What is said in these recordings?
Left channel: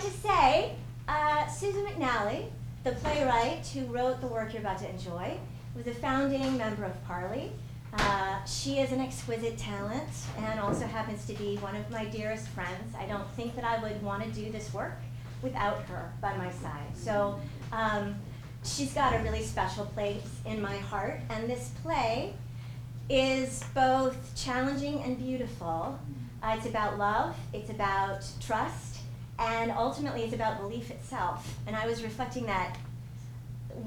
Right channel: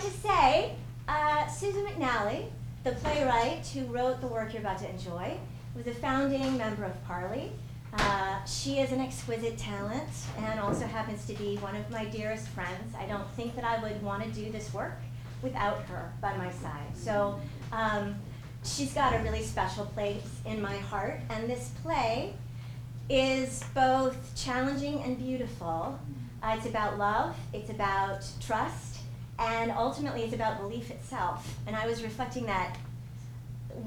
like to say, Susan McNally, the playwright who wrote the work you're about to enjoy, was a founding member of Parley. She is an exquisite talent and also happens to be one of my dearest friends. I don't think that I would want to do this work without her by my side. So she's got a really special place in my heart, and this play is both challenging and beautiful. It's about love, it's about trust, and ultimately it's about belief itself. And I was reflecting that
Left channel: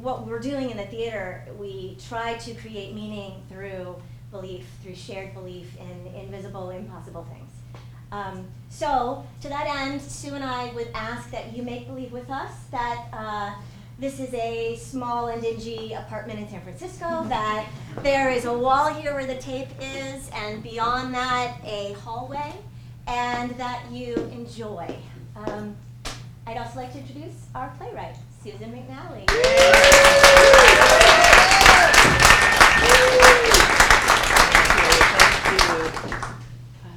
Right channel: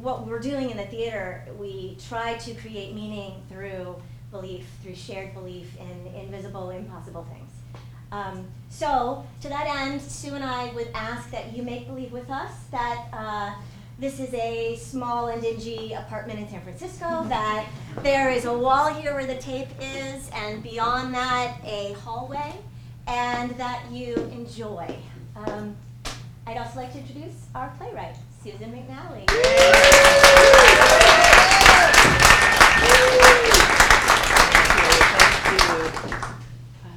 what we're doing in the theater, we try to create meaning through belief, through shared belief in invisible, impossible things. So to that end, Sue and I would ask that you make believe with us that this is a small and dingy apartment in San Francisco, that there is a wall here where the tape is, and beyond that, a hallway, and that you enjoy. I'd also like to introduce our playwright, Susan McNally.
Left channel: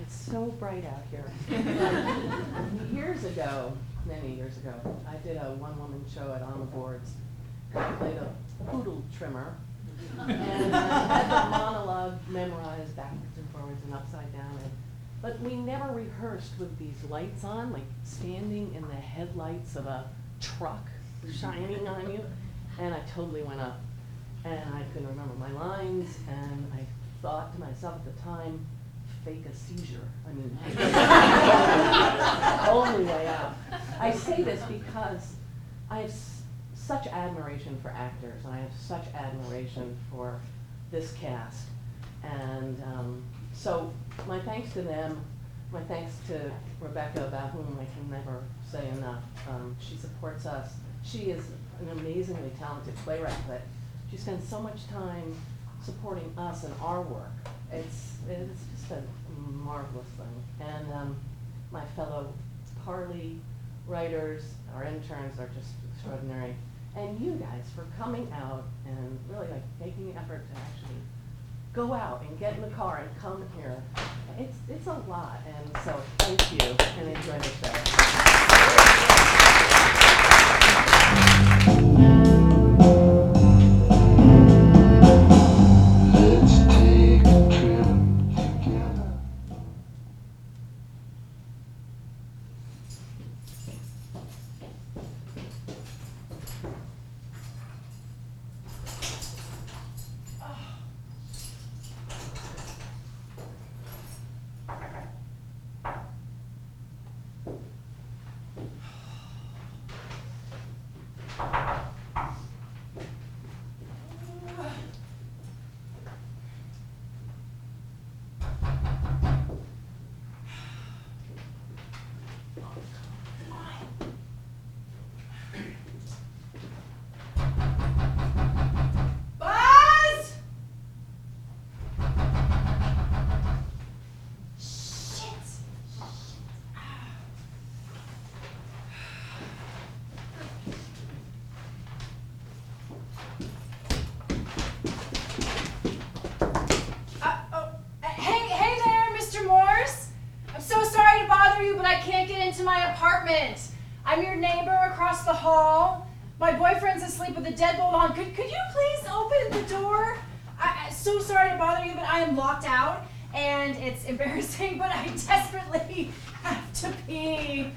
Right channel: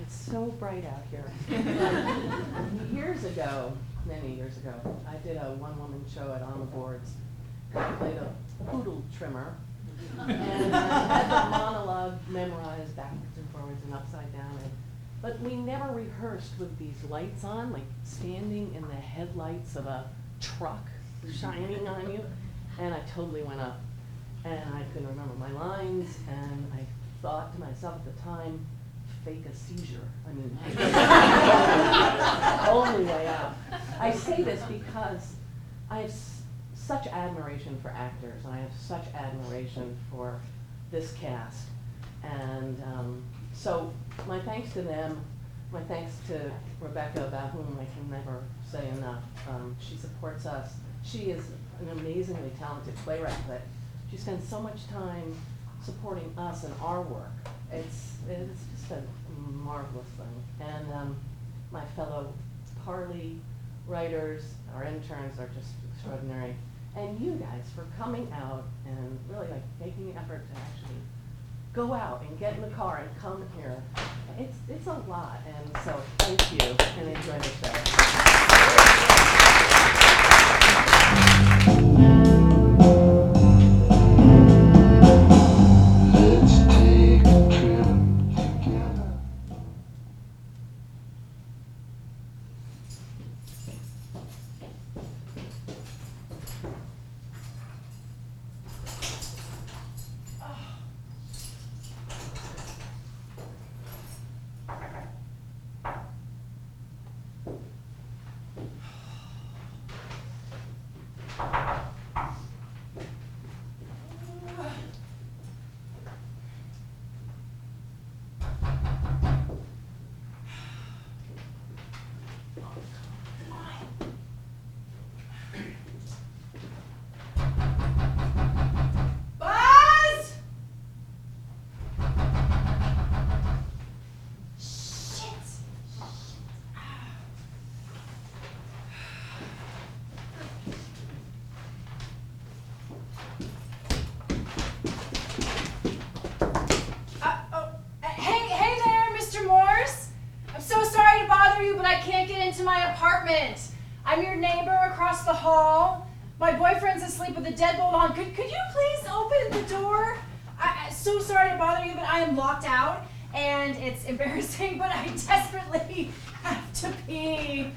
It's so bright out here. Many years ago, I did a one-woman show at On the Boards. I played a poodle trimmer, and I had the monologue memorized backwards and forwards and upside down. But we never rehearsed with these lights on, like standing in the headlights of a truck shining on you. And I totally went up, and I couldn't remember my lines, and I thought to myself at the time, fake a seizure. I mean, only way out. I say this because I have such admiration for actors, and I have such admiration for this cast. And so my thanks to them, my thanks to Rebecca, about whom I can never say enough. She supports us. She is an amazingly talented playwright, but she spends so much time supporting us and our work. It's just a marvelous thing. And my fellow Parley writers, our interns are just extraordinary. And you guys for coming out and really like making the effort to actually go out and get in the car and come here. It's a lot, and so thank you, and enjoy the show. I'm your neighbor across the hall. My boyfriend's asleep with the deadbolt on. Could you please open the door? I'm so sorry to bother you, but I am locked out, and it's embarrassing, but I desperately have to pee.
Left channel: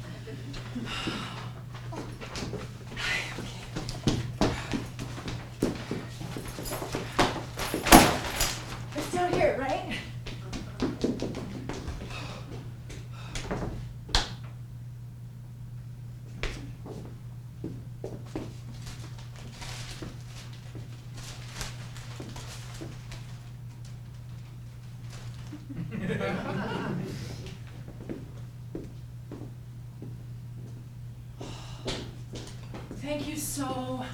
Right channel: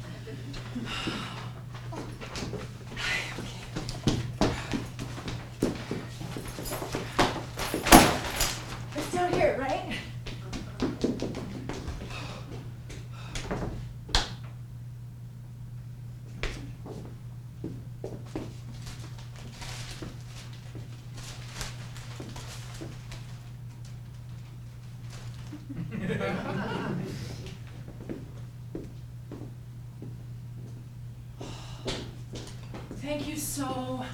It's down here, right? Thank you so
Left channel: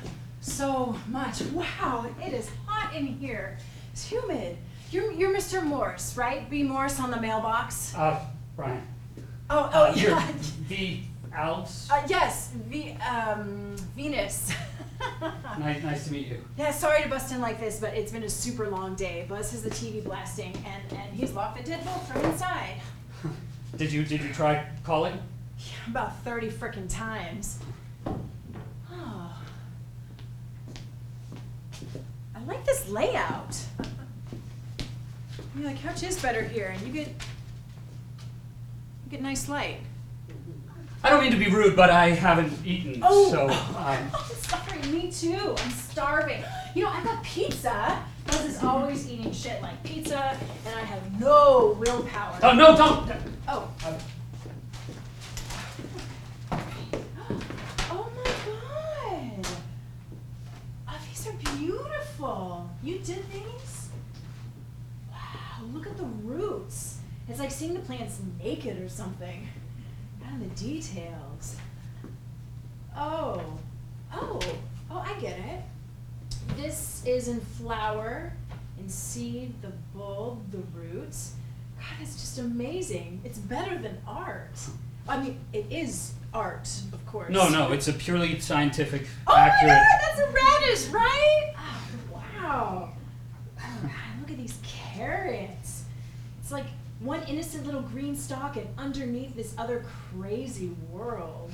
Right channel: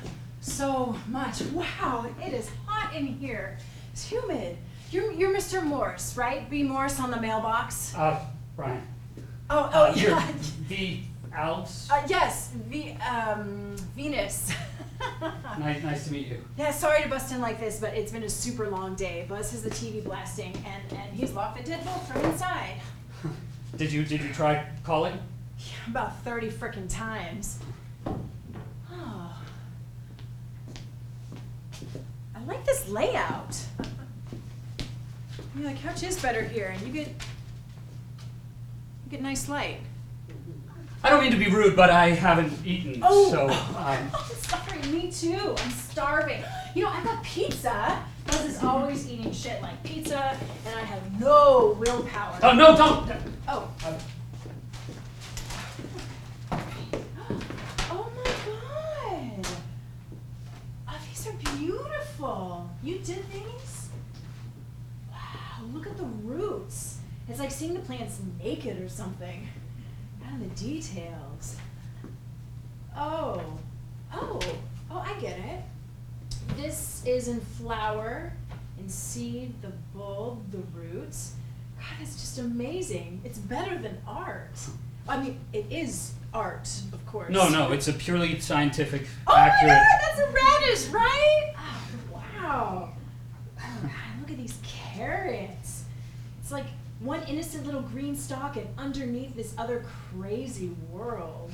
much. Wow, it is hot in here. It's humid. You're Mr. Morse, right? B. Morse on the mailbox. Brian. Yeah. The Alps. Yes, Venus. Nice to meet you. Yeah, sorry to bust in like this, but it's been a super long day. Buzz has the TV blasting, and he's locked the deadbolt from inside. Did you try calling? Yeah, about 30 frickin' times. Oh. I like this layout. Yeah, the couch is better here, and you get nice light. I don't mean to be rude, but I haven't eaten, so Sorry, me too. I'm starving. You know, I got pizza. Buzz is always eating shit like pizza, and I have no willpower. Oh, no, don't! Oh. Oh my god. Oh, these are beautiful. You did these? Wow, look at the roots. It's like seeing the plants naked or something. And the details. Oh, I get it. This is in flower, in seed, the bulb, the roots. God, that's just amazing. It's better than art. I mean, it is art, of course. No, it's a purely scientific, Oh accurate... my God, that's a radish, right? Oh, wow. Oh God, look at these carrots. It's like one innocent little green stalk and underneath this other crazy world.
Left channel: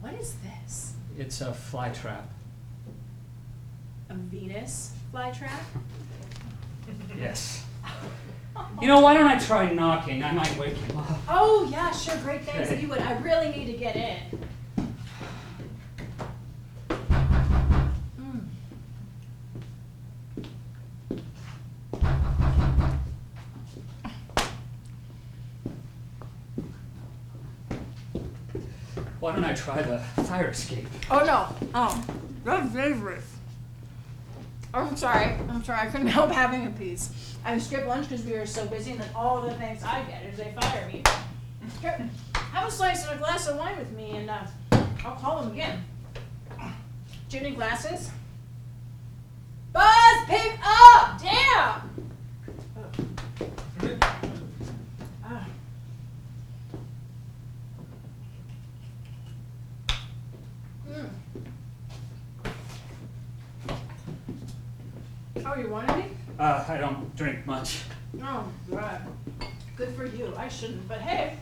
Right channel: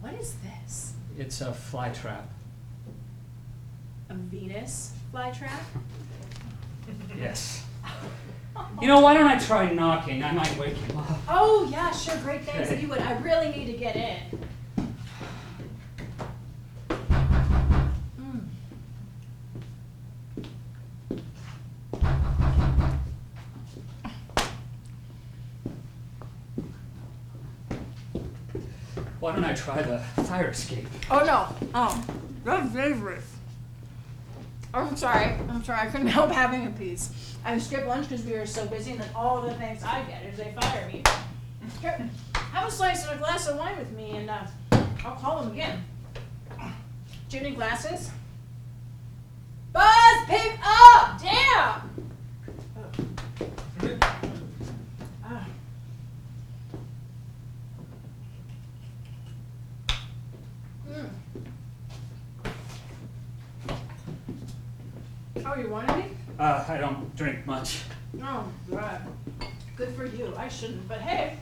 What is this? It's a fly trap. A Venus flytrap? Yes. You know, why don't I try knocking? I might wake him up. Oh yeah, sure, great, thanks Okay. if you would. I really need to get in. Why don't I try the fire escape? Oh no. Oh, that's dangerous. I'm sorry, I couldn't help having a piece. I skipped lunch because we were so busy, and then all the things I get is they fire me. Here, have a slice and a glass of wine with me, and I'll call them again. Do you need glasses? Buzz, pick up! Damn! Ah. Oh, you wanted me? I don't drink much. Oh, God. Good for you. I shouldn't, but hey,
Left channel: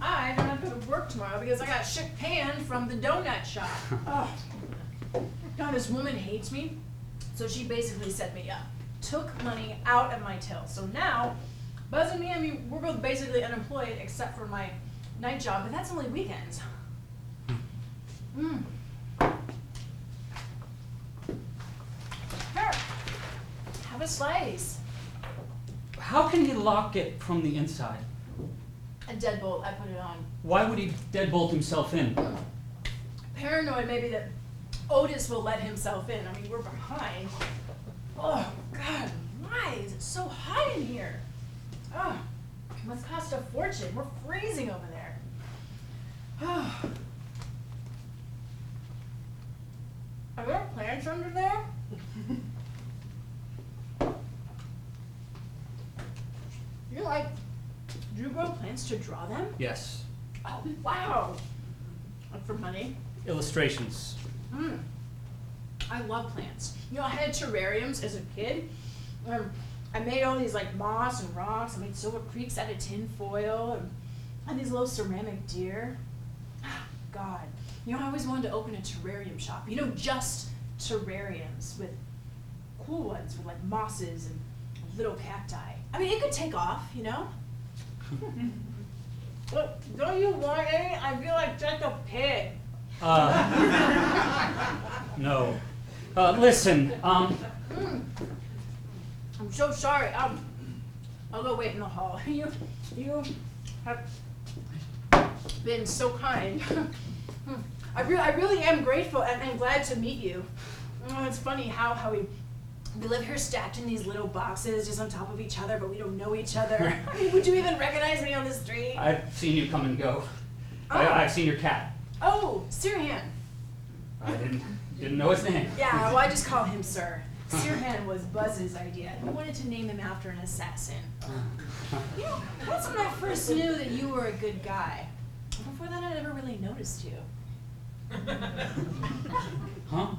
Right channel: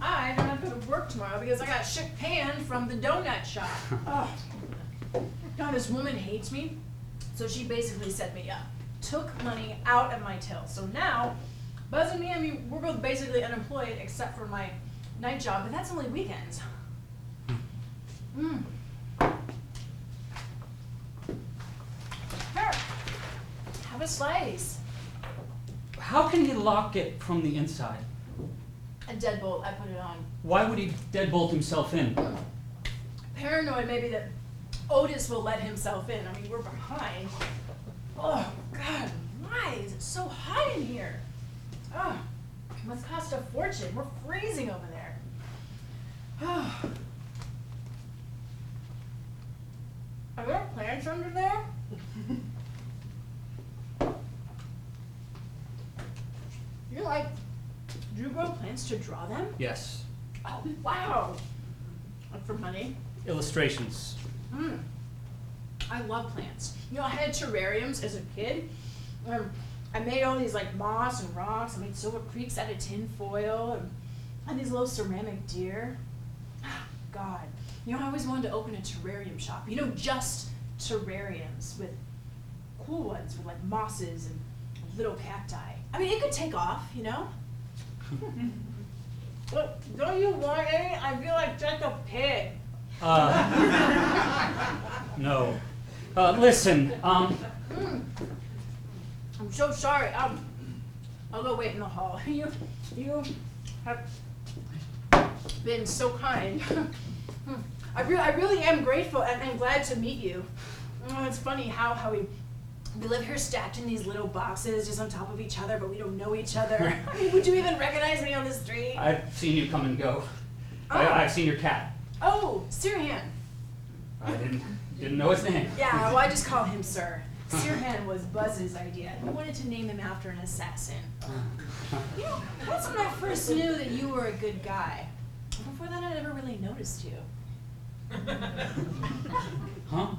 I don't have to go to work tomorrow because I got shit panned from the donut shop. Oh. God, this woman hates me, so she basically set me up. Took money out of my till. So now, Buzz and me, I mean, we're both basically unemployed except for my night job, but that's only weekends. Here, have a slice. How can he lock it from the inside? A deadbolt, I put it on. Why would he deadbolt himself in? Paranoid maybe that Otis will let himself in. I mean, we're behind. Oh, God, why is it so hot in here? Oh, it must cost a fortune. We're freezing over there. Oh. Are there plants under there? Do you grow plants to draw them? Yes. Oh, wow. Like for money? Illustrations. I love plants. You know, I had terrariums as a kid. I made all these like moss and rocks. I made silver creeks out of tin foil and these little ceramic deer. God. You know, I always wanted to open a terrarium shop. You know, just terrariums with cool ones with like mosses and little cacti. I mean, it could take off, you know? Look, don't you want any? I feel like just a pig. No. Listen, I'm so sorry. I'll go wait in the hall. You have been so kind. I really am grateful and glad to meet you. Oh, it's funny how we live here stacked in these little boxes just on top of each other, but we don't know each other. I mean, would you even recognize me on the street? I've seen you come and go. Oh. I've seen your cat. Oh, Sirhan. I didn't know his name. Yeah, well, I just call him Sir. Sirhan was Buzz's idea. He wanted to name him after an assassin. You know, that's when I first knew that you were a good guy. Before that, I never really noticed you. Huh?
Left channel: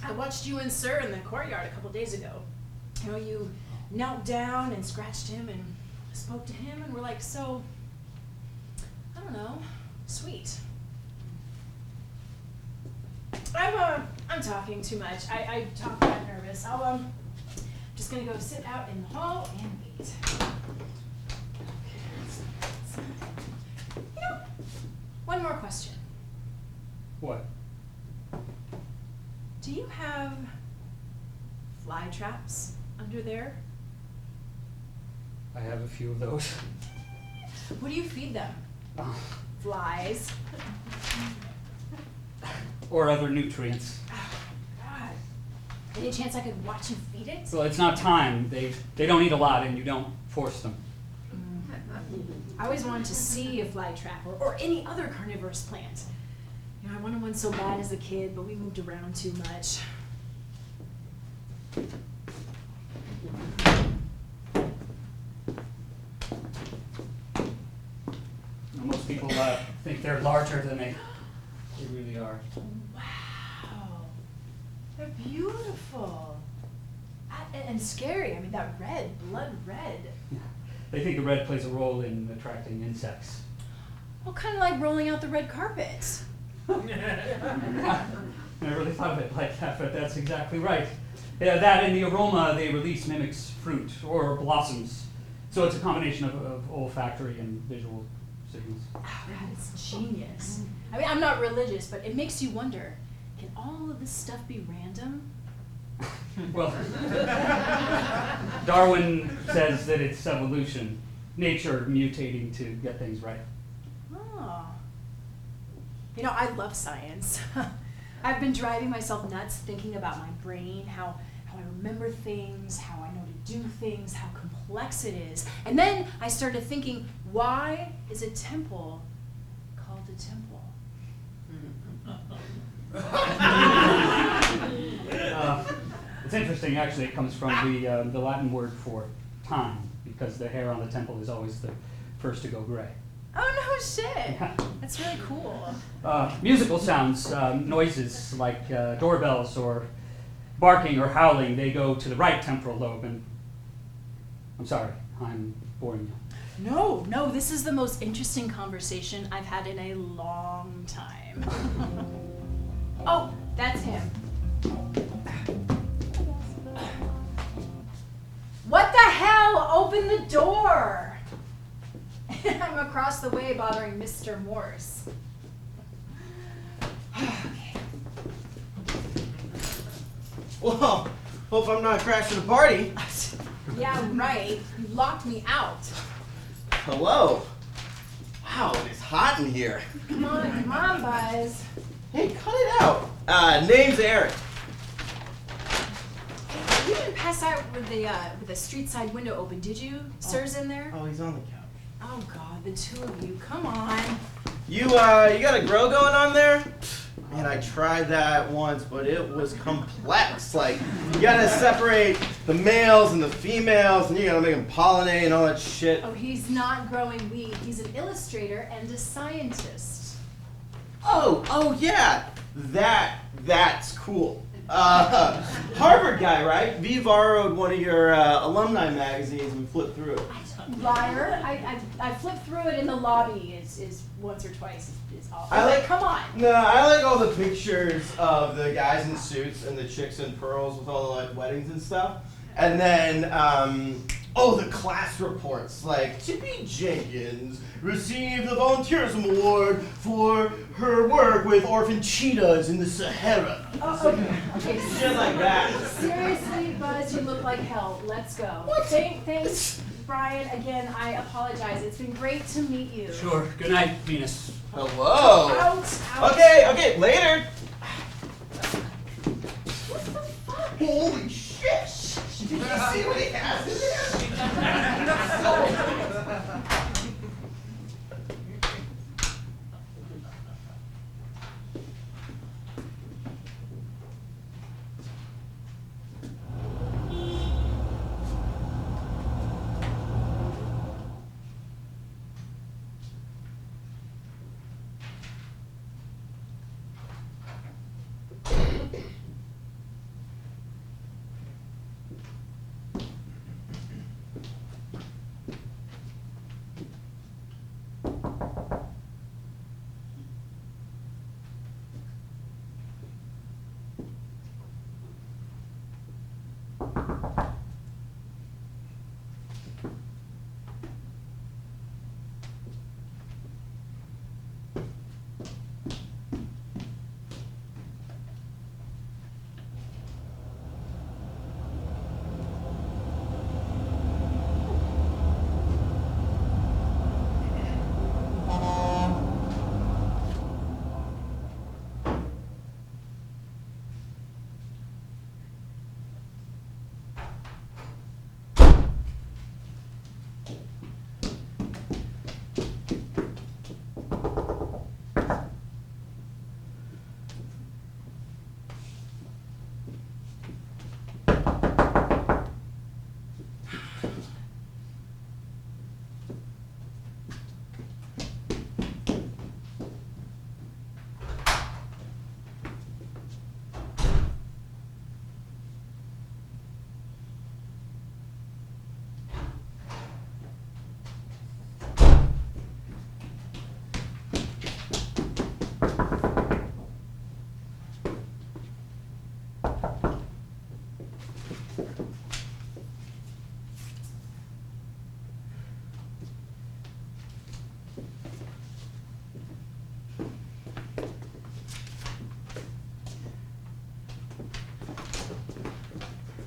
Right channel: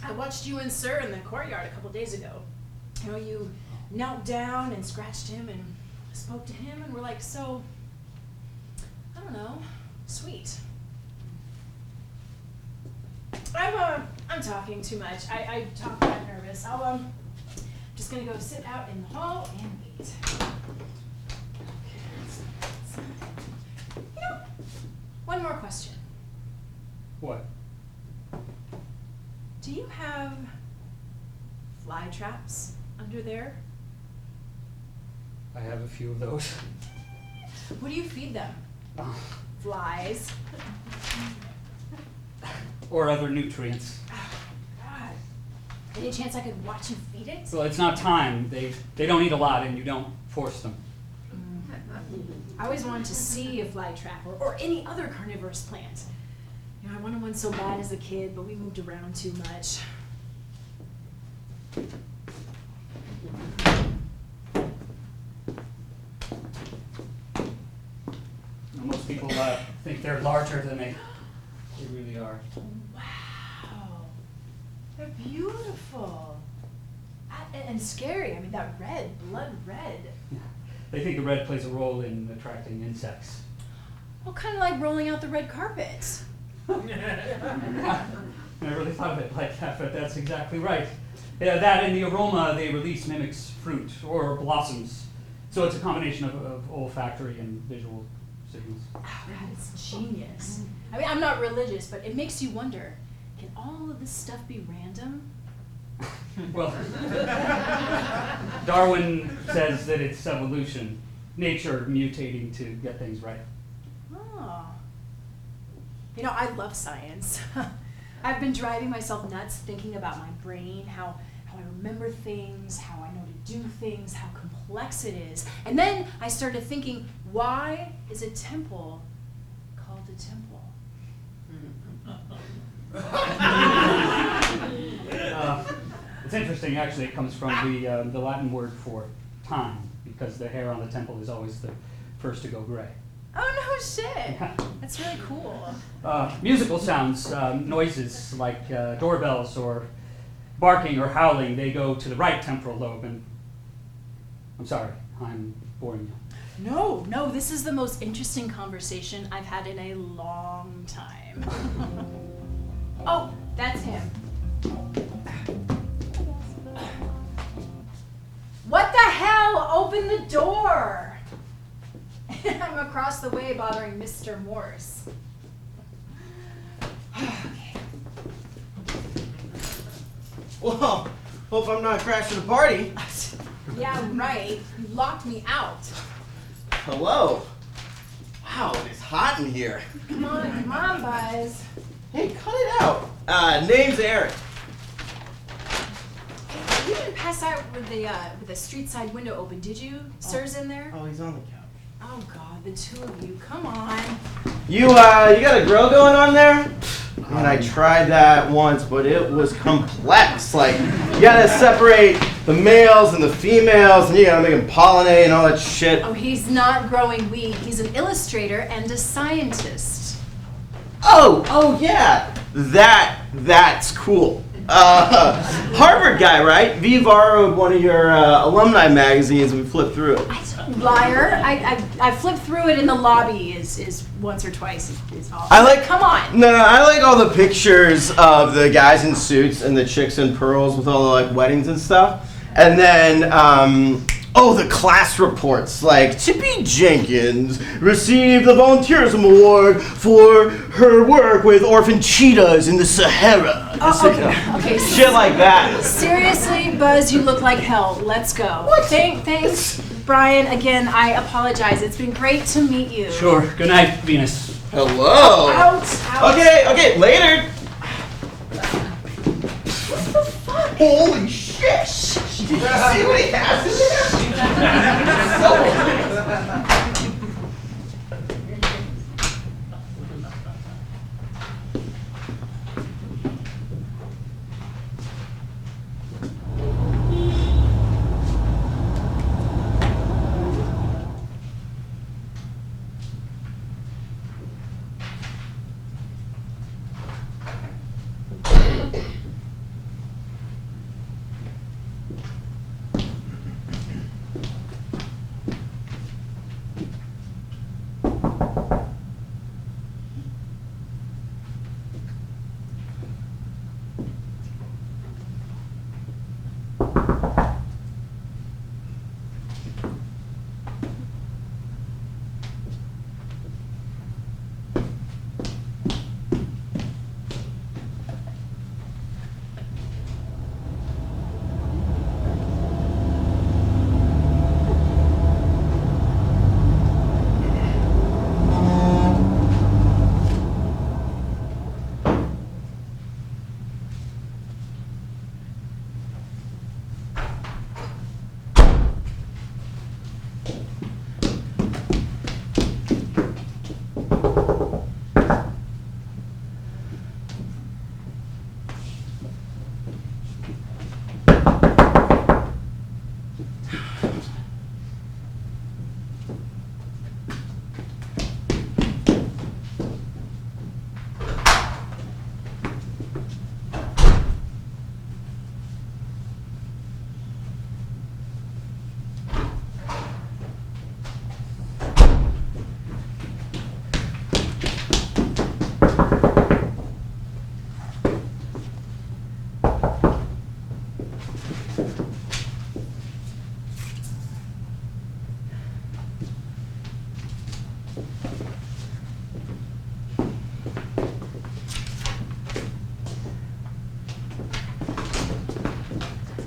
I watched you and Sir in the courtyard a couple days ago. You know, you knelt down and scratched him and spoke to him, and we're like, so, I don't know, sweet. I'm talking too much. I talk when I'm nervous. Just gonna go sit out in the hall and wait. You know, one more question. What? Do you have fly traps under there? I have a few of those. What do you feed them? Uh, Flies. or other nutrients. Oh, God. Any chance I could watch you feed it? Well, it's not time. They don't eat a lot, and you don't force them. I always wanted to see a fly trap or any other carnivorous plant. You know, I wanted one so bad as a kid, but we moved around too much. Most people think they're larger than they really are. Wow. They're beautiful. And scary. I mean, that red, blood red. Yeah. They think the red plays a role in attracting insects. Well, kind of like rolling out the red carpet. I never really thought of it like that, but that's exactly right. Yeah, that and the aroma they release mimics fruit or blossoms. So it's a combination of olfactory and visual signals. Oh, that is genius. I mean, I'm not religious, but it makes you wonder, can all of this stuff be random? Well, Darwin says that it's evolution, nature mutating to get things right. Oh. You know, I love science. I've been driving myself nuts thinking about my brain, how I remember things, how I know to do things, how complex it is. And then I started thinking, why is a temple called a temple? It's interesting, actually. It comes from the Latin word for time, because the hair on the temple is always the first to go gray. Oh, no shit. Yeah. That's really cool. Musical sounds, noises like doorbells or barking or howling, they go to the right temporal lobe. And I'm sorry, I'm boring you. No, this is the most interesting conversation I've had in a long time. Oh, that's him. What the hell? Open the door! I'm across the way bothering Mr. Morse. Well, hope I'm not crashing the party. Yeah, right. You locked me out. Hello. Wow, it is hot in here. Come on, Buzz. Hey, cut it out. Name's Eric. You didn't pass out with the street side window open, did you? Sir's in there? Oh, he's on the couch. Oh God, the two of you, come on. You got a grill going on there? Man, I tried that once, but it was complex. Like, you gotta separate the males and the females, and you gotta make them pollinate and all that shit. Oh, he's not growing weed. He's an illustrator and a scientist. Oh yeah, that's cool. Harvard guy, right? We borrowed one of your alumni magazines and we flipped through it. Liar. I flipped through it in the lobby is once or twice is all. I like. Come on. No, I like all the pictures of the guys in suits and the chicks in pearls with all the like weddings and stuff. And then, the class reports, like Tippy Jenkins received the Volunteerism Award for her work with orphan cheetahs in the Sahara. Okay. Shit like that. Seriously, Buzz, you look like hell. Let's go. What? Thanks, Brian. Again, I apologize. It's been great to meet you. Sure. Good night, Venus. Hello. Out. Okay, later. What the fuck? Holy shit! See what he has in there?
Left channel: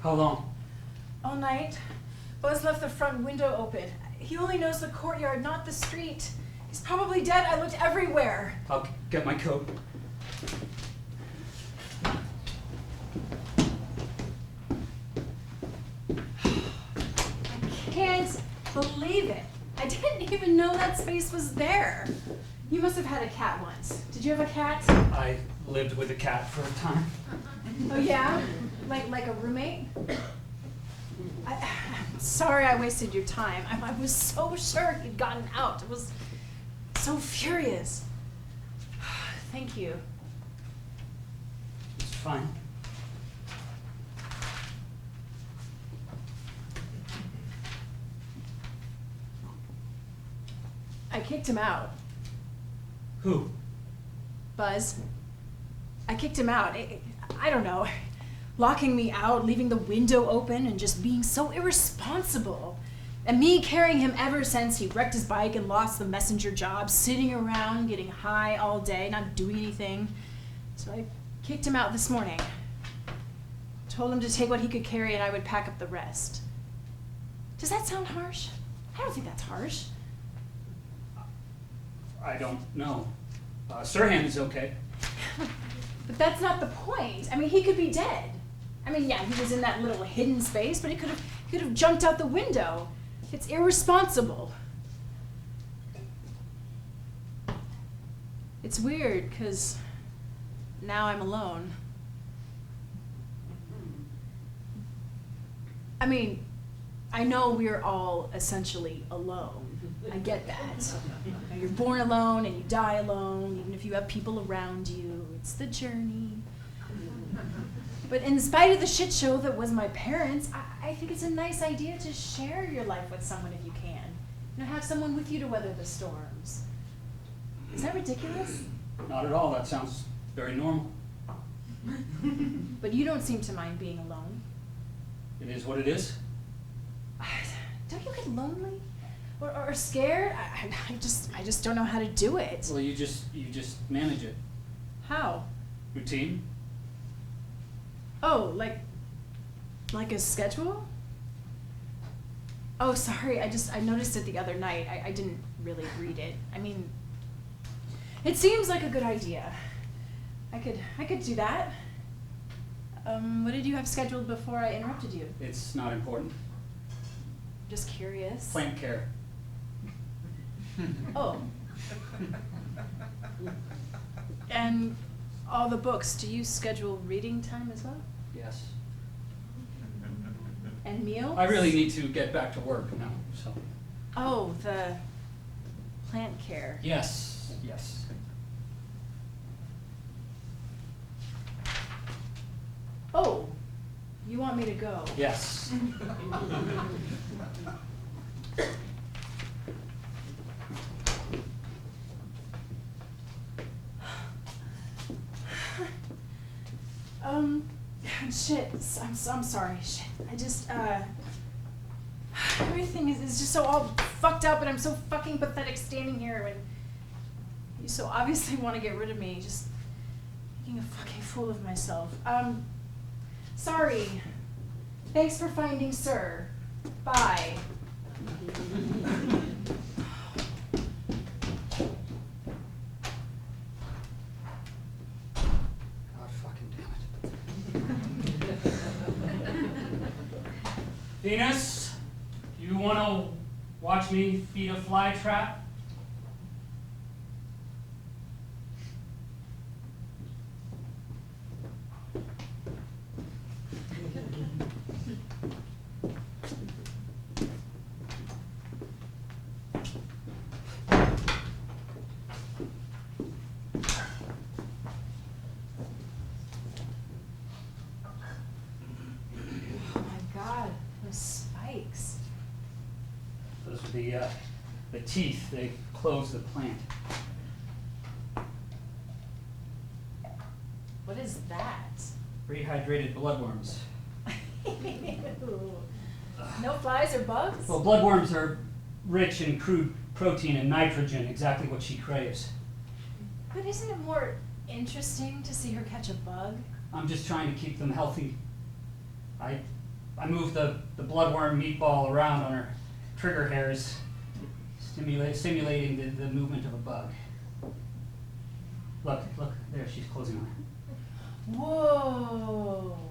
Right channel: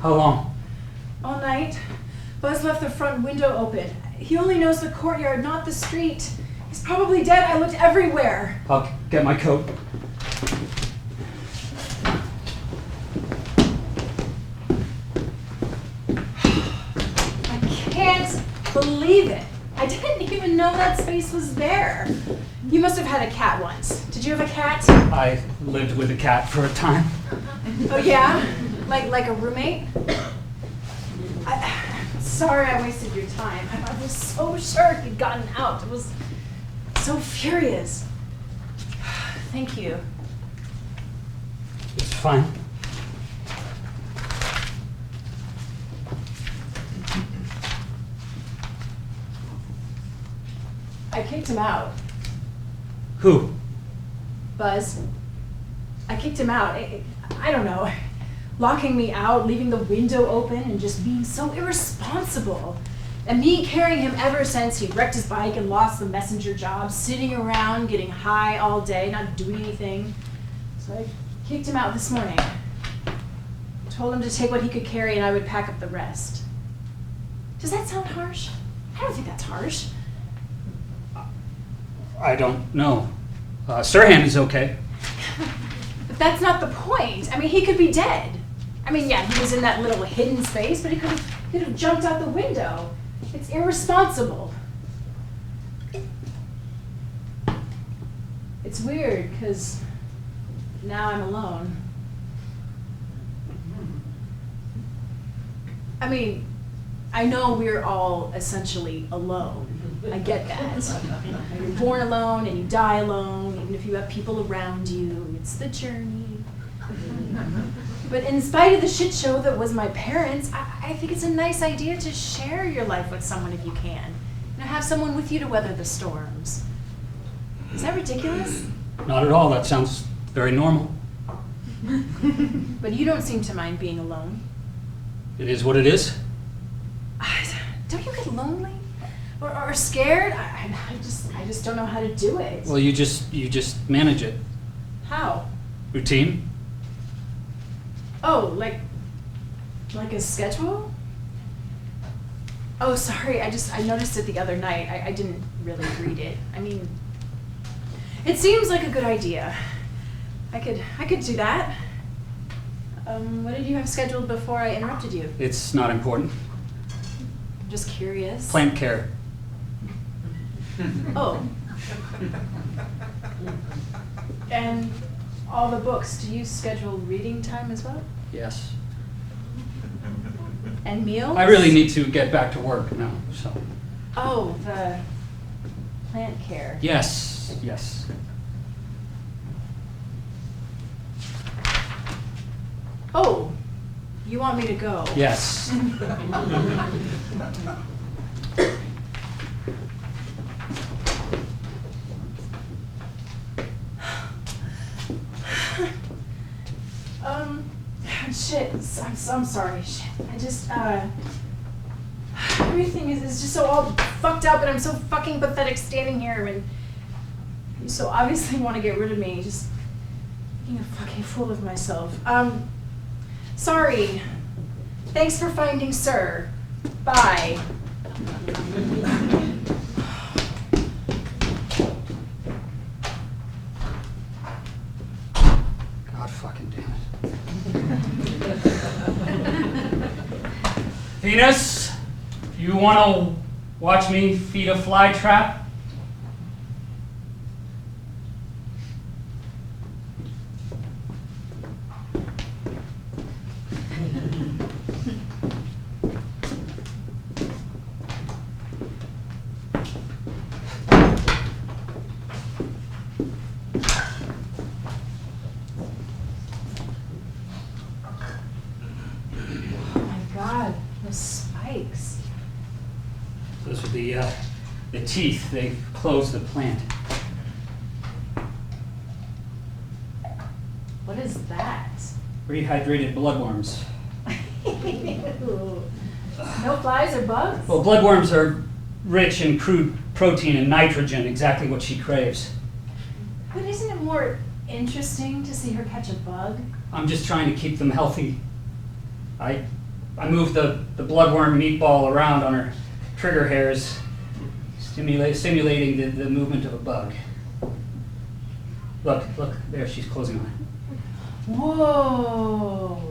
How long? All night. Buzz left the front window open. He only knows the courtyard, not the street. He's probably dead. I looked everywhere. I'll get my coat. I can't believe it. I didn't even know that space was there. You must have had a cat once. Did you have a cat? I lived with a cat for a time. Oh yeah? Like a roommate? Sorry I wasted your time. I was so sure he'd gotten out. I was so furious. Thank you. It's fine. I kicked him out. Who? Buzz. I kicked him out. I don't know. Locking me out, leaving the window open, and just being so irresponsible. And me carrying him ever since he wrecked his bike and lost the messenger job, sitting around, getting high all day, not doing anything. So I kicked him out this morning. Told him to take what he could carry and I would pack up the rest. Does that sound harsh? I don't think that's harsh. I don't know. Sirhan is okay. But that's not the point. I mean, he could be dead. I mean, yeah, he was in that little hidden space, but he could have jumped out the window. It's irresponsible. It's weird, because now I'm alone. I mean, I know we're all essentially alone. I get that. You're born alone and you die alone, even if you have people around you. It's the journey. But in spite of the shit show that was my parents, I think it's a nice idea to share your life with someone if you can. You know, have someone with you to weather the storms. Is that ridiculous? Not at all. That sounds very normal. But you don't seem to mind being alone. It is what it is. Don't you get lonely? Or scared? I just don't know how to do it. Well, you just manage it. How? Routine. Oh, like a schedule? Oh, sorry. I noticed it the other night. I didn't really read it. I mean, it seems like a good idea. I could do that. What did you have scheduled before I interrupted you? It's not important. I'm just curious. Plant care. Oh. And all the books, do you schedule reading time as well? Yes. And meals? I really need to get back to work now, so. Oh, the plant care. Yes, yes. Oh, you want me to go? Yes. Shit, I'm sorry, shit. I just, everything is just so all fucked up and I'm so fucking pathetic standing here and you so obviously want to get rid of me, just making a fucking fool of myself. Sorry. Thanks for finding Sir. Bye. God fucking damn it. Venus, you want to watch me feed a fly trap? Spikes. Those are the teeth. They close the plant. What is that? Rehydrated bloodworms. Ew. No flies or bugs? Well, bloodworms are rich in crude protein and nitrogen, exactly what she craves. But isn't it more interesting to see her catch a bug? I'm just trying to keep them healthy. I I move the bloodworm meatball around on her trigger hairs, simulating the movement of a bug. Look, there, she's closing on it. Whoa.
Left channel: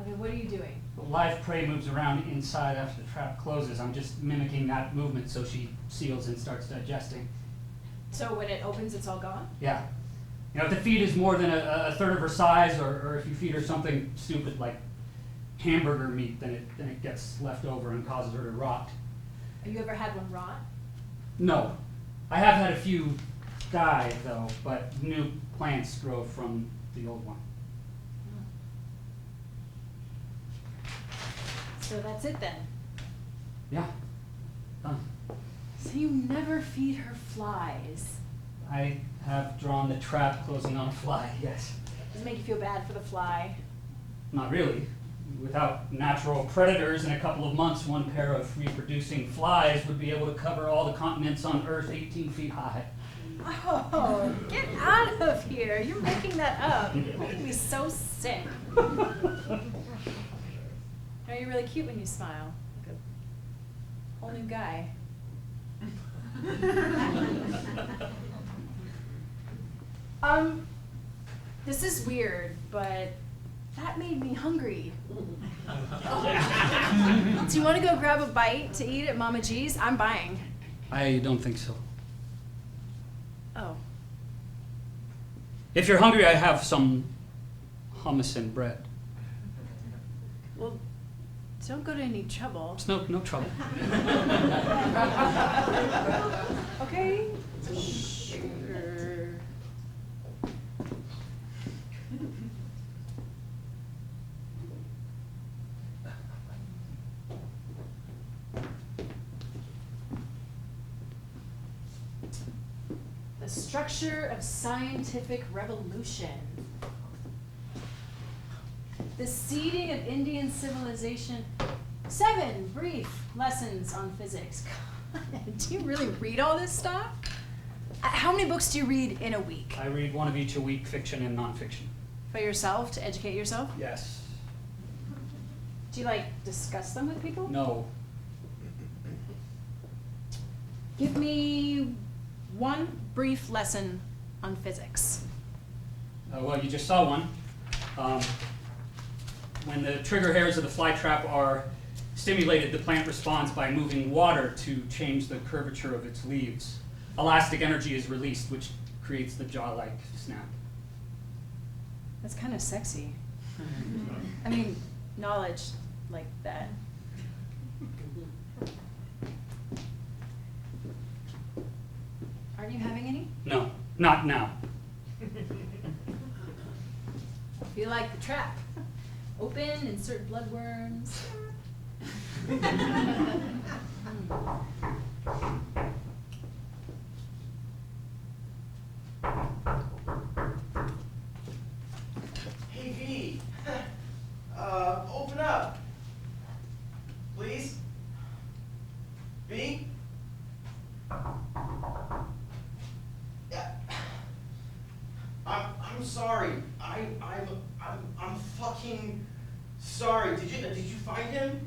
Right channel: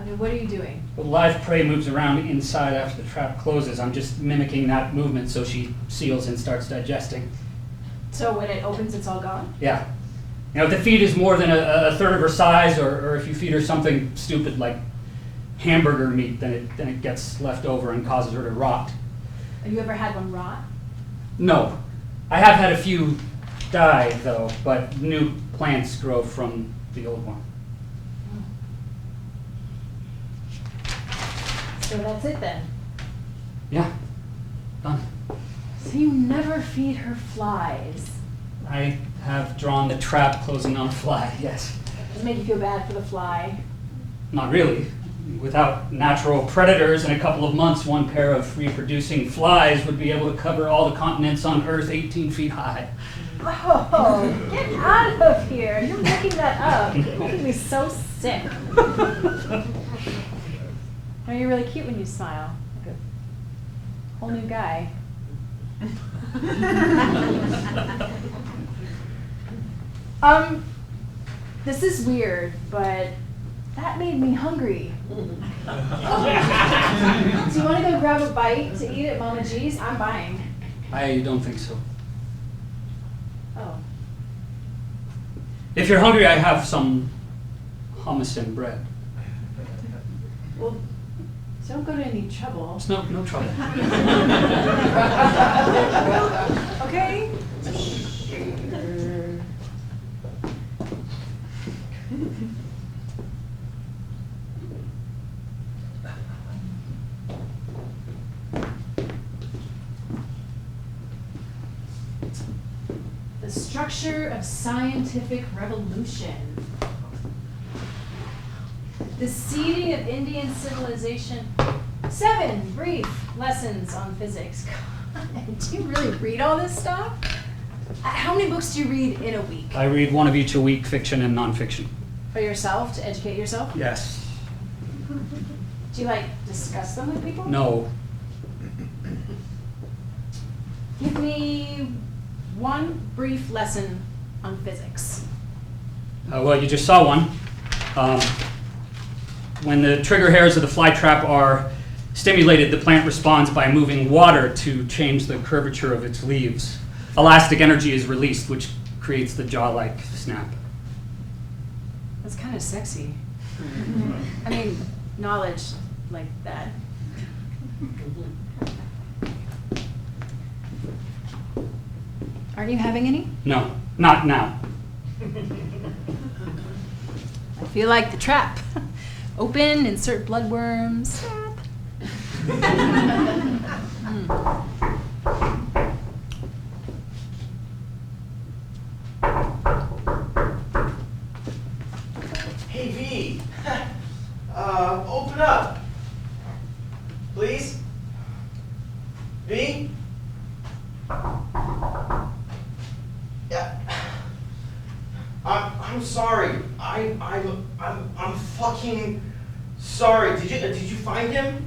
Okay, what are you doing? The live prey moves around inside after the trap closes. I'm just mimicking that movement so she seals and starts digesting. So when it opens, it's all gone? Yeah. You know, if the feed is more than a third of her size, or if you feed her something stupid like hamburger meat, then it gets left over and causes her to rot. Have you ever had one rot? No. I have had a few die, though, but new plants grow from the old one. So that's it then? Yeah. Done. So you never feed her flies? I have drawn the trap closing on a fly, yes. Does it make you feel bad for the fly? Not really. Without natural predators, in a couple of months, one pair of reproducing flies would be able to cover all the continents on Earth 18 feet high. Oh, get out of here. You're making that up. You're making me so sick. No, you're really cute when you smile. Like a whole new guy. This is weird, but that made me hungry. Do you want to go grab a bite to eat at Mama G's? I'm buying. I don't think so. Oh. If you're hungry, I have some hummus and bread. Well, don't go to any trouble. It's no trouble. Okay? The structure of scientific revolution. The seeding of Indian civilization. 7 brief lessons on physics. God, do you really read all this stuff? How many books do you read in a week? I read one of each a week, fiction and nonfiction. For yourself, to educate yourself? Yes. Do you discuss them with people? No. Give me one brief lesson on physics. Well, you just saw one. When the trigger hairs of the fly trap are stimulated, the plant responds by moving water to change the curvature of its leaves. Elastic energy is released, which creates the jaw-like snap. That's kind of sexy. I mean, knowledge like that. Aren't you having any? No, not now. I feel like the trap. Open, insert bloodworms. Hey, V. Open up. Please? V? Yeah. I'm sorry. I'm fucking sorry. Did you find him?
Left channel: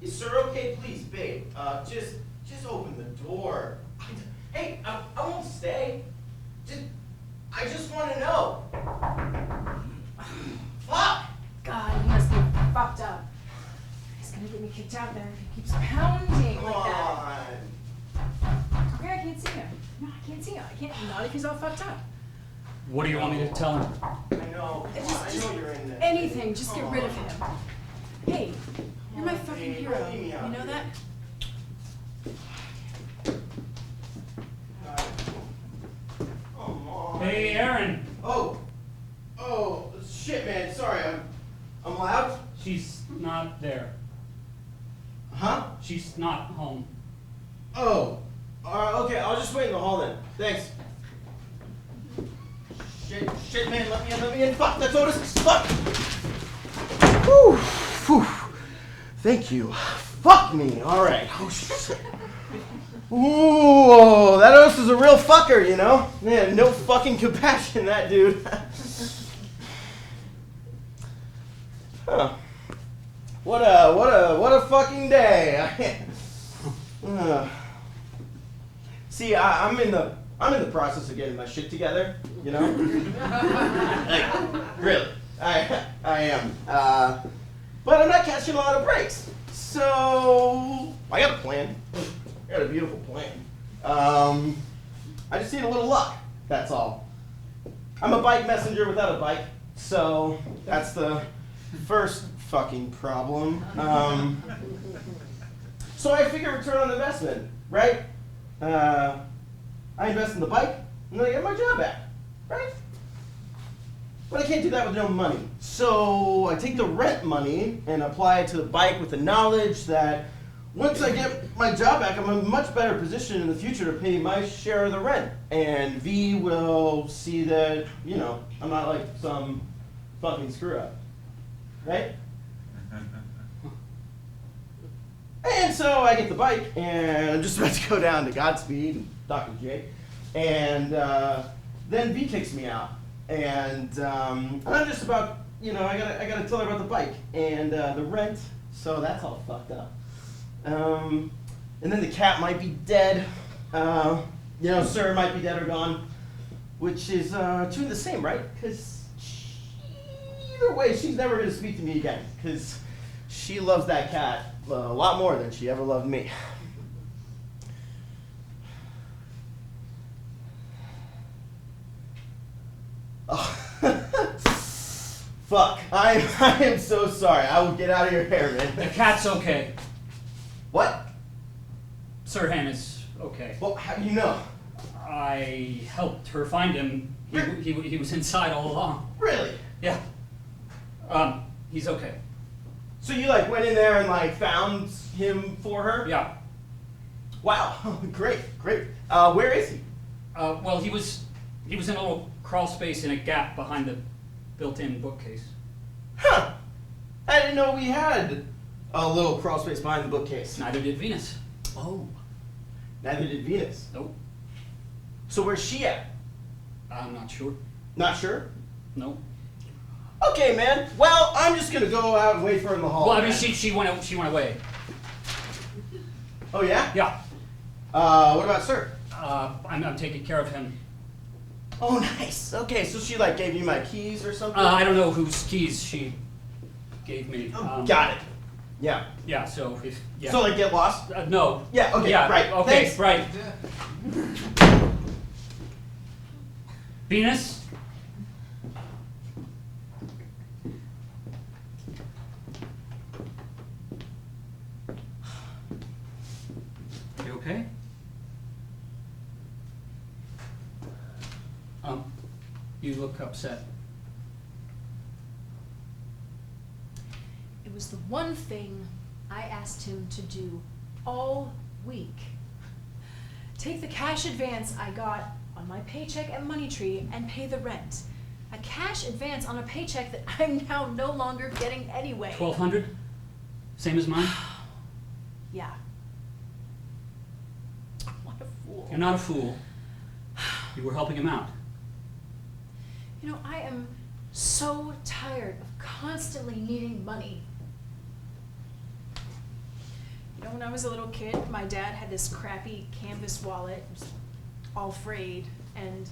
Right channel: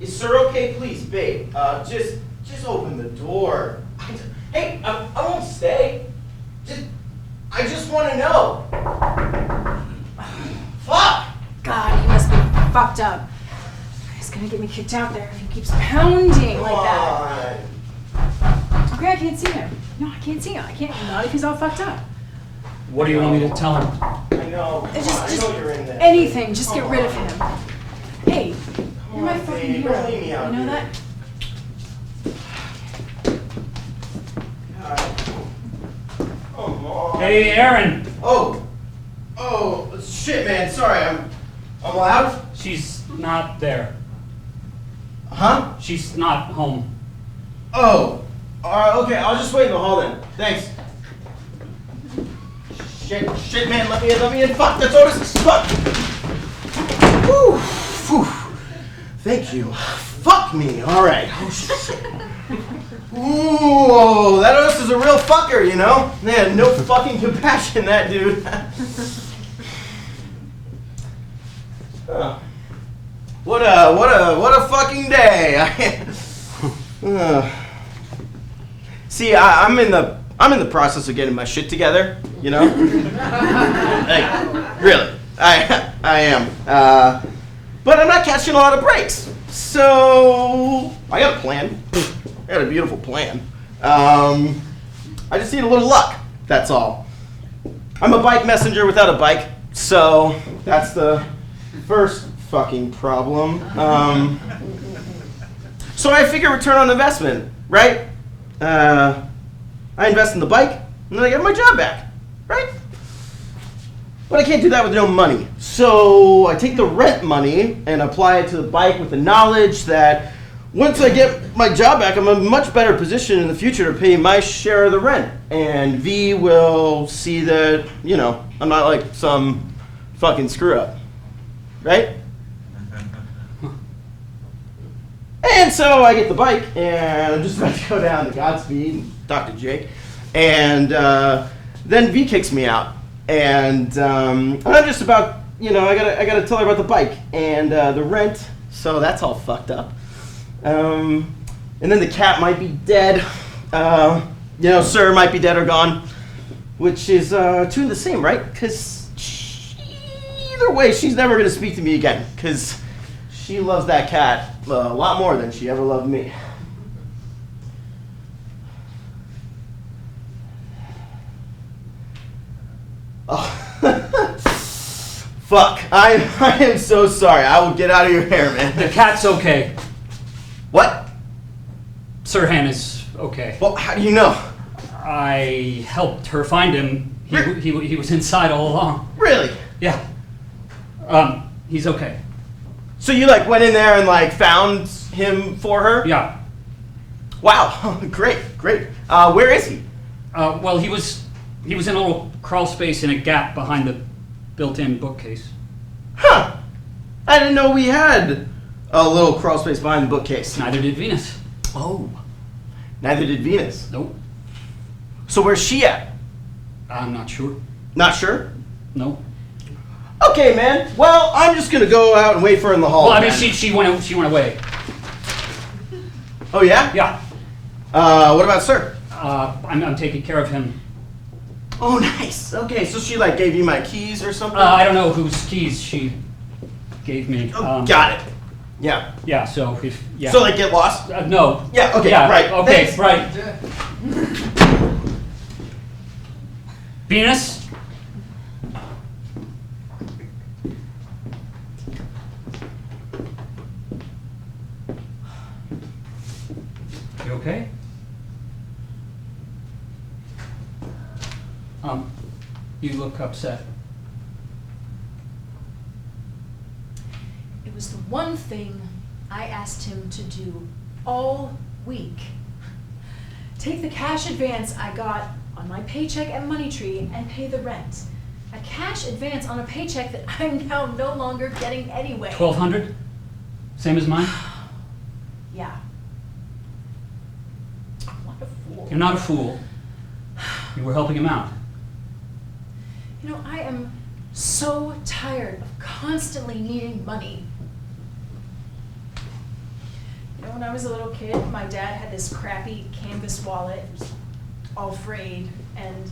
Is sir okay? Please, babe. Just open the door. Hey, I won't stay. I just want to know. Fuck! God, he must be fucked up. He's gonna get me kicked out there if he keeps pounding like that. Okay, I can't see him. No, I can't see him. I can't. Not if he's all fucked up. What do you want me to tell him? I know. Just I know you're in there. anything. Just get rid of him. Hey, you're my on, fucking babe, hero. don't leave me out You know here. that? God. Come on. Hey, Aaron. Oh, shit, man. Sorry, I'm loud. She's not there. Huh? She's not home. Oh, okay. I'll just wait in the hall then. Thanks. Shit, man. Let me in. Fuck, that's Otis. Fuck. Whew. Phew. Thank you. Fuck me. All right. Oh shit. Ooh, that Otis is a real fucker, you know? Man, no fucking compassion, that dude. Huh. What a fucking day. See, I'm in the process of getting my shit together, you know? Like, really, I am. But I'm not catching a lot of breaks. So I got a plan. I got a beautiful plan. I just need a little luck, that's all. I'm a bike messenger without a bike, so that's the first fucking problem. So I figure return on investment, right? I invest in the bike, and then I get my job back, right? But I can't do that with no money. So I take the rent money and apply it to the bike with the knowledge that once I get my job back, I'm in a much better position in the future to pay my share of the rent. And V will see that, you know, I'm not like some fucking screw up, right? And so I get the bike, and I'm just about to go down to Godspeed and talk to Jake. And then V kicks me out. And I'm just about, you know, I gotta tell her about the bike and the rent. So that's all fucked up. And then the cat might be dead. You know, sir might be dead or gone. Which is two the same, right? Because either way, she's never gonna speak to me again. Because she loves that cat a lot more than she ever loved me. Oh. Fuck. I am so sorry. I will get out of your hair, man. The cat's okay. What? Sirhan is okay. Well, how do you know? I helped her find him. He was inside all along. Really? Yeah. He's okay. So you like went in there and like found him for her? Yeah. Wow. Great. Where is he? Well, he was in a little crawl space in a gap behind the built-in bookcase. Huh. I didn't know we had a little crawl space behind the bookcase. Neither did Venus. Oh. Neither did Venus. Nope. So where's she at? I'm not sure. Not sure? No. Okay, man. Well, I'm just gonna go out and wait for her in the hall. Well, I mean, then. she went away. Oh yeah? Yeah. What about Sir? I'm taking care of him. Oh, nice. Okay, so she like gave you my keys or something? I don't know whose keys she gave me. Oh, got it. Yeah. Yeah. So if yeah. So they get lost? No. Yeah. Okay. Yeah. Right. Okay. Thanks. Right. Venus. You okay? You look upset. It was the one thing I asked him to do all week. Take the cash advance I got on my paycheck at Money Tree and pay the rent. A cash advance on a paycheck that I'm now no longer getting anyway. 1,200. Same as mine. Yeah. What a fool. You're not a fool. You were helping him out. You know, I am so tired of constantly needing money. You know, when I was a little kid, my dad had this crappy canvas wallet, it was all frayed, and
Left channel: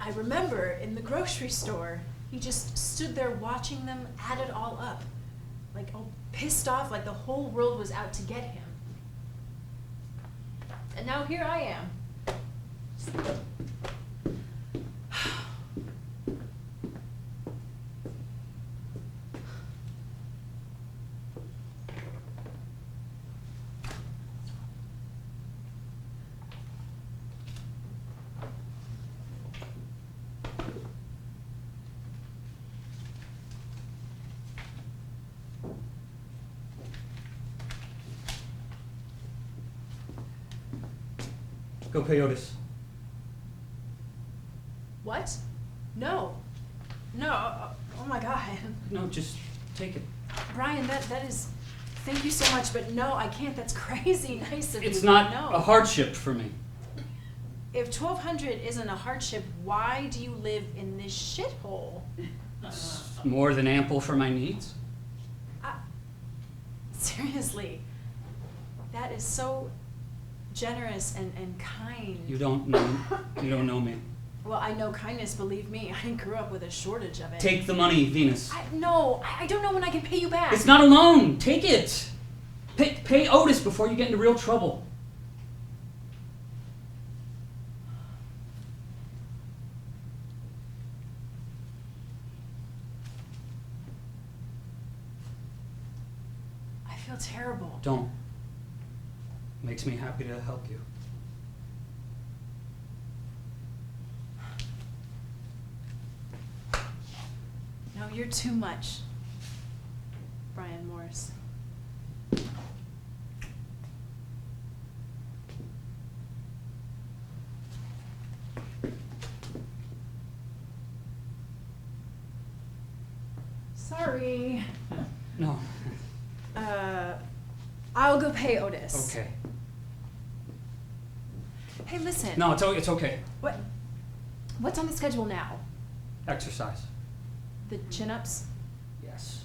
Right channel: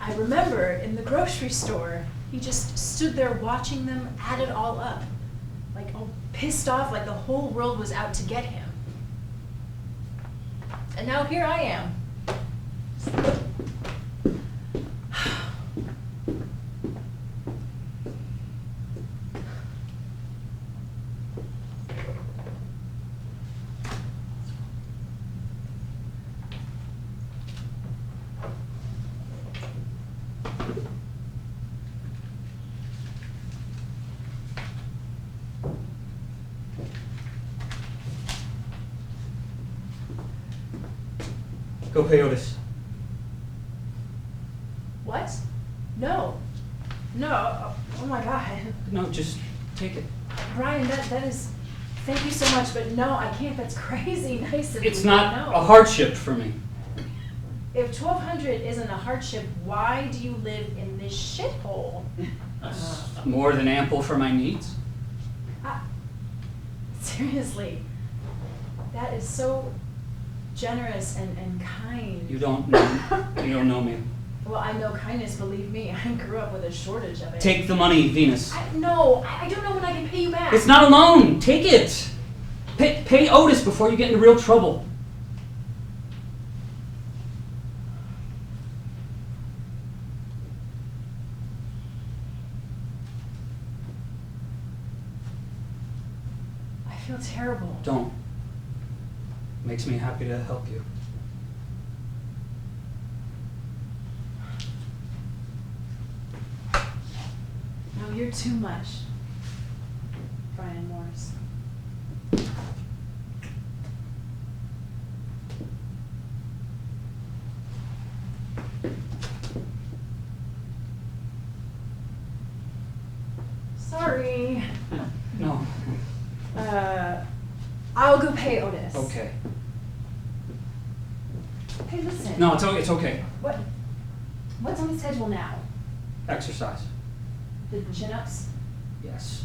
I remember in the grocery store, he just stood there watching them add it all up, like all pissed off, like the whole world was out to get him. And now here I am. Go pay Otis. What? No. No. Oh my God. No, just take it. Brian, that is, thank you so much, but no, I can't. That's crazy nice of you. It's not No. a hardship for me. If 1,200 isn't a hardship, why do you live in this shithole? It's more than ample for my needs. Seriously. That is so generous and kind. You don't know me. Well, I know kindness, believe me. I grew up with a shortage of it. Take the money, Venus. No, I don't know when I can pay you back. It's not a loan. Take it. Pay Otis before you get into real trouble. I feel terrible. Don't. Makes me happy to help you. No, you're too much, Brian Morris. Sorry. No. I'll go pay Otis. Okay. Hey, listen. No, it's okay. What's on the schedule now? Exercise. The chin-ups? Yes.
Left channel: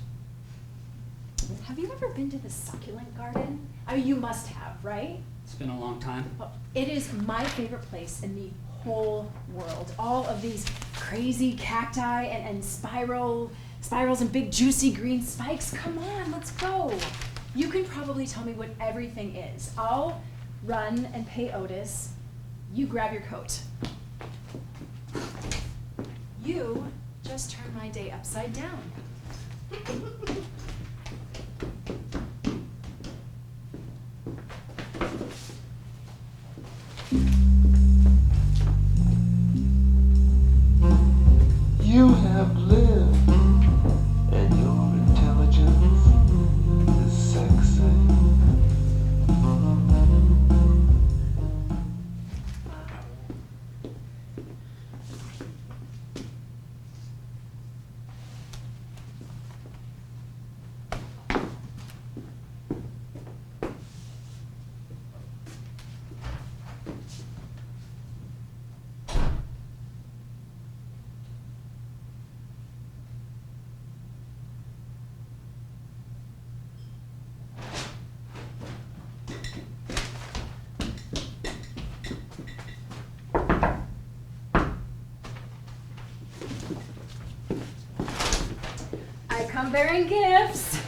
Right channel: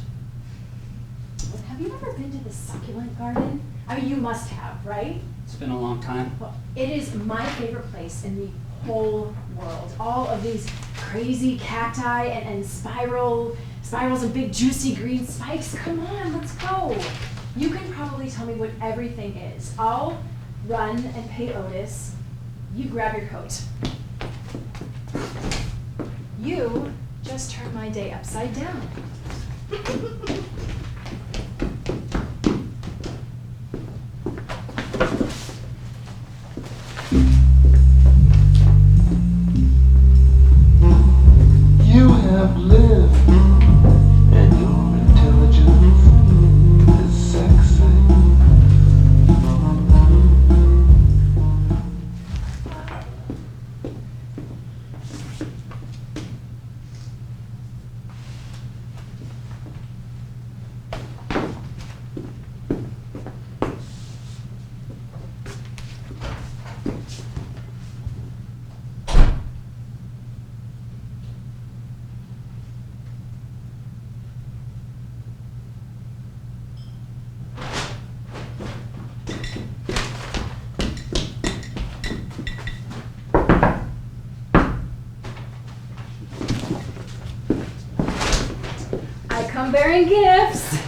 Have you ever been to the succulent garden? I mean, you must have, right? It's been a long time. Well, it is my favorite place in the whole world. All of these crazy cacti and spirals and big juicy green spikes. Come on, let's go. You can probably tell me what everything is. I'll run and pay Otis. You grab your coat. You just turned my day upside down. You have lived, and your intelligence is sexy. I'm bearing gifts.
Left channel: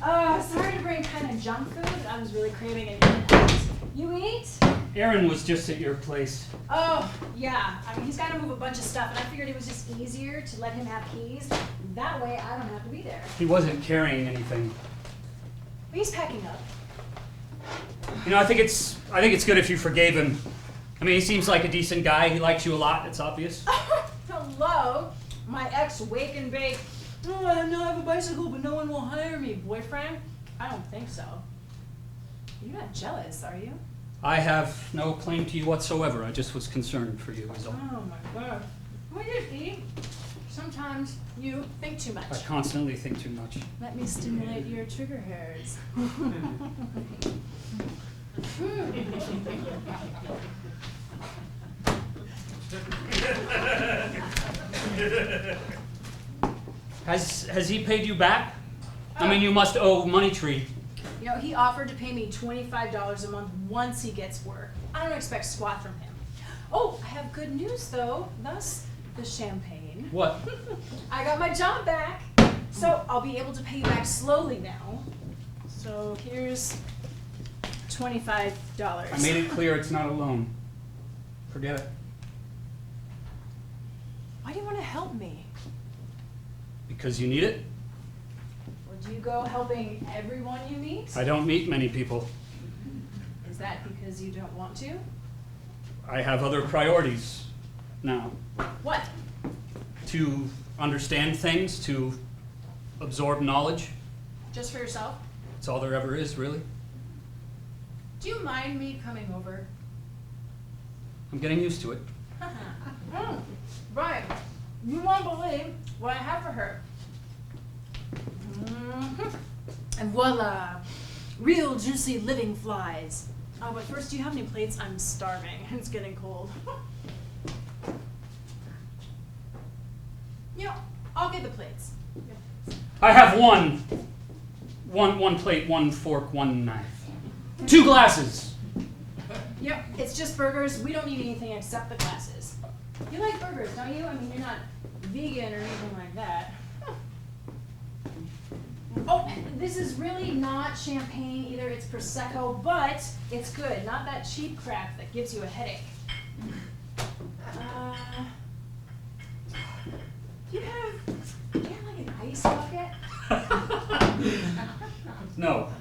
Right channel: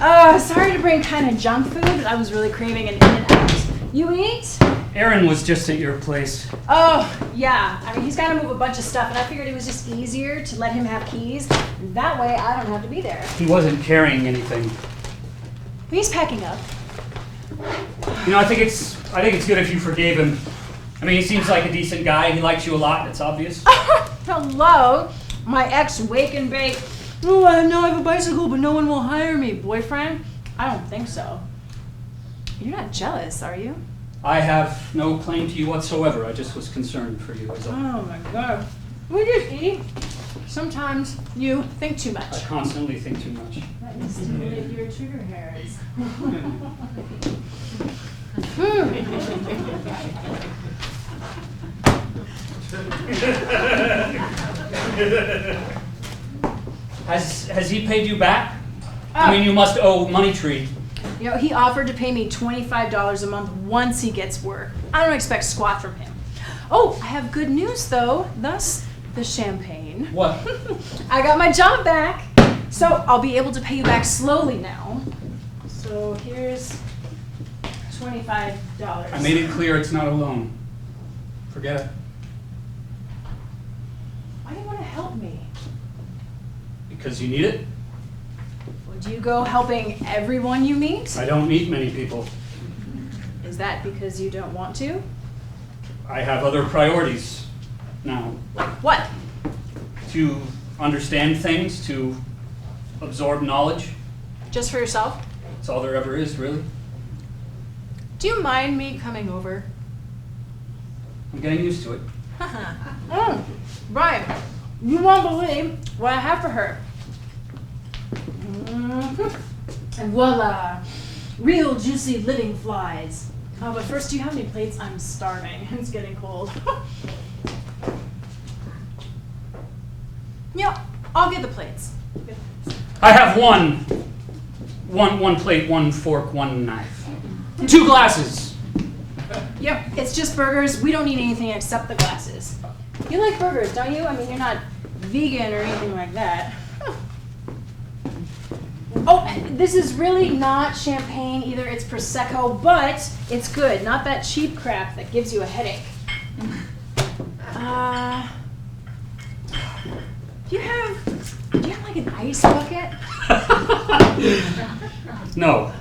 Oh, sorry to bring kind of junk food, but I was really craving an In-N-Out. You eat? Aaron was just at your place. Oh, yeah. I mean, he's got to move a bunch of stuff, and I figured it was just easier to let him have keys. That way, I don't have to be there. He wasn't carrying anything. He's packing up. You know, I think it's good if you forgave him. I mean, he seems like a decent guy. He likes you a lot. It's obvious. Hello, my ex-wake and bake. Oh, I know I have a bicycle, but no one will hire me. Boyfriend? I don't think so. You're not jealous, are you? I have no claim to you whatsoever. I just was concerned for you. Is all. Oh my God. We just eat. Sometimes you think too I much. constantly think too much. Let me stimulate your trigger hairs. Has he paid you back? I mean, you must owe Money Tree. You know, he offered to pay me $25 a month once he gets work. I don't expect squat from him. Oh, I have good news though. Thus, the champagne. What? I got my job back, so I'll be able to pay you back slowly now. So here's $25. I made it clear it's not a loan. Forget it. Why do you want to help me? Because you need it? Would you go helping everyone you meet? I don't meet many people. Is that because you don't want to? I have other priorities now. What? To understand things, to absorb knowledge. Just for yourself? That's all there ever is, really. Do you mind me coming over? I'm getting used to it. Brian, you won't believe what I have for her. And voila, real juicy living flies. Oh, but first, do you have any plates? I'm starving. It's getting cold. Yeah, I'll get the plates. I have one. One plate, 1 fork, 1 knife. 2 glasses. Yep, it's just burgers. We don't need anything except the glasses. You like burgers, don't you? I mean, you're not vegan or anything like that. Huh. Oh, this is really not champagne either. It's Prosecco, but it's good. Not that cheap crap that gives you a headache. Do you have like an ice bucket? No.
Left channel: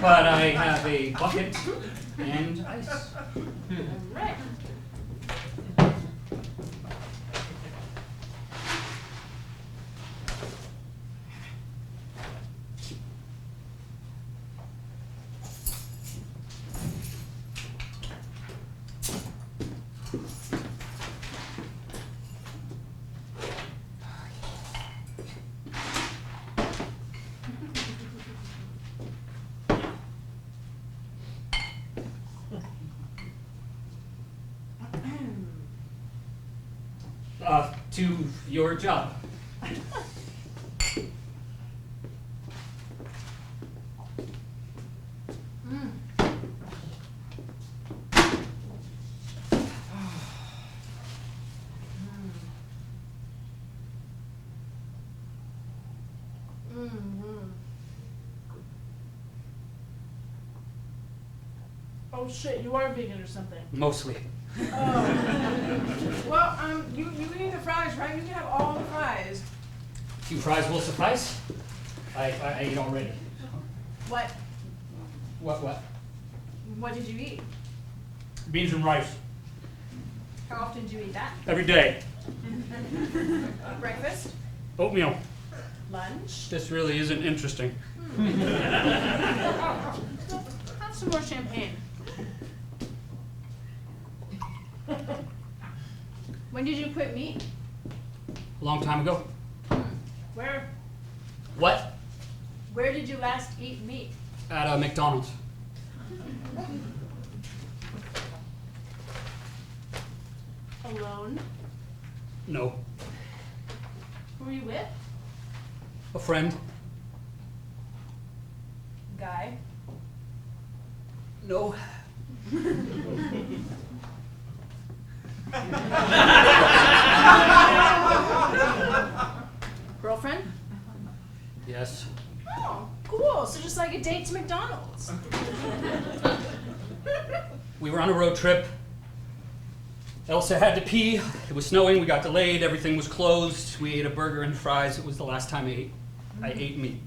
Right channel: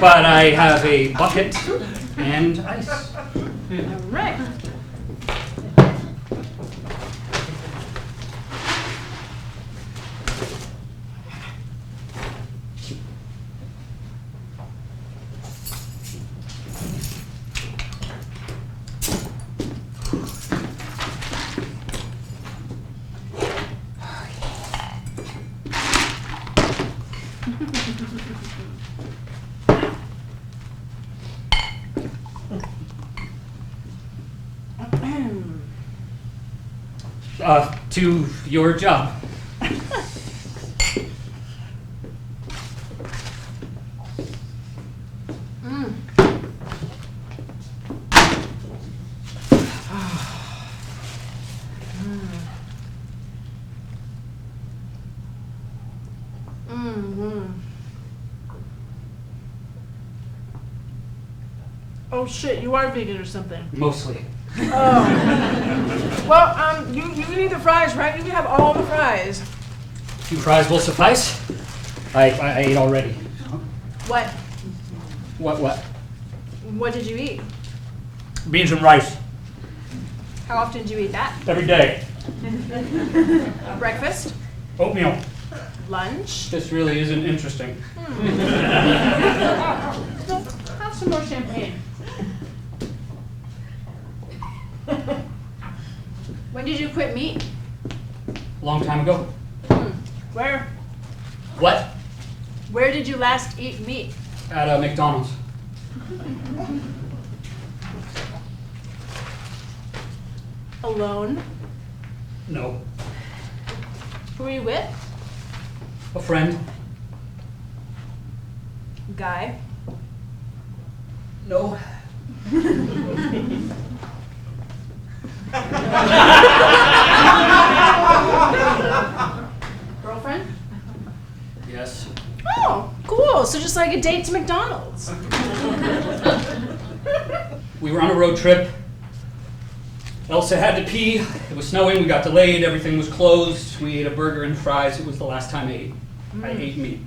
But I have a bucket and ice. All right. To your job. Oh shit, you are vegan or something. Mostly. Oh. Well, you need the fries, right? You can have all the fries. 2 fries will suffice. I ate already. What? What? What did you eat? Beans and rice. How often do you eat that? Every day. Breakfast? Oatmeal. Lunch? This really isn't interesting. Well, have some more champagne. When did you quit meat? A long time ago. Where? What? Where did you last eat meat? At McDonald's. Alone? No. Who are you with? A friend. Guy? No. Girlfriend? Yes. Oh, cool. So just like a date to McDonald's. We were on a road trip. Elsa had to pee. It was snowing. We got delayed. Everything was closed. We ate a burger and fries. It was the last time I ate meat.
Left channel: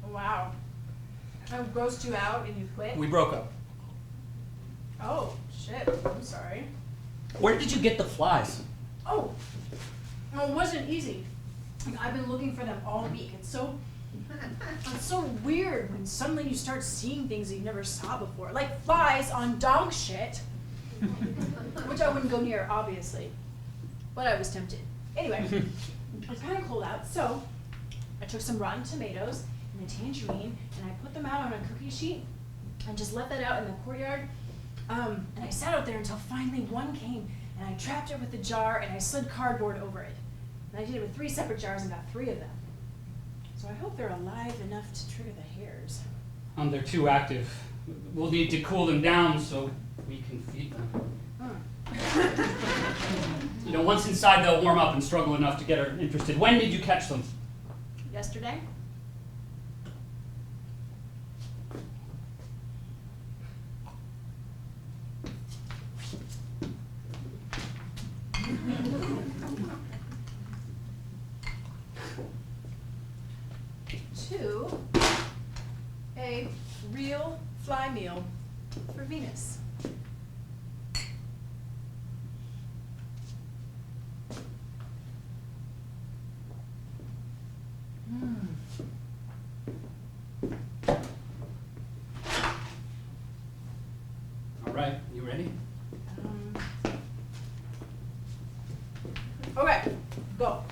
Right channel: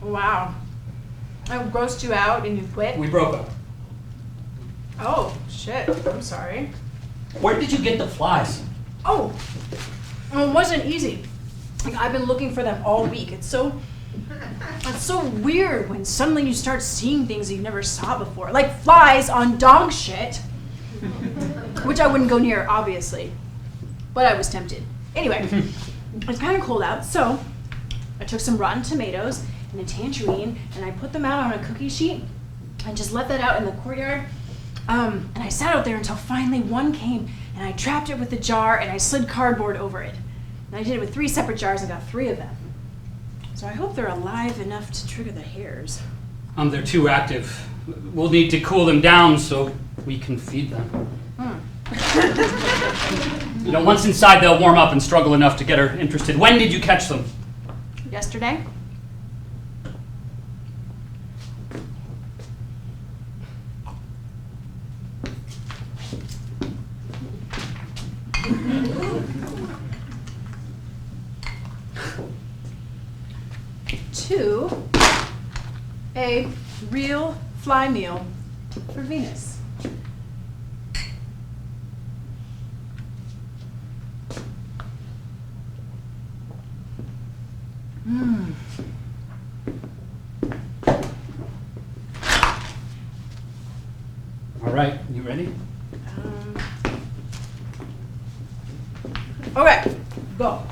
Wow. I grossed you out and you quit? We broke up. Oh, shit. I'm sorry. Where did you get the flies? Oh, it wasn't easy. Like, I've been looking for them all week. It's so weird when suddenly you start seeing things you never saw before, like flies on dog shit, which I wouldn't go near, obviously, but I was tempted. Anyway, it's kind of cold out, so I took some rotten tomatoes and a tangerine, and I put them out on a cookie sheet and just left that out in the courtyard. And I sat out there until finally one came, and I trapped it with a jar, and I slid cardboard over it. And I did it with 3 separate jars and got 3 of them. So I hope they're alive enough to trigger the hairs. They're too active. We'll need to cool them down so we can feed them. You know, once inside, they'll warm up and struggle enough to get her interested. When did you catch them? Yesterday? To a real fly meal for Venus. All right, you ready? Okay, go.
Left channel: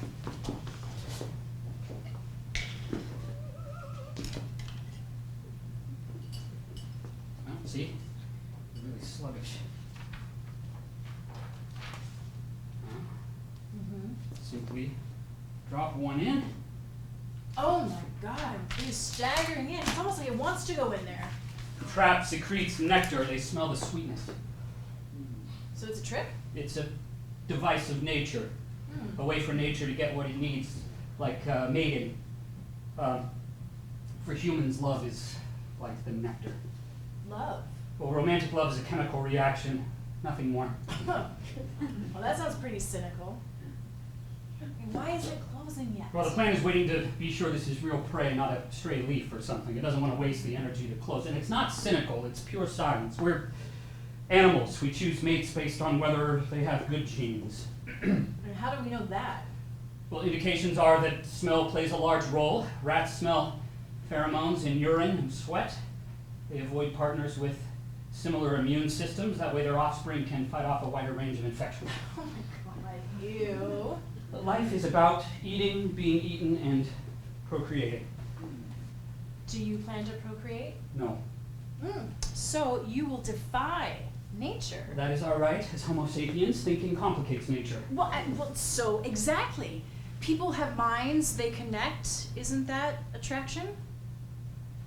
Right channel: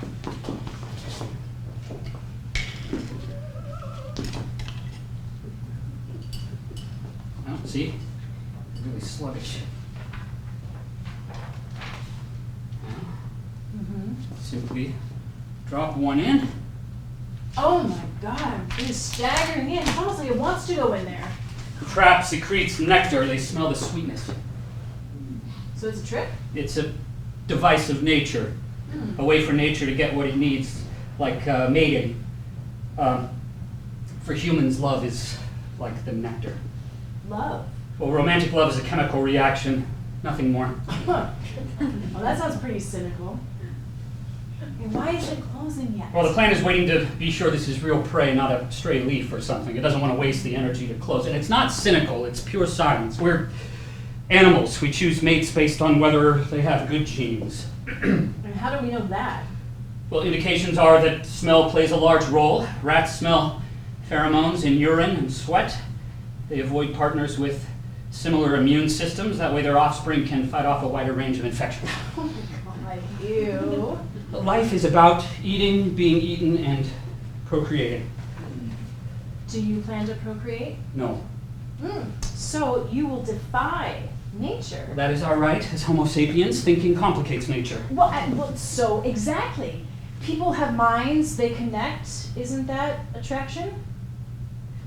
Well, see? Really sluggish. Now, simply drop one in. Oh my god, it is staggering in. It's almost like it wants to go in there. The trap secretes nectar. They smell the sweetness. So it's a trick? It's a device of nature, a way for nature to get what it needs, like mating. For humans, love is like the nectar. Love. Well, romantic love is a chemical reaction, nothing more. Well, that sounds pretty cynical. And why is it closing yet? Well, the plant is waiting to be sure this is real prey, not a stray leaf or something. It doesn't want to waste the energy to close. And it's not cynical, it's pure science. We're animals. We choose mates based on whether they have good genes. And how do we know that? Well, indications are that smell plays a large role. Rats smell pheromones in urine and sweat. They avoid partners with similar immune systems. That way their offspring can fight off a wider range of infections. Oh my god, ew. Life is about eating, being eaten, and procreating. Do you plan to procreate? No. So you will defy nature. That is our right as Homo sapiens. Thinking complicates nature. Well, so exactly. People have minds, they connect. Isn't that attraction?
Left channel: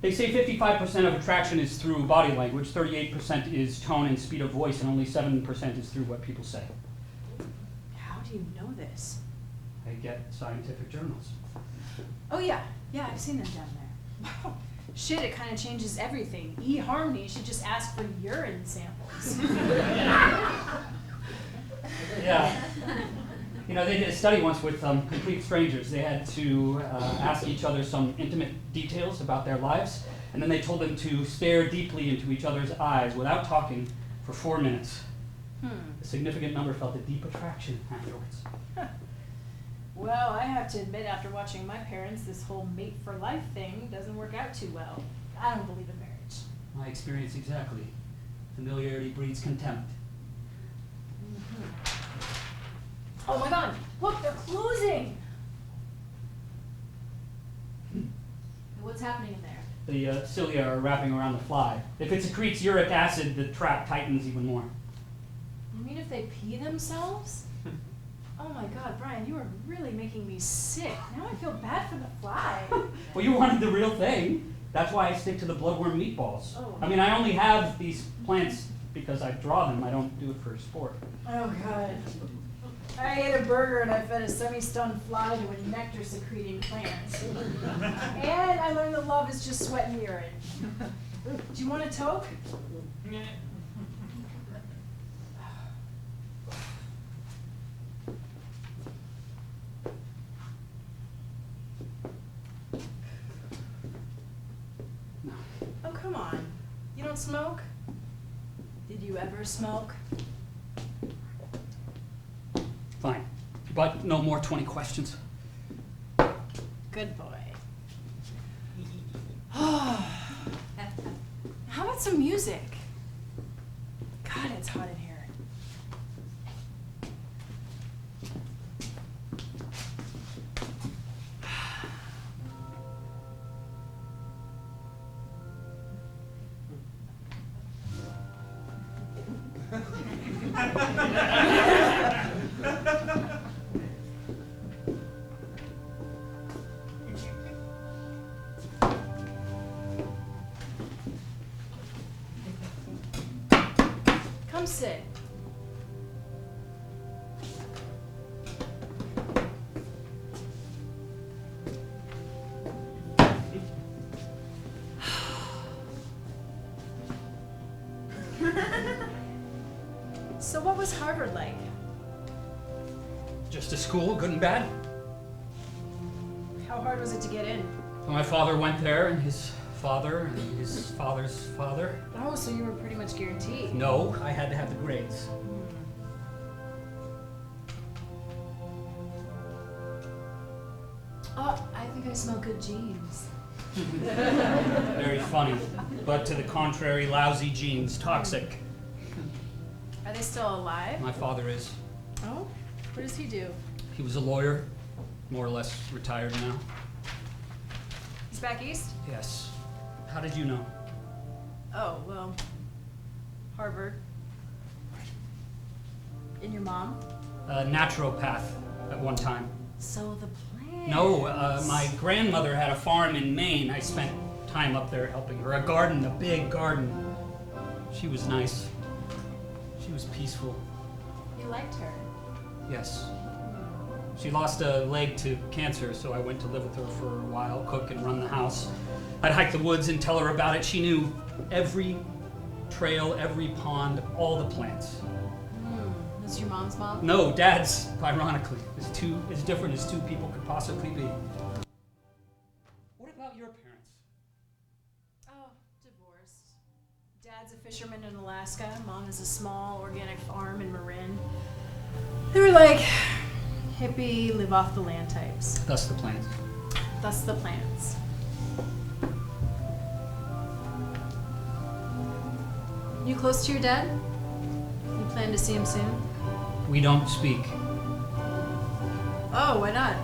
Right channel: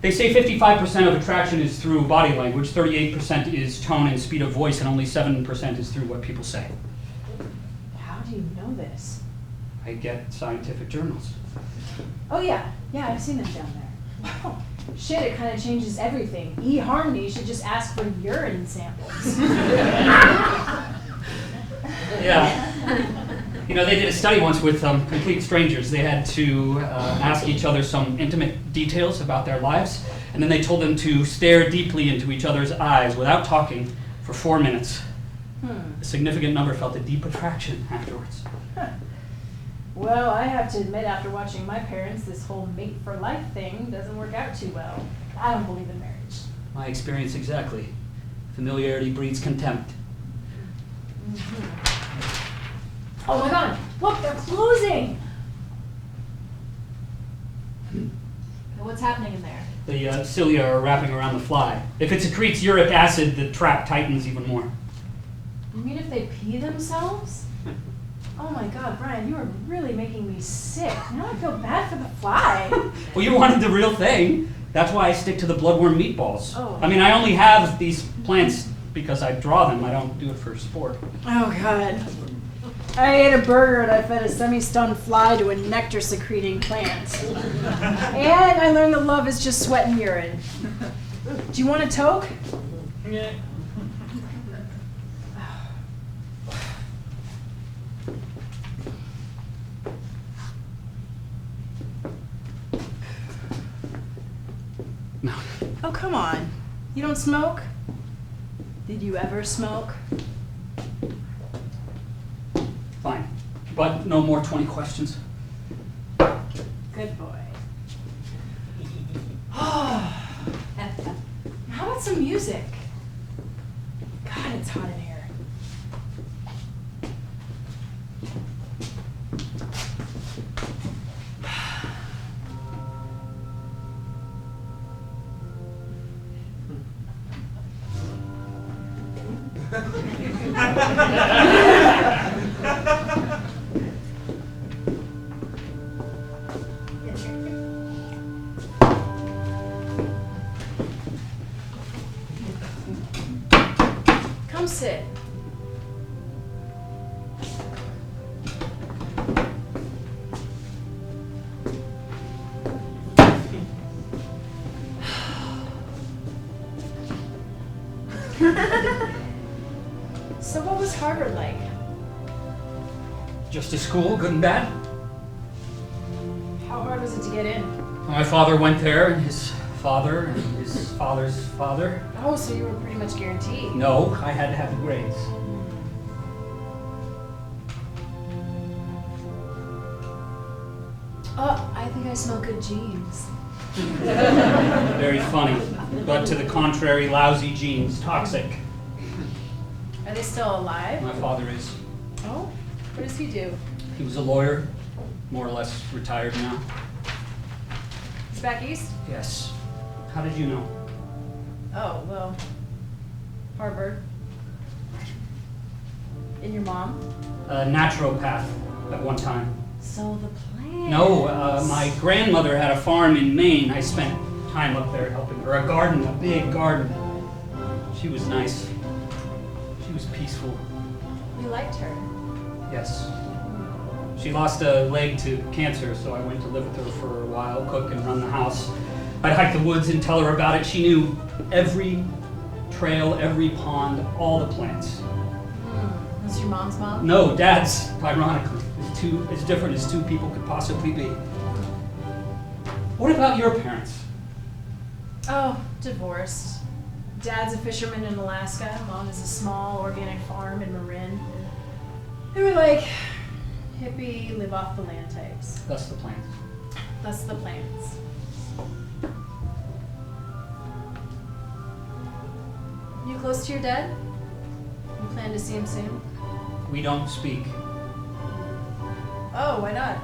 They say 55% of attraction is through body language, 38% is tone and speed of voice, and only 7% is through what people say. How do you know this? I get scientific journals. Oh yeah, I've seen them down there. Wow. Shit, it kind of changes everything. eHarmony should just ask for urine samples. Yeah. You know, they did a study once with complete strangers. They had to ask each other some intimate details about their lives, and then they told them to stare deeply into each other's eyes without talking for 4 minutes. A significant number felt a deep attraction afterwards. Well, I have to admit, after watching my parents, this whole mate for life thing doesn't work out too well. I don't believe in marriage. My experience exactly. Familiarity breeds contempt. Oh my god, look, they're closing! What's happening in there? The cilia are wrapping around the fly. If it secretes uric acid, the trap tightens even more. You mean if they pee themselves? Oh my god, Brian, you are really making me sick. Now I feel bad for the fly. Well, you wanted the real thing. That's why I stick to the bloodworm meatballs. Oh. I mean, I only have these plants because I draw them. I don't do it for sport. Oh god. I ate a burger and I fed a semi-stunned fly to a nectar-secreting plant. And I learned that love is just sweat and urine. Do you want a toke? Yeah. No. Oh, come on. You don't smoke? Did you ever smoke? Fine. But no more 20 questions. Good boy. How about some music? God, it's hot in here. Come sit. So what was Harvard like? Just a school, good and bad. How hard was it to get in? My father went there, and his father, and his father's father. Oh, so you were pretty much guaranteed. No, I had to have the grades. Oh, I think I smell good genes. Very funny. But to the contrary, lousy genes, toxic. Are they still alive? My father is. Oh, what does he do? He was a lawyer, more or less retired now. He's back east? Yes. How did you know? Oh, well, Harvard. And your mom? A naturopath at one time. So the plants. No, my grandmother had a farm in Maine. I spent time up there helping her. A garden, a big garden. She was nice. She was peaceful. You liked her. Yes. She lost a leg to cancer, so I went to live with her for a while, cook and run the house. I'd hike the woods and tell her about it. She knew every trail, every pond, all the plants. Was your mom's mom? No, Dad's, ironically, as different as two people could possibly be. What about your parents? Oh, divorced. Dad's a fisherman in Alaska. Mom has a small organic farm in Marin. They were like hippie, live off the land types. Thus the plants. Thus the plants. You close to your dad? You plan to see him soon? We don't speak. Oh, why not?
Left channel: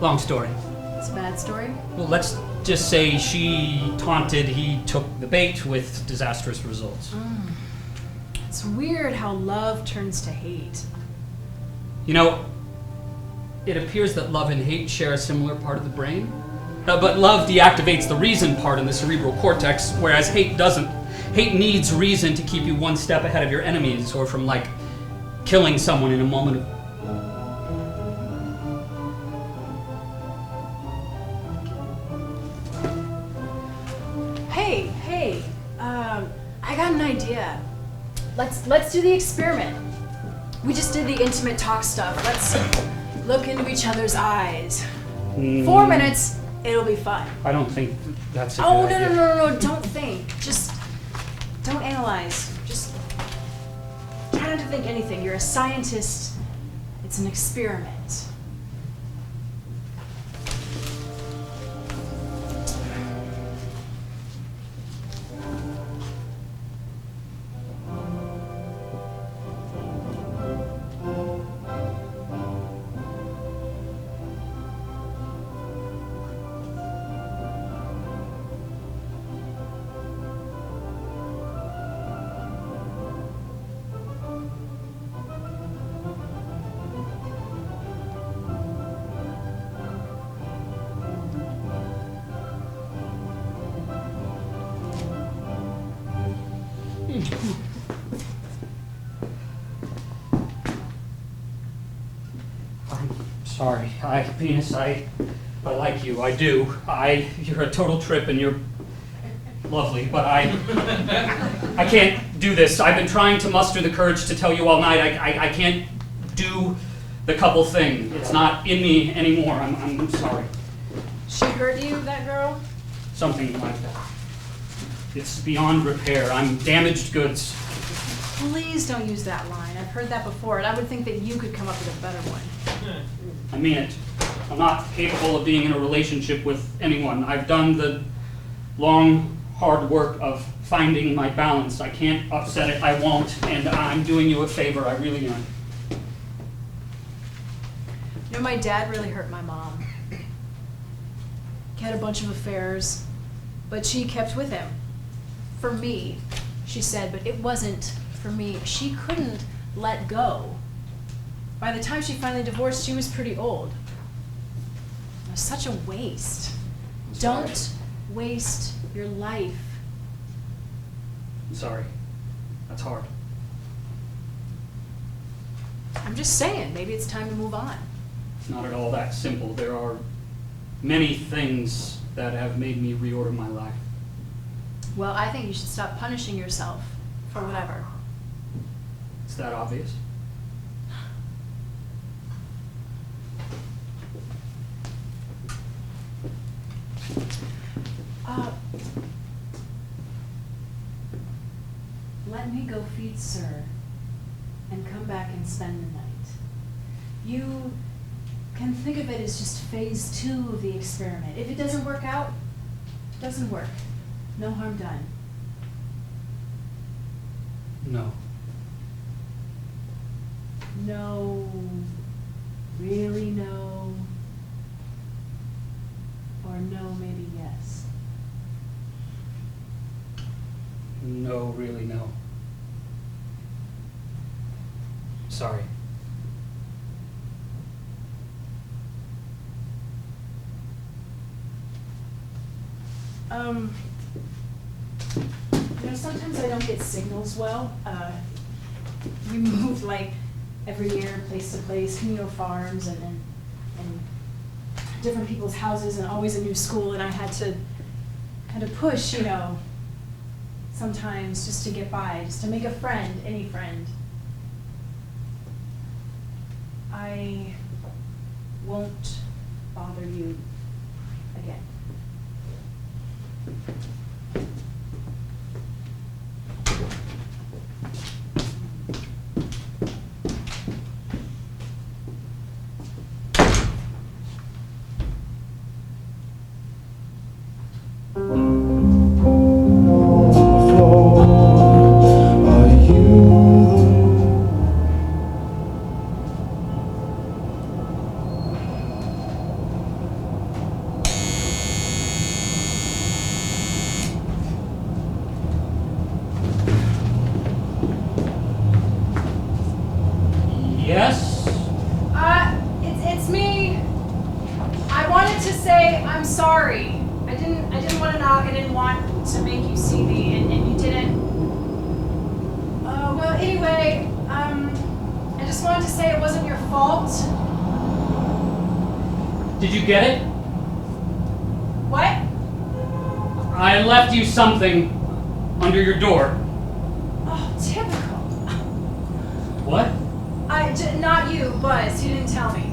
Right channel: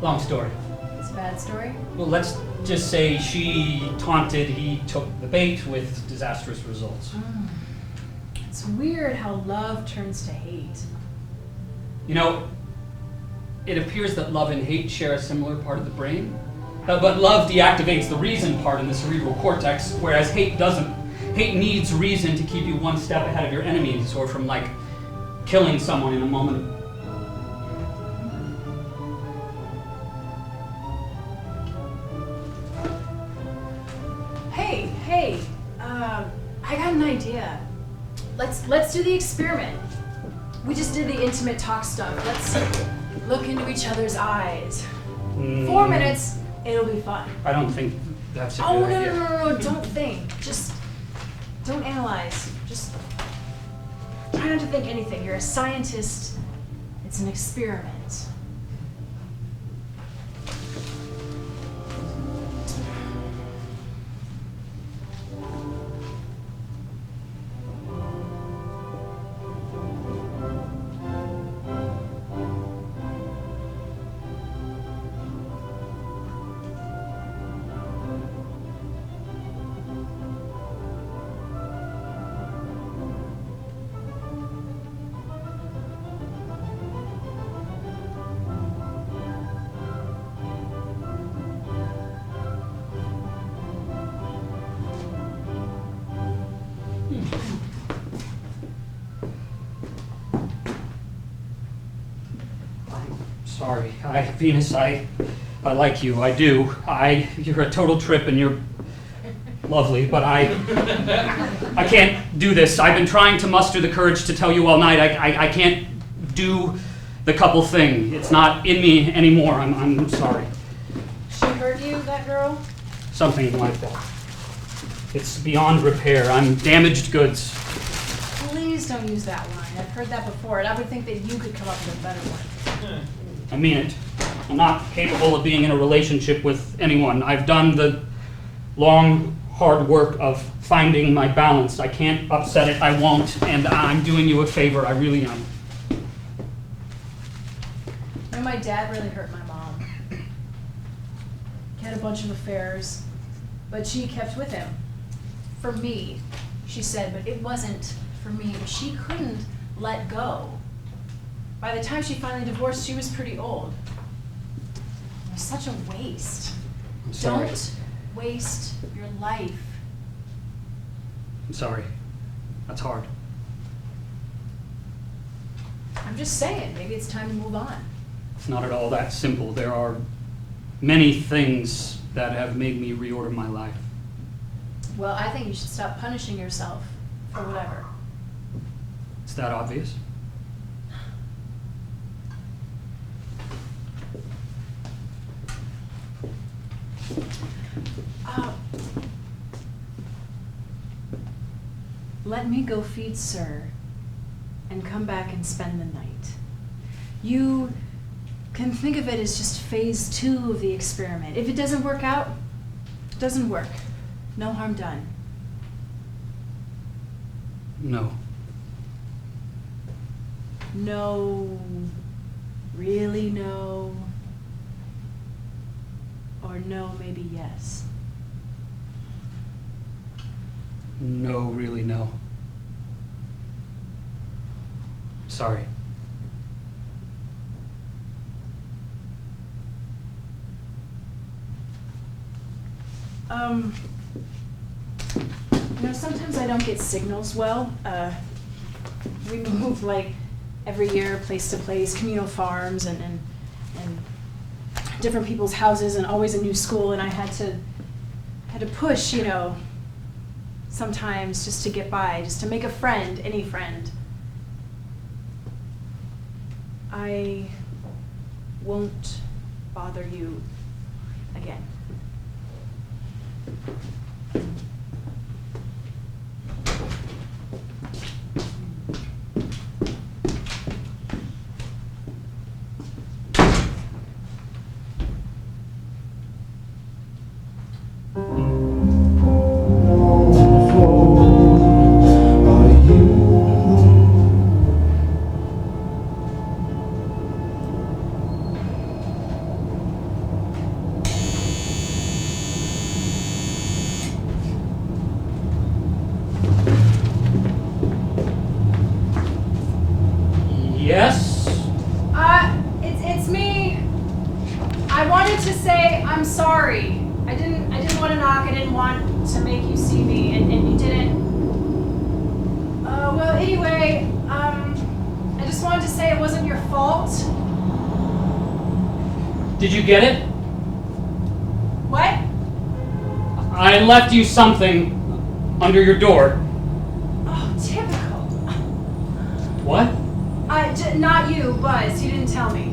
Long story. It's a bad story. Well, let's just say she taunted he took the bait with disastrous results. It's weird how love turns to hate. You know, it appears that love and hate share a similar part of the brain. But love deactivates the reason part in the cerebral cortex, whereas hate doesn't. Hate needs reason to keep you one step ahead of your enemies, or from, like, killing someone in a moment of... Hey, I got an idea. Let's do the experiment. We just did the intimate talk stuff. Let's look into each other's eyes. 4 minutes, it'll be fun. I don't think that's a good Oh, idea. no, don't think. Just don't analyze. Just try not to think anything. You're a scientist. It's an experiment. I'm sorry. Venus, I like you. I do. You're a total trip and you're lovely, but I can't do this. I've been trying to muster the courage to tell you all night. I can't do the couple thing. It's not in me anymore. I'm sorry. She hurt you, that girl? Something like that. It's beyond repair. I'm damaged goods. Please don't use that line. I've heard that before, and I would think that you could come up with a better one. I mean it. I'm not capable of being in a relationship with anyone. I've done the long, hard work of finding my balance. I can't upset it. I won't. And I'm doing you a favor. I really am. You know, my dad really hurt my mom. He had a bunch of affairs, but she kept with him. For me, she said, but it wasn't for me. She couldn't let go. By the time she finally divorced, she was pretty old. It was such a waste. I'm sorry. Don't waste your life. I'm sorry. That's hard. I'm just saying, maybe it's time to move on. It's not at all that simple. There are many things that have made me reorder my life. Well, I think you should stop punishing yourself for whatever. Is that obvious? Let me go feed Sir and come back and spend the night. You can think of it as just phase 2 of the experiment. If it doesn't work out, it doesn't work. No harm done. No. No, really no, or no, maybe yes. No, really, no. Sorry. Sometimes I don't get signals well. We move like every year, place to place, communal farms and different people's houses, and always a new school, and I had to push, sometimes just to get by, just to make a friend, any friend. I won't bother you again. Yes? It's me. I wanted to say I'm sorry. I didn't want to knock. I didn't want to make you see me, and you didn't. Well, anyway, I just wanted to say it wasn't your fault. Did you get it? What? I left you something under your door. Oh, typical. What? Not you, Buzz. You didn't tell me.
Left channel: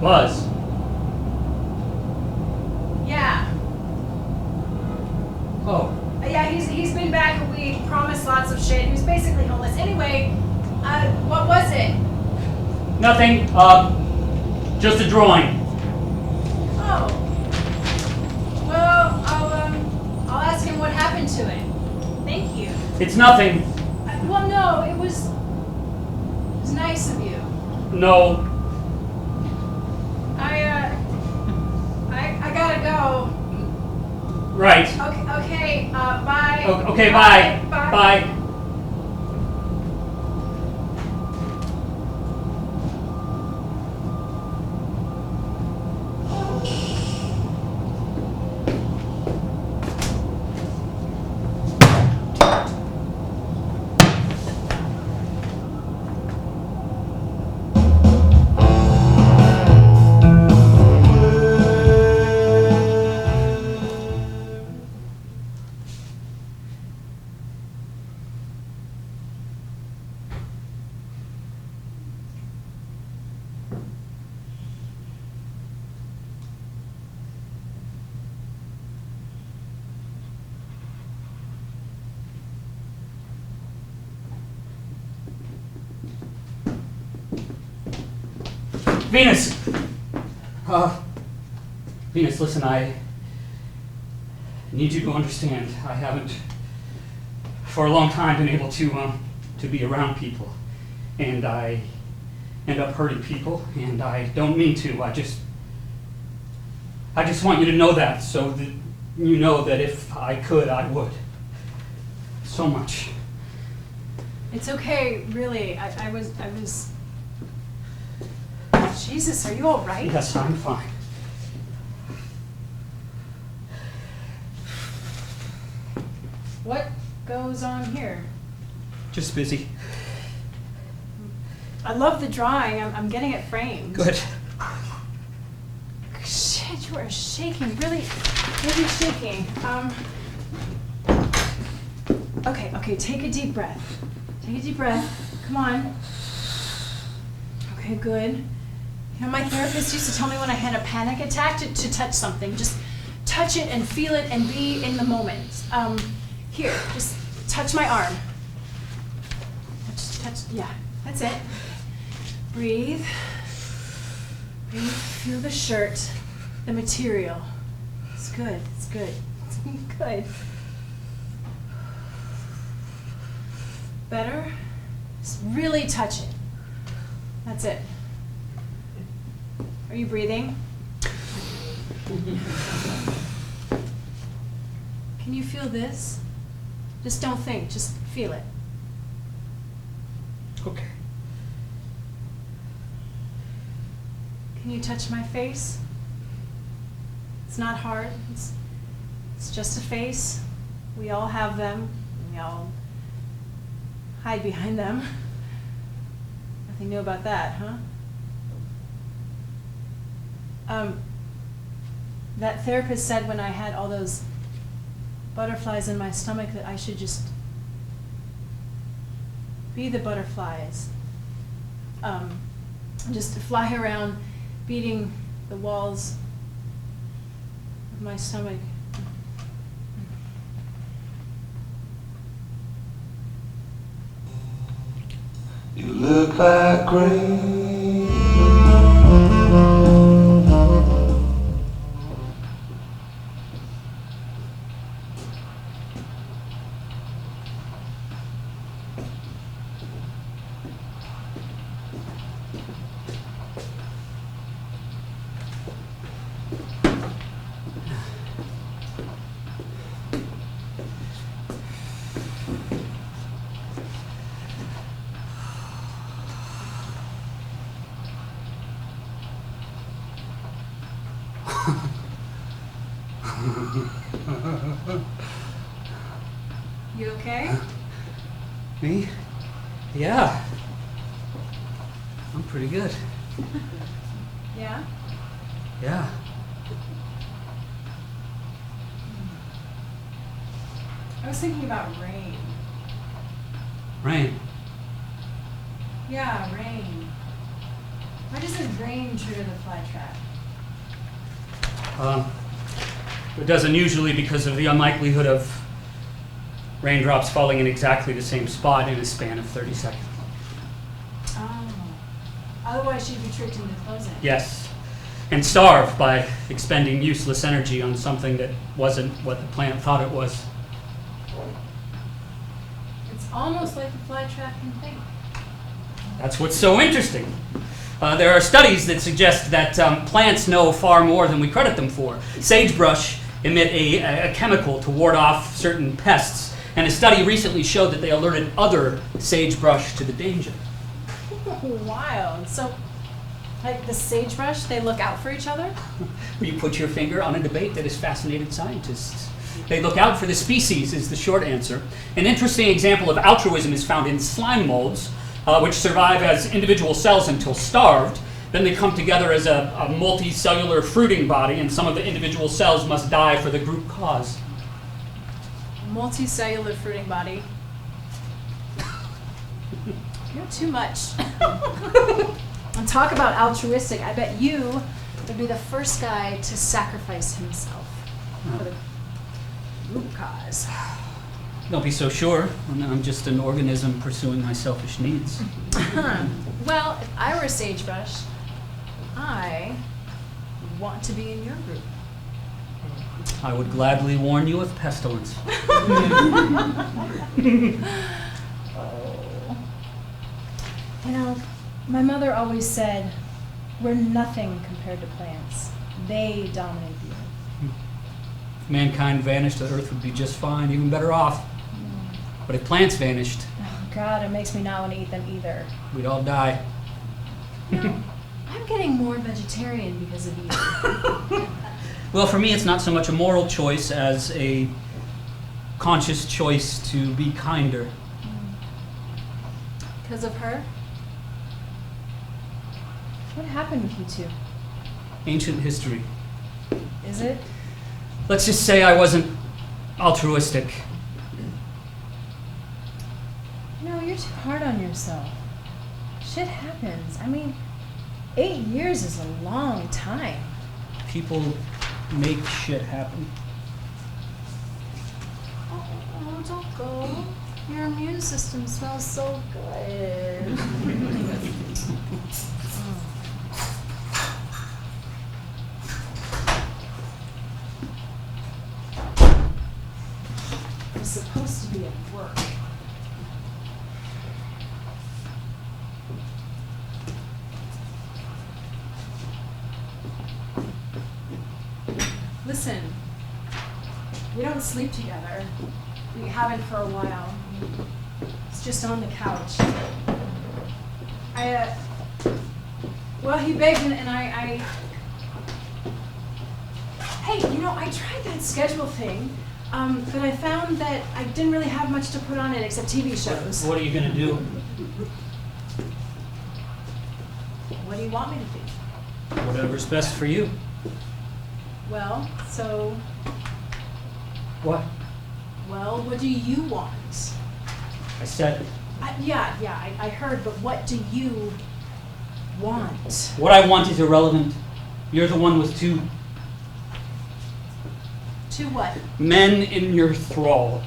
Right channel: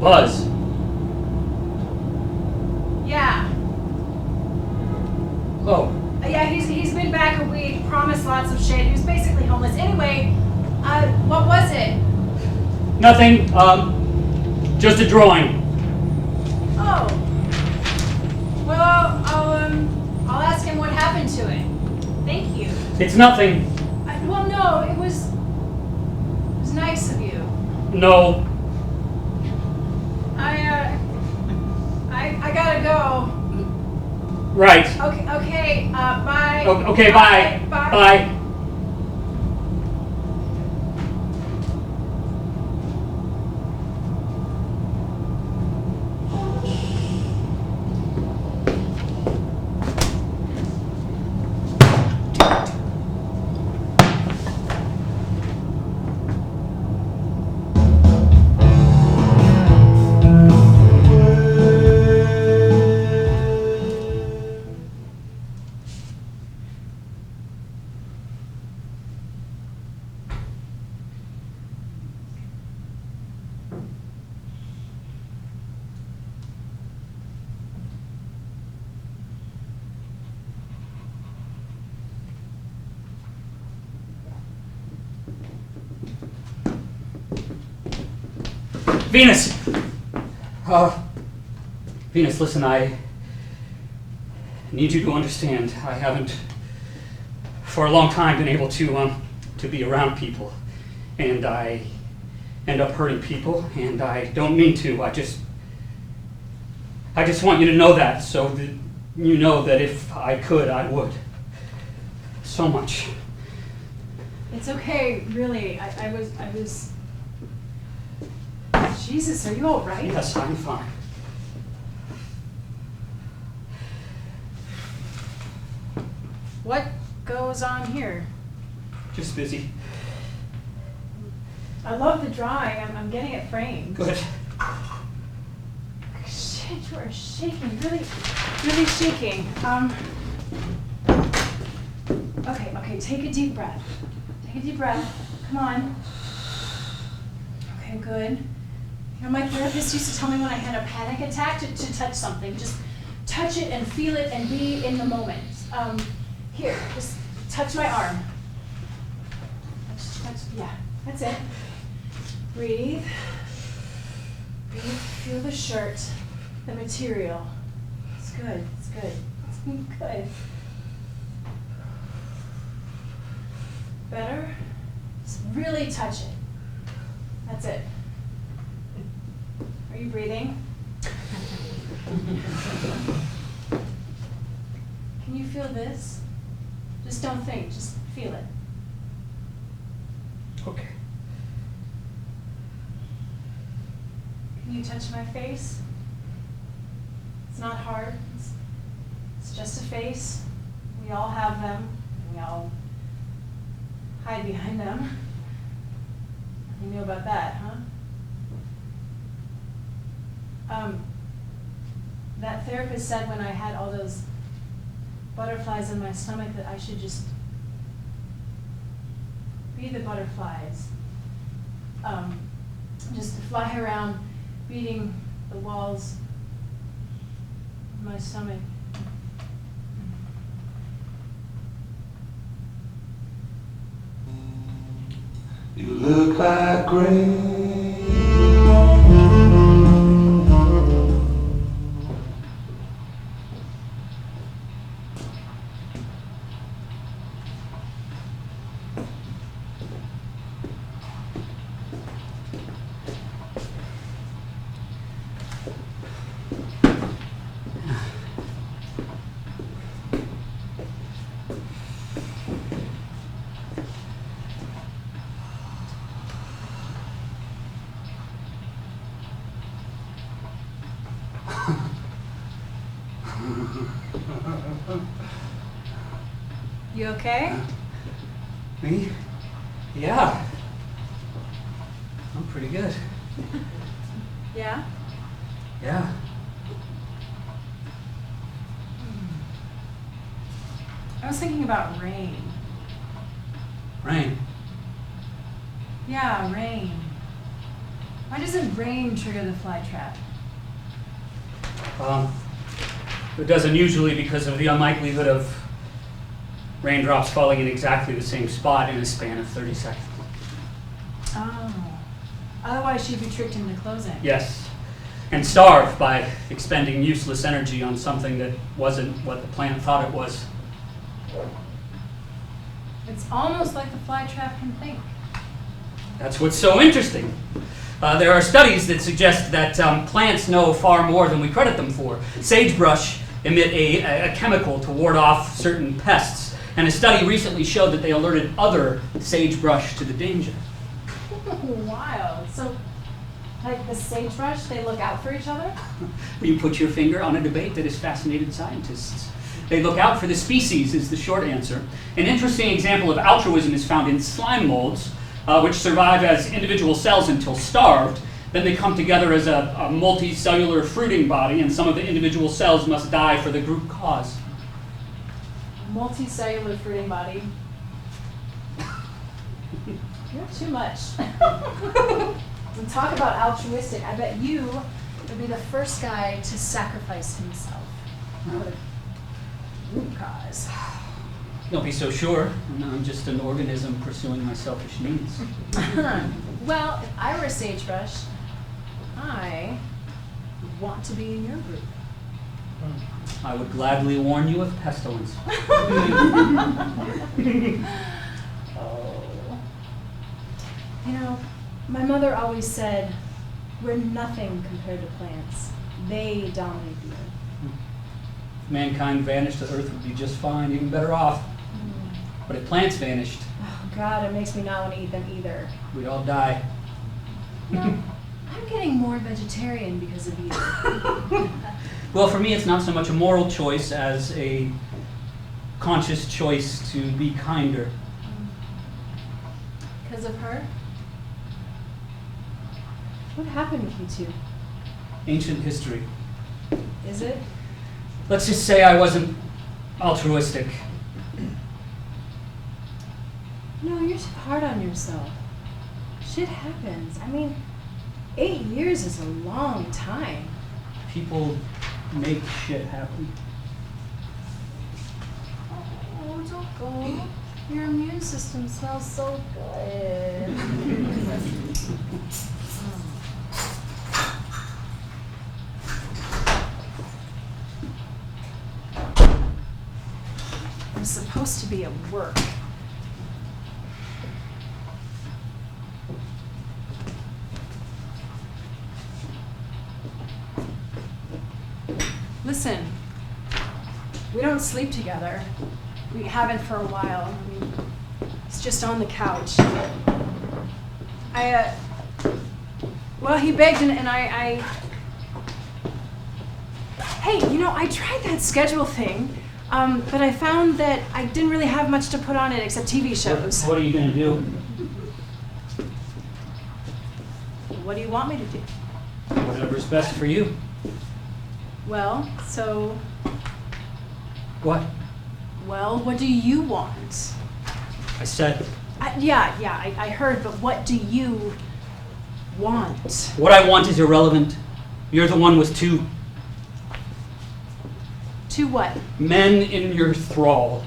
Buzz. Yeah. Oh. Yeah, he's been back a week, promised lots of shit. He was basically homeless. Anyway, what was it? Nothing. Just a drawing. Oh. Well, I'll ask him what happened to it. Thank you. It's nothing. Well, no, it was nice of you. No. I gotta go. Right. Okay, bye. Okay, bye. Bye. Venus! Venus, listen, I need you to understand. I haven't, for a long time, been able to be around people. And I end up hurting people, and I don't mean to. I just want you to know that, so that you know that if I could, I would. So much. It's okay, really. I was. Jesus, are you all right? Yes, I'm fine. What goes on here? Just busy. I love the drawing. I'm getting it framed. Good. Shit, you are shaking. Really, really shaking. Okay, take a deep breath. Take a deep breath. Come on. Okay, good. My therapist used to tell me when I had a panic attack to touch something. Just touch it and feel it and be in the moment. Here, just touch my arm. Touch, yeah, that's it. Breathe. Breathe, feel the shirt, the material. It's good, it's good, it's good. Better? Just really touch it. That's it. Are you breathing? Can you feel this? Just don't think, just feel it. Okay. Can you touch my face? It's not hard. It's just a face. We all have them. We all hide behind them. Nothing new about that, huh? That therapist said when I had all those butterflies in my stomach that I should just be the butterflies. Just to fly around beating the walls of my stomach. You look like rain. You okay? Me? Yeah. I'm pretty good. Yeah? Yeah. I was thinking about rain. Rain. Yeah, rain. Why doesn't rain trigger the fly trap? It doesn't usually because of the unlikelihood of raindrops falling in exactly the same spot in a span of 30 seconds. Oh. Otherwise she'd be tricked into closing. Yes. And starve by expending useless energy on something that wasn't what the plant thought it was. It's almost like the fly trap can think. That's what's so interesting. There are studies that suggest that plants know far more than we credit them for. Sagebrush emit a chemical to ward off certain pests, and a study recently showed that they alerted other sagebrush to the danger. Wild. So, like the sagebrush, they look out for each other? You put your finger on a debate that has fascinated scientists. They look out for the species is the short answer. An interesting example of altruism is found in slime molds, which survive as individual cells until starved. Then they come together as a multicellular fruiting body, and some of the individual cells must die for the group cause. Multicellular fruiting body. You're too much. And talk about altruistic. I bet you would be the first guy to sacrifice himself for the group cause. Don't be so sure. I'm just an organism pursuing my selfish needs. Well, if I were a sagebrush, I would want to be in your group. I would gladly warn you of pestilence. Oh. You know, my mother always said, we're nothing compared to plants. They dominate the earth. If mankind vanished, the earth would be just fine, even better off. But if plants vanished, Oh, God, it makes me not want to eat them either. we'd all die. You know, I'm getting more vegetarian because of you. Well, for me, it's not so much a moral choice as a conscious choice to be kinder. Because of her? What happened to you two? Ancient history. Is it? Let's just say I wasn't altruistic. No, you're too hard on yourself. Shit happens. I mean, 8 years is a long time. People make shit happen. Oh, don't go. Your immune system smells so good. I'm supposed to be at work. Listen, we don't sleep together. We haven't for a while. I mean, it's just on the couch. Well, he begged and I Hey, I tried that schedule thing, but I found that I didn't really have much to put on it except TV shows. What are you gonna do? What do you want me to do? Whatever's best for you. Well, what do you want? I said, I heard, but what do you want? what I want is irrelevant. You're the one with two To what? men in your thrall.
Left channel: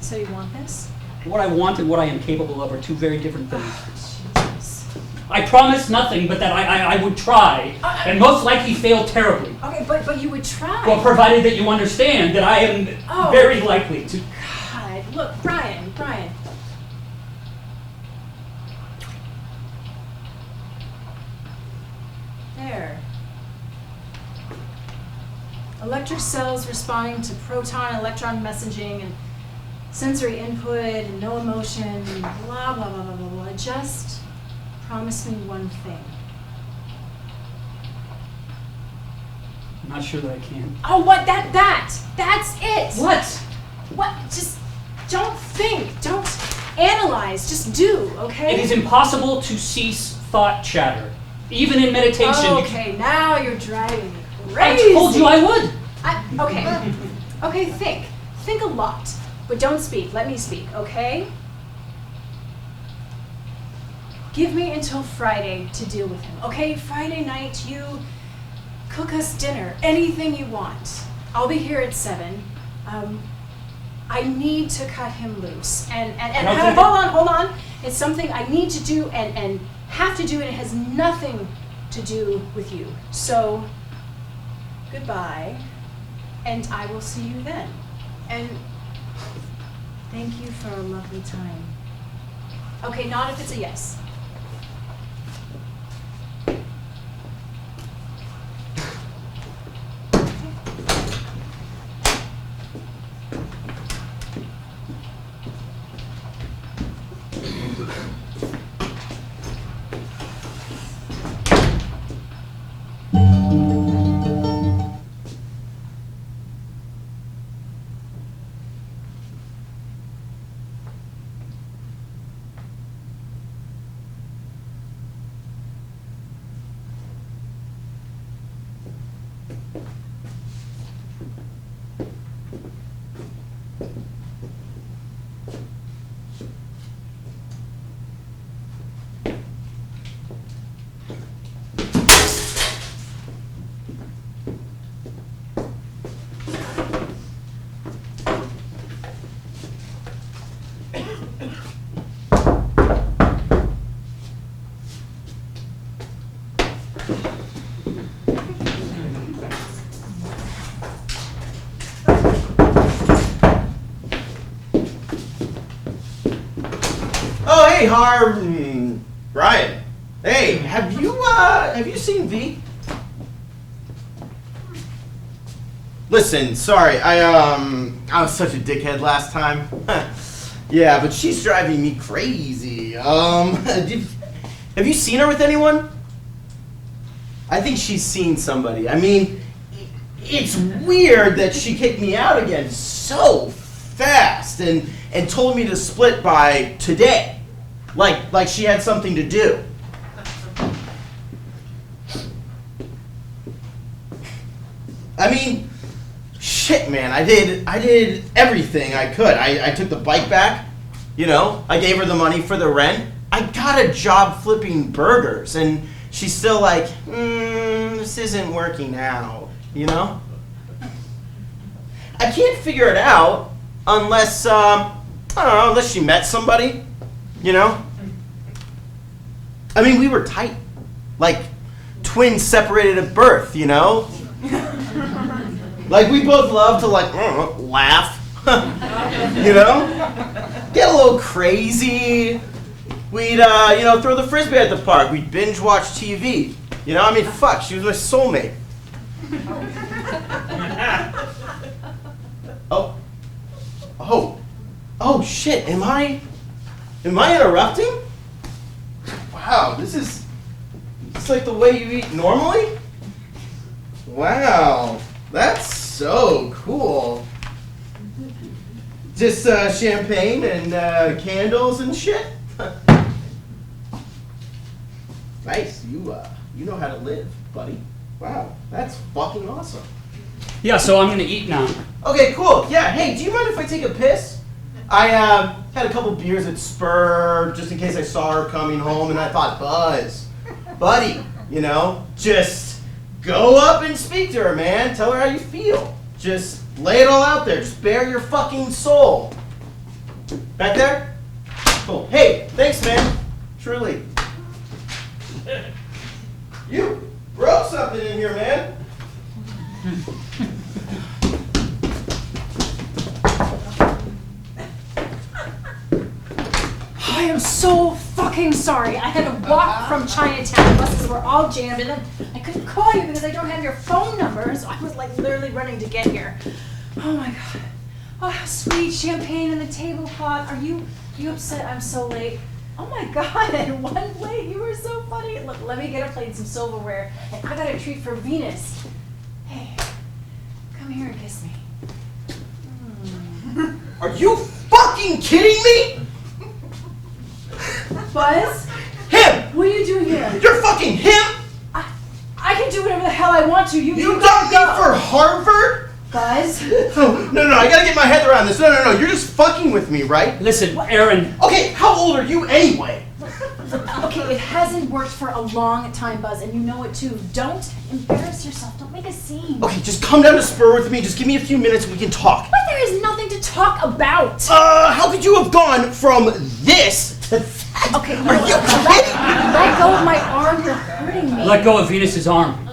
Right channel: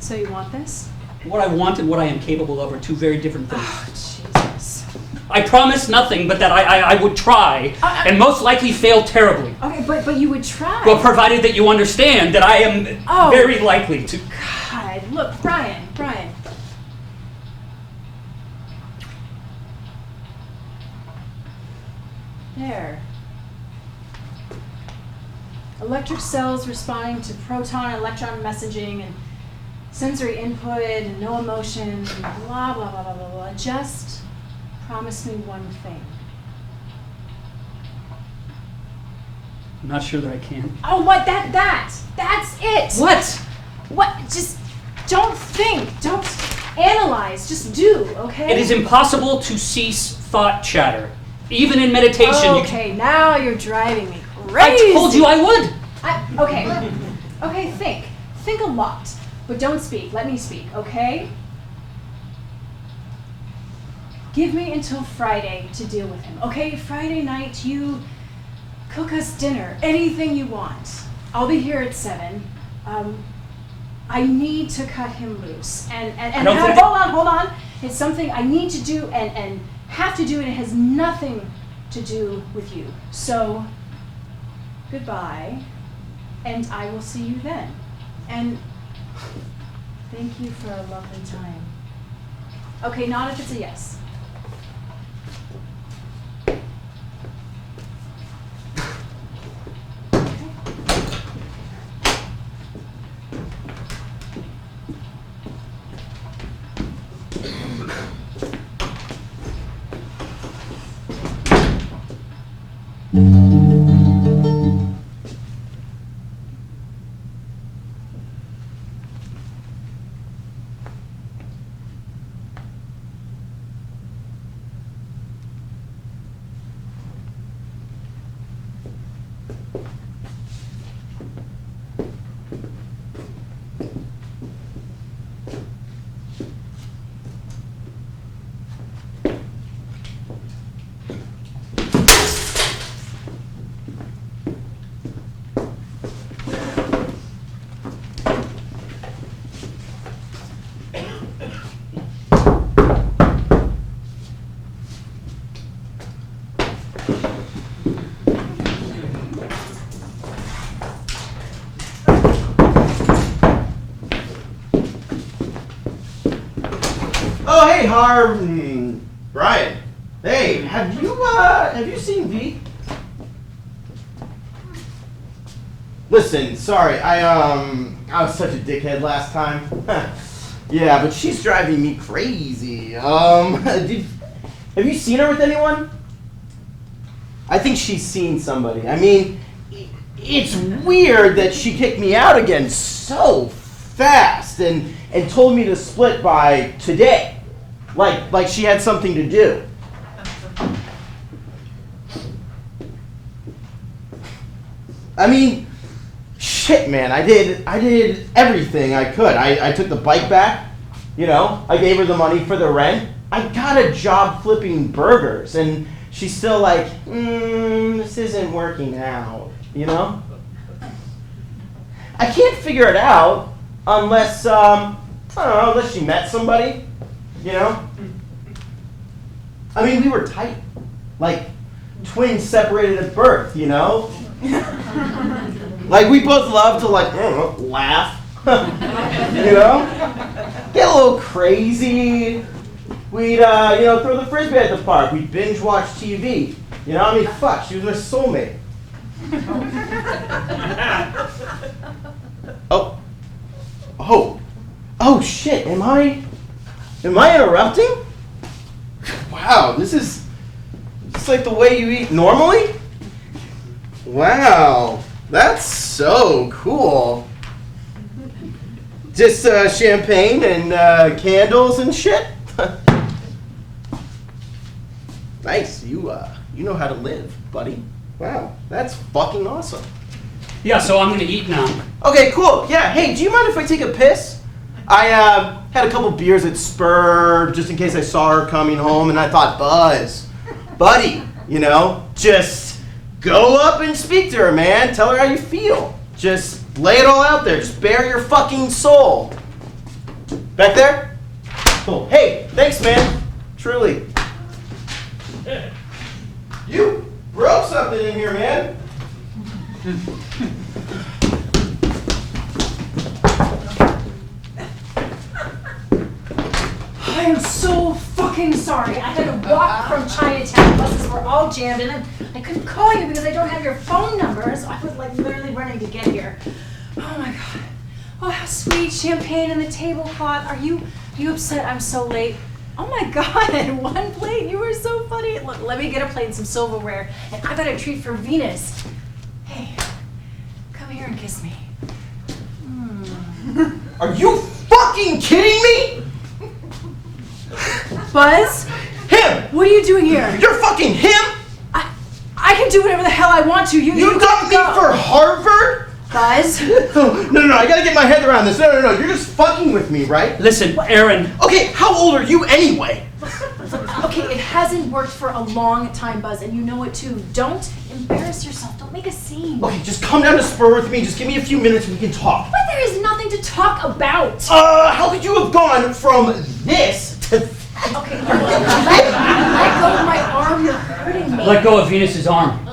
So you want this? What I want and what I am capable of are two very different things. Jesus. I promise nothing but that I would try, and most likely fail terribly. Okay, but you would try. Well, provided that you understand that I am Oh. very likely to. God, look, Brian. There. Electric cells responding to proton-electron messaging and sensory input and no emotion and blah, blah, blah, blah, blah, blah. Just promise me one thing. I'm not sure that I can. Oh, what? That's it. What? What? Just don't think. Don't analyze. Just do, okay? It is impossible to cease thought chatter. Even in meditation, you Okay, now you're driving me crazy. I told you I would. Okay, think. Think a lot. But don't speak. Let me speak, okay? Give me until Friday to deal with him, okay? Friday night, you cook us dinner. Anything you want. I'll be here at 7. I need to cut him loose. And don't think hold on. It's something I need to do and have to do, and it has nothing to do with you. So, goodbye, and I will see you then. And thank you for a lovely time. Okay, not if it's a yes. Hey, Brian. Hey, have you seen V? Listen, sorry, I was such a dickhead last time. Yeah, but she's driving me crazy. Have you seen her with anyone? I think she's seen somebody. I mean, it's weird that she kicked me out again so fast and told me to split by today. Like she had something to do. I mean, shit, man, I did everything I could. I took the bike back, I gave her the money for the rent. I got a job flipping burgers, and she's still like, this isn't working out, I can't figure it out unless, I don't know, unless she met somebody, I mean, we were tight, like twins separated at birth, Like, we both love to, laugh, Get a little crazy. We'd, throw the frisbee at the park. We'd binge watch TV. I mean, fuck, she was my soulmate. Oh, shit, am I interrupting? Wow, this is like the way you eat normally? Wow, that's so cool. Just champagne and candles and shit? Nice, you know how to live, buddy. Wow, that's fucking awesome. Yeah, so I'm gonna eat now. Okay, cool. Yeah, hey, do you mind if I take a piss? I had a couple beers at Spur just in case I saw her coming home, and I thought, buddy, you know, just go up and speak to her, man. Tell her how you feel. Just lay it all out there. Just bare your fucking soul. Back there? Cool. Hey, thanks, man. Truly. You broke something in here, man. I am so fucking sorry. I had to walk from Chinatown. Buses were all jammed, and I couldn't call you because I don't have your phone number. So I was like literally running to get here. Oh my god. Oh, how sweet. Champagne and the tablecloth. Are you upset I'm so late? Oh my god, one plate. You were so funny. Look, let me get a plate and some silverware. And I got a treat for Venus. Hey, come here and kiss me. Are you fucking kidding me? Buzz? Him! What are you doing here? You're fucking him? I can do whatever the hell I want to. You got me for Harvard? Buzz? Oh, no, I gotta get my head around this. No, you're just fucking with me, right? Listen, Aaron. Okay, how old are you anyway? Okay, it hasn't worked for a long time, Buzz, and you know it too. Don't embarrass yourself. Don't make a scene. Okay, just come down to Spur with me. Just give me a few minutes and we can talk. But there is nothing to talk about. How could you have gone from this to that? Okay, Are you kidding? let go of my arm. You're hurting me. Let go of Venus's arm.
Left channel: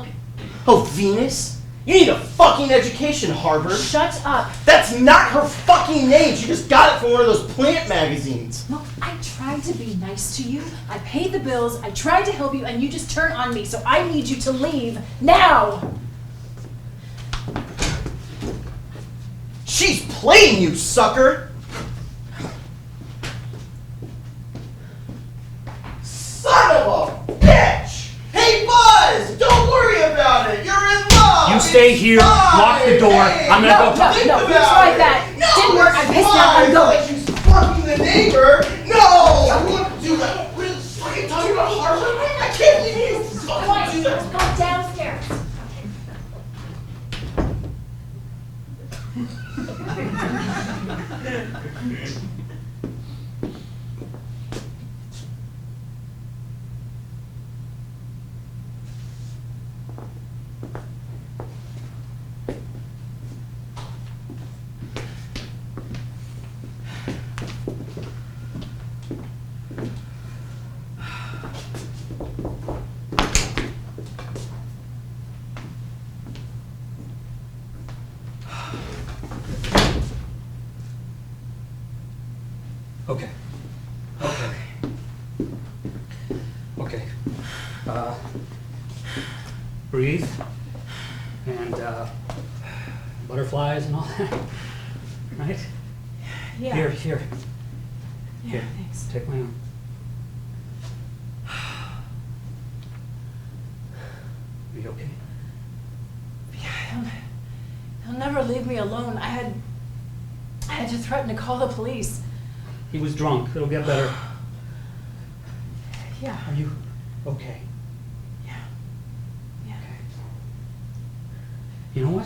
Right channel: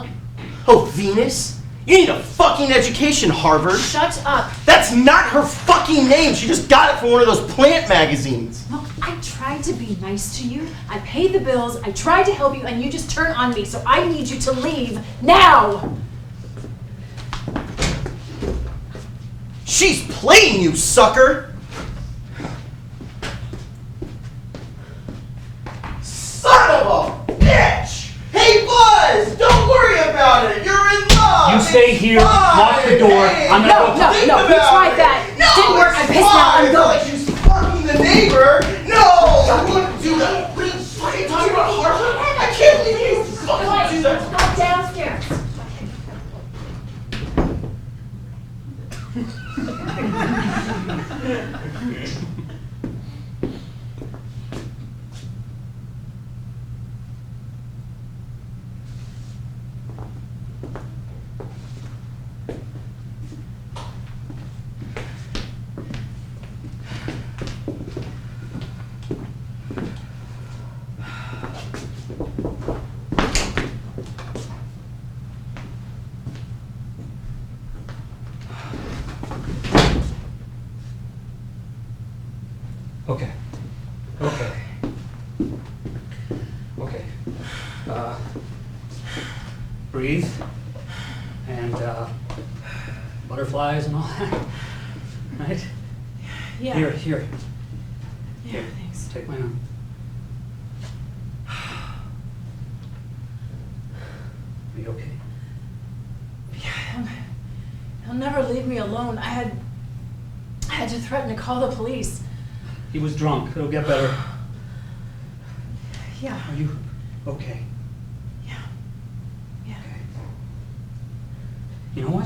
Oh, Venus? You need a fucking education, Harvard. Shut up. That's not her fucking name. She just got it from one of those plant magazines. Look, I tried to be nice to you. I paid the bills. I tried to help you, and you just turn on me. So I need you to leave now. She's playing you, sucker. Son of a bitch! Hey, Buzz! Don't worry about it. You're in love. You stay It's here, fine. lock the door. Hey, I'm gonna No, go. no, think we about tried it. that. No, Didn't work. it's I'm pissed now. I'm fine. going. Like she's fucking the neighbor. No, I wouldn't do that. What are you fucking talking about, Harvard? I can't believe you fucking do that. Go downstairs. Okay. Breathe. And butterflies and all that. Right? Yeah. Here. Yeah, Here. thanks. Take my arm. Are you okay? Yeah, he'll never leave me alone. I had to threaten to call the police. He was drunk. It'll get better. Yeah. Are you okay? Yeah. Okay. You know what?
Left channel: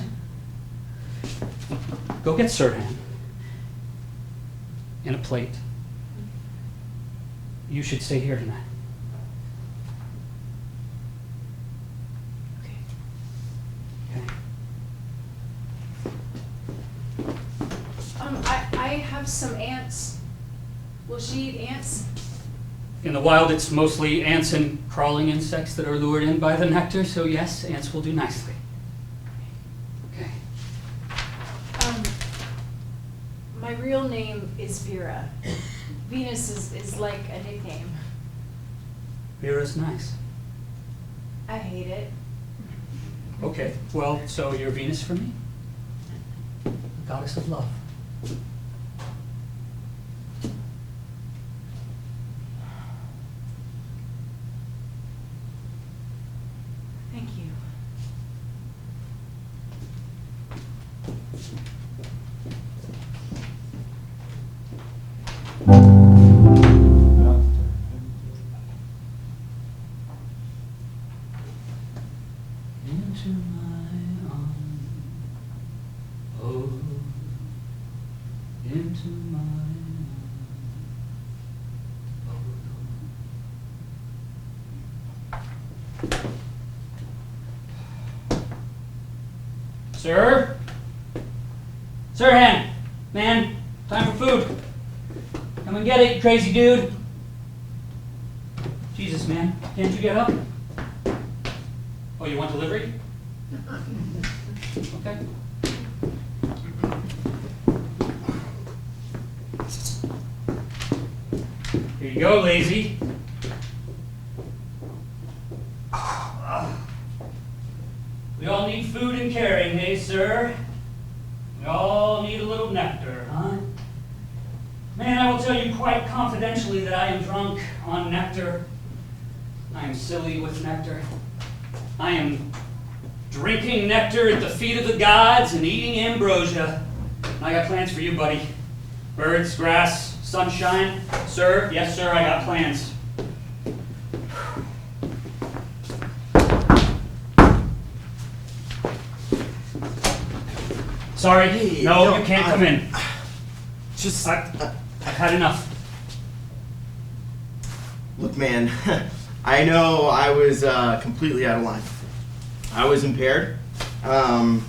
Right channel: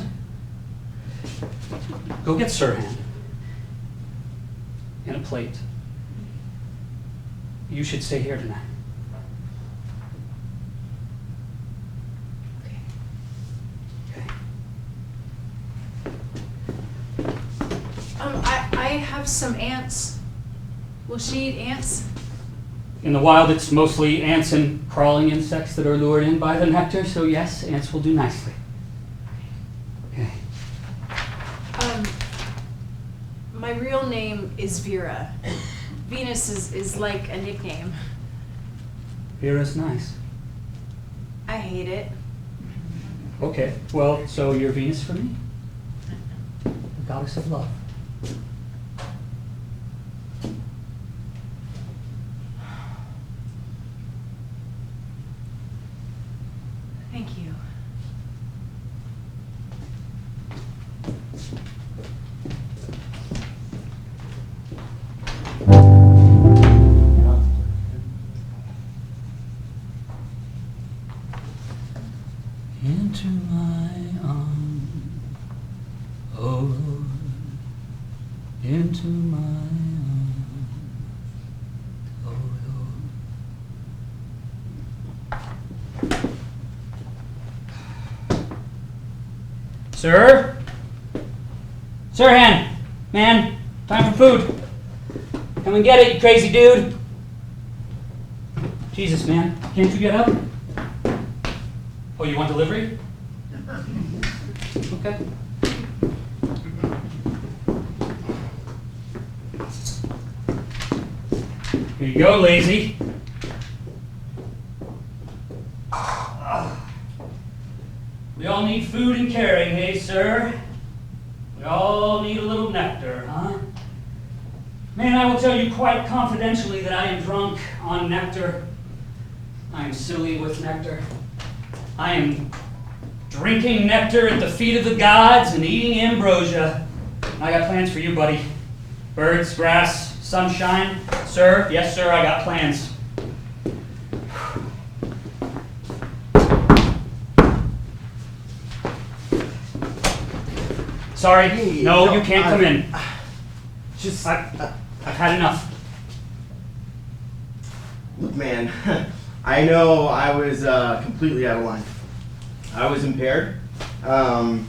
Go get Sirhan. And a plate. You should stay here tonight. Okay. Okay. I have some ants. Will she eat ants? In the wild, it's mostly ants and crawling insects that are lured in by the nectar, so yes, ants will do nicely. Okay. My real name is Vera. Venus is like a nickname. Vera's nice. I hate it. Okay, well, so you're Venus for me? The goddess of love. Thank you. into my arms, oh Lord, into my arms, oh Lord. Sir? Sir, man, time for food. Come and get it, you crazy dude. Jesus, man, can't you get up? Oh, you want delivery? Okay. Here you go, lazy. We all need food and caring, eh, sir? We all need a little nectar, huh? Man, I will tell you quite confidentially that I am drunk on nectar. I am silly with nectar. I am drinking nectar at the feet of the gods and eating ambrosia. I got plans for you, buddy. Birds, grass, sunshine. Sir, yes, sir, I got plans. Sorry, Hey, no, you can't come in. Just I've had enough. look, man. I know I was completely out of line. I was impaired. But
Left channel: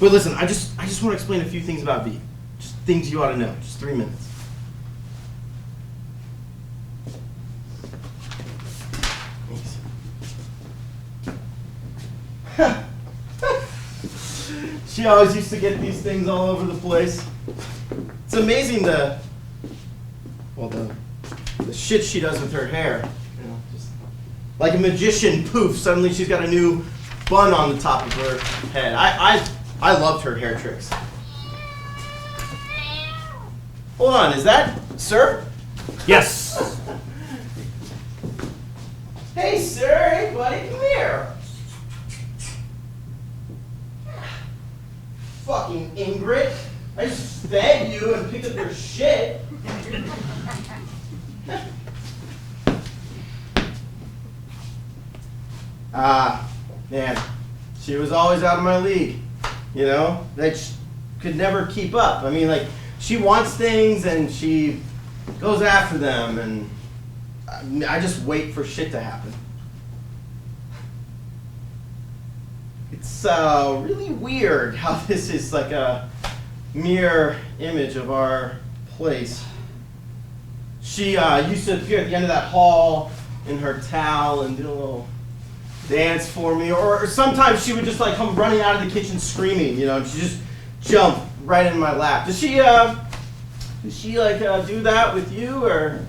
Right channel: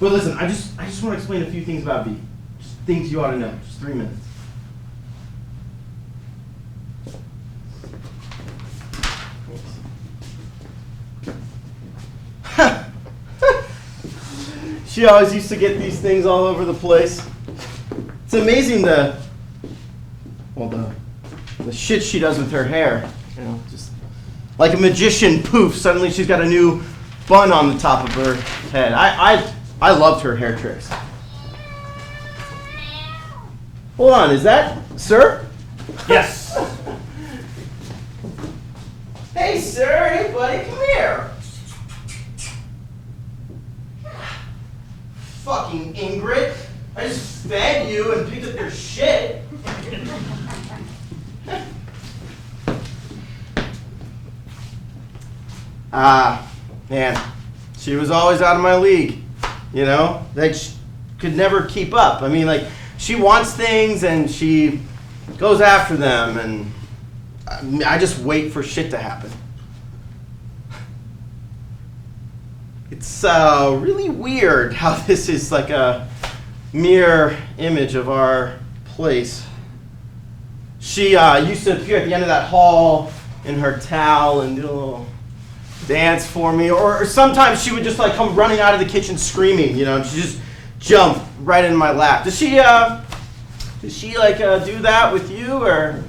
listen, I just want to explain a few things about V. Just things you ought to know. Just 3 minutes. Thanks. She always used to get these things all over the place. It's amazing the shit she does with her hair. You know, just like a magician, poof, suddenly she's got a new bun on the top of her head. I loved her hair tricks. Hold on, is that sir? Yes. Hey, sir. Hey, buddy. Come here. Fucking Ingrid. I just fed you and picked up your shit. Man. She was always out of my league. You know? That she could never keep up. I mean, like, she wants things and she goes after them, and I just wait for shit to happen. It's really weird how this is like a mirror image of our place. She used to appear at the end of that hall in her towel and do a little dance for me, or sometimes she would just like come running out of the kitchen screaming, you know, and she just jump right in my lap. Does she like do that with you, or?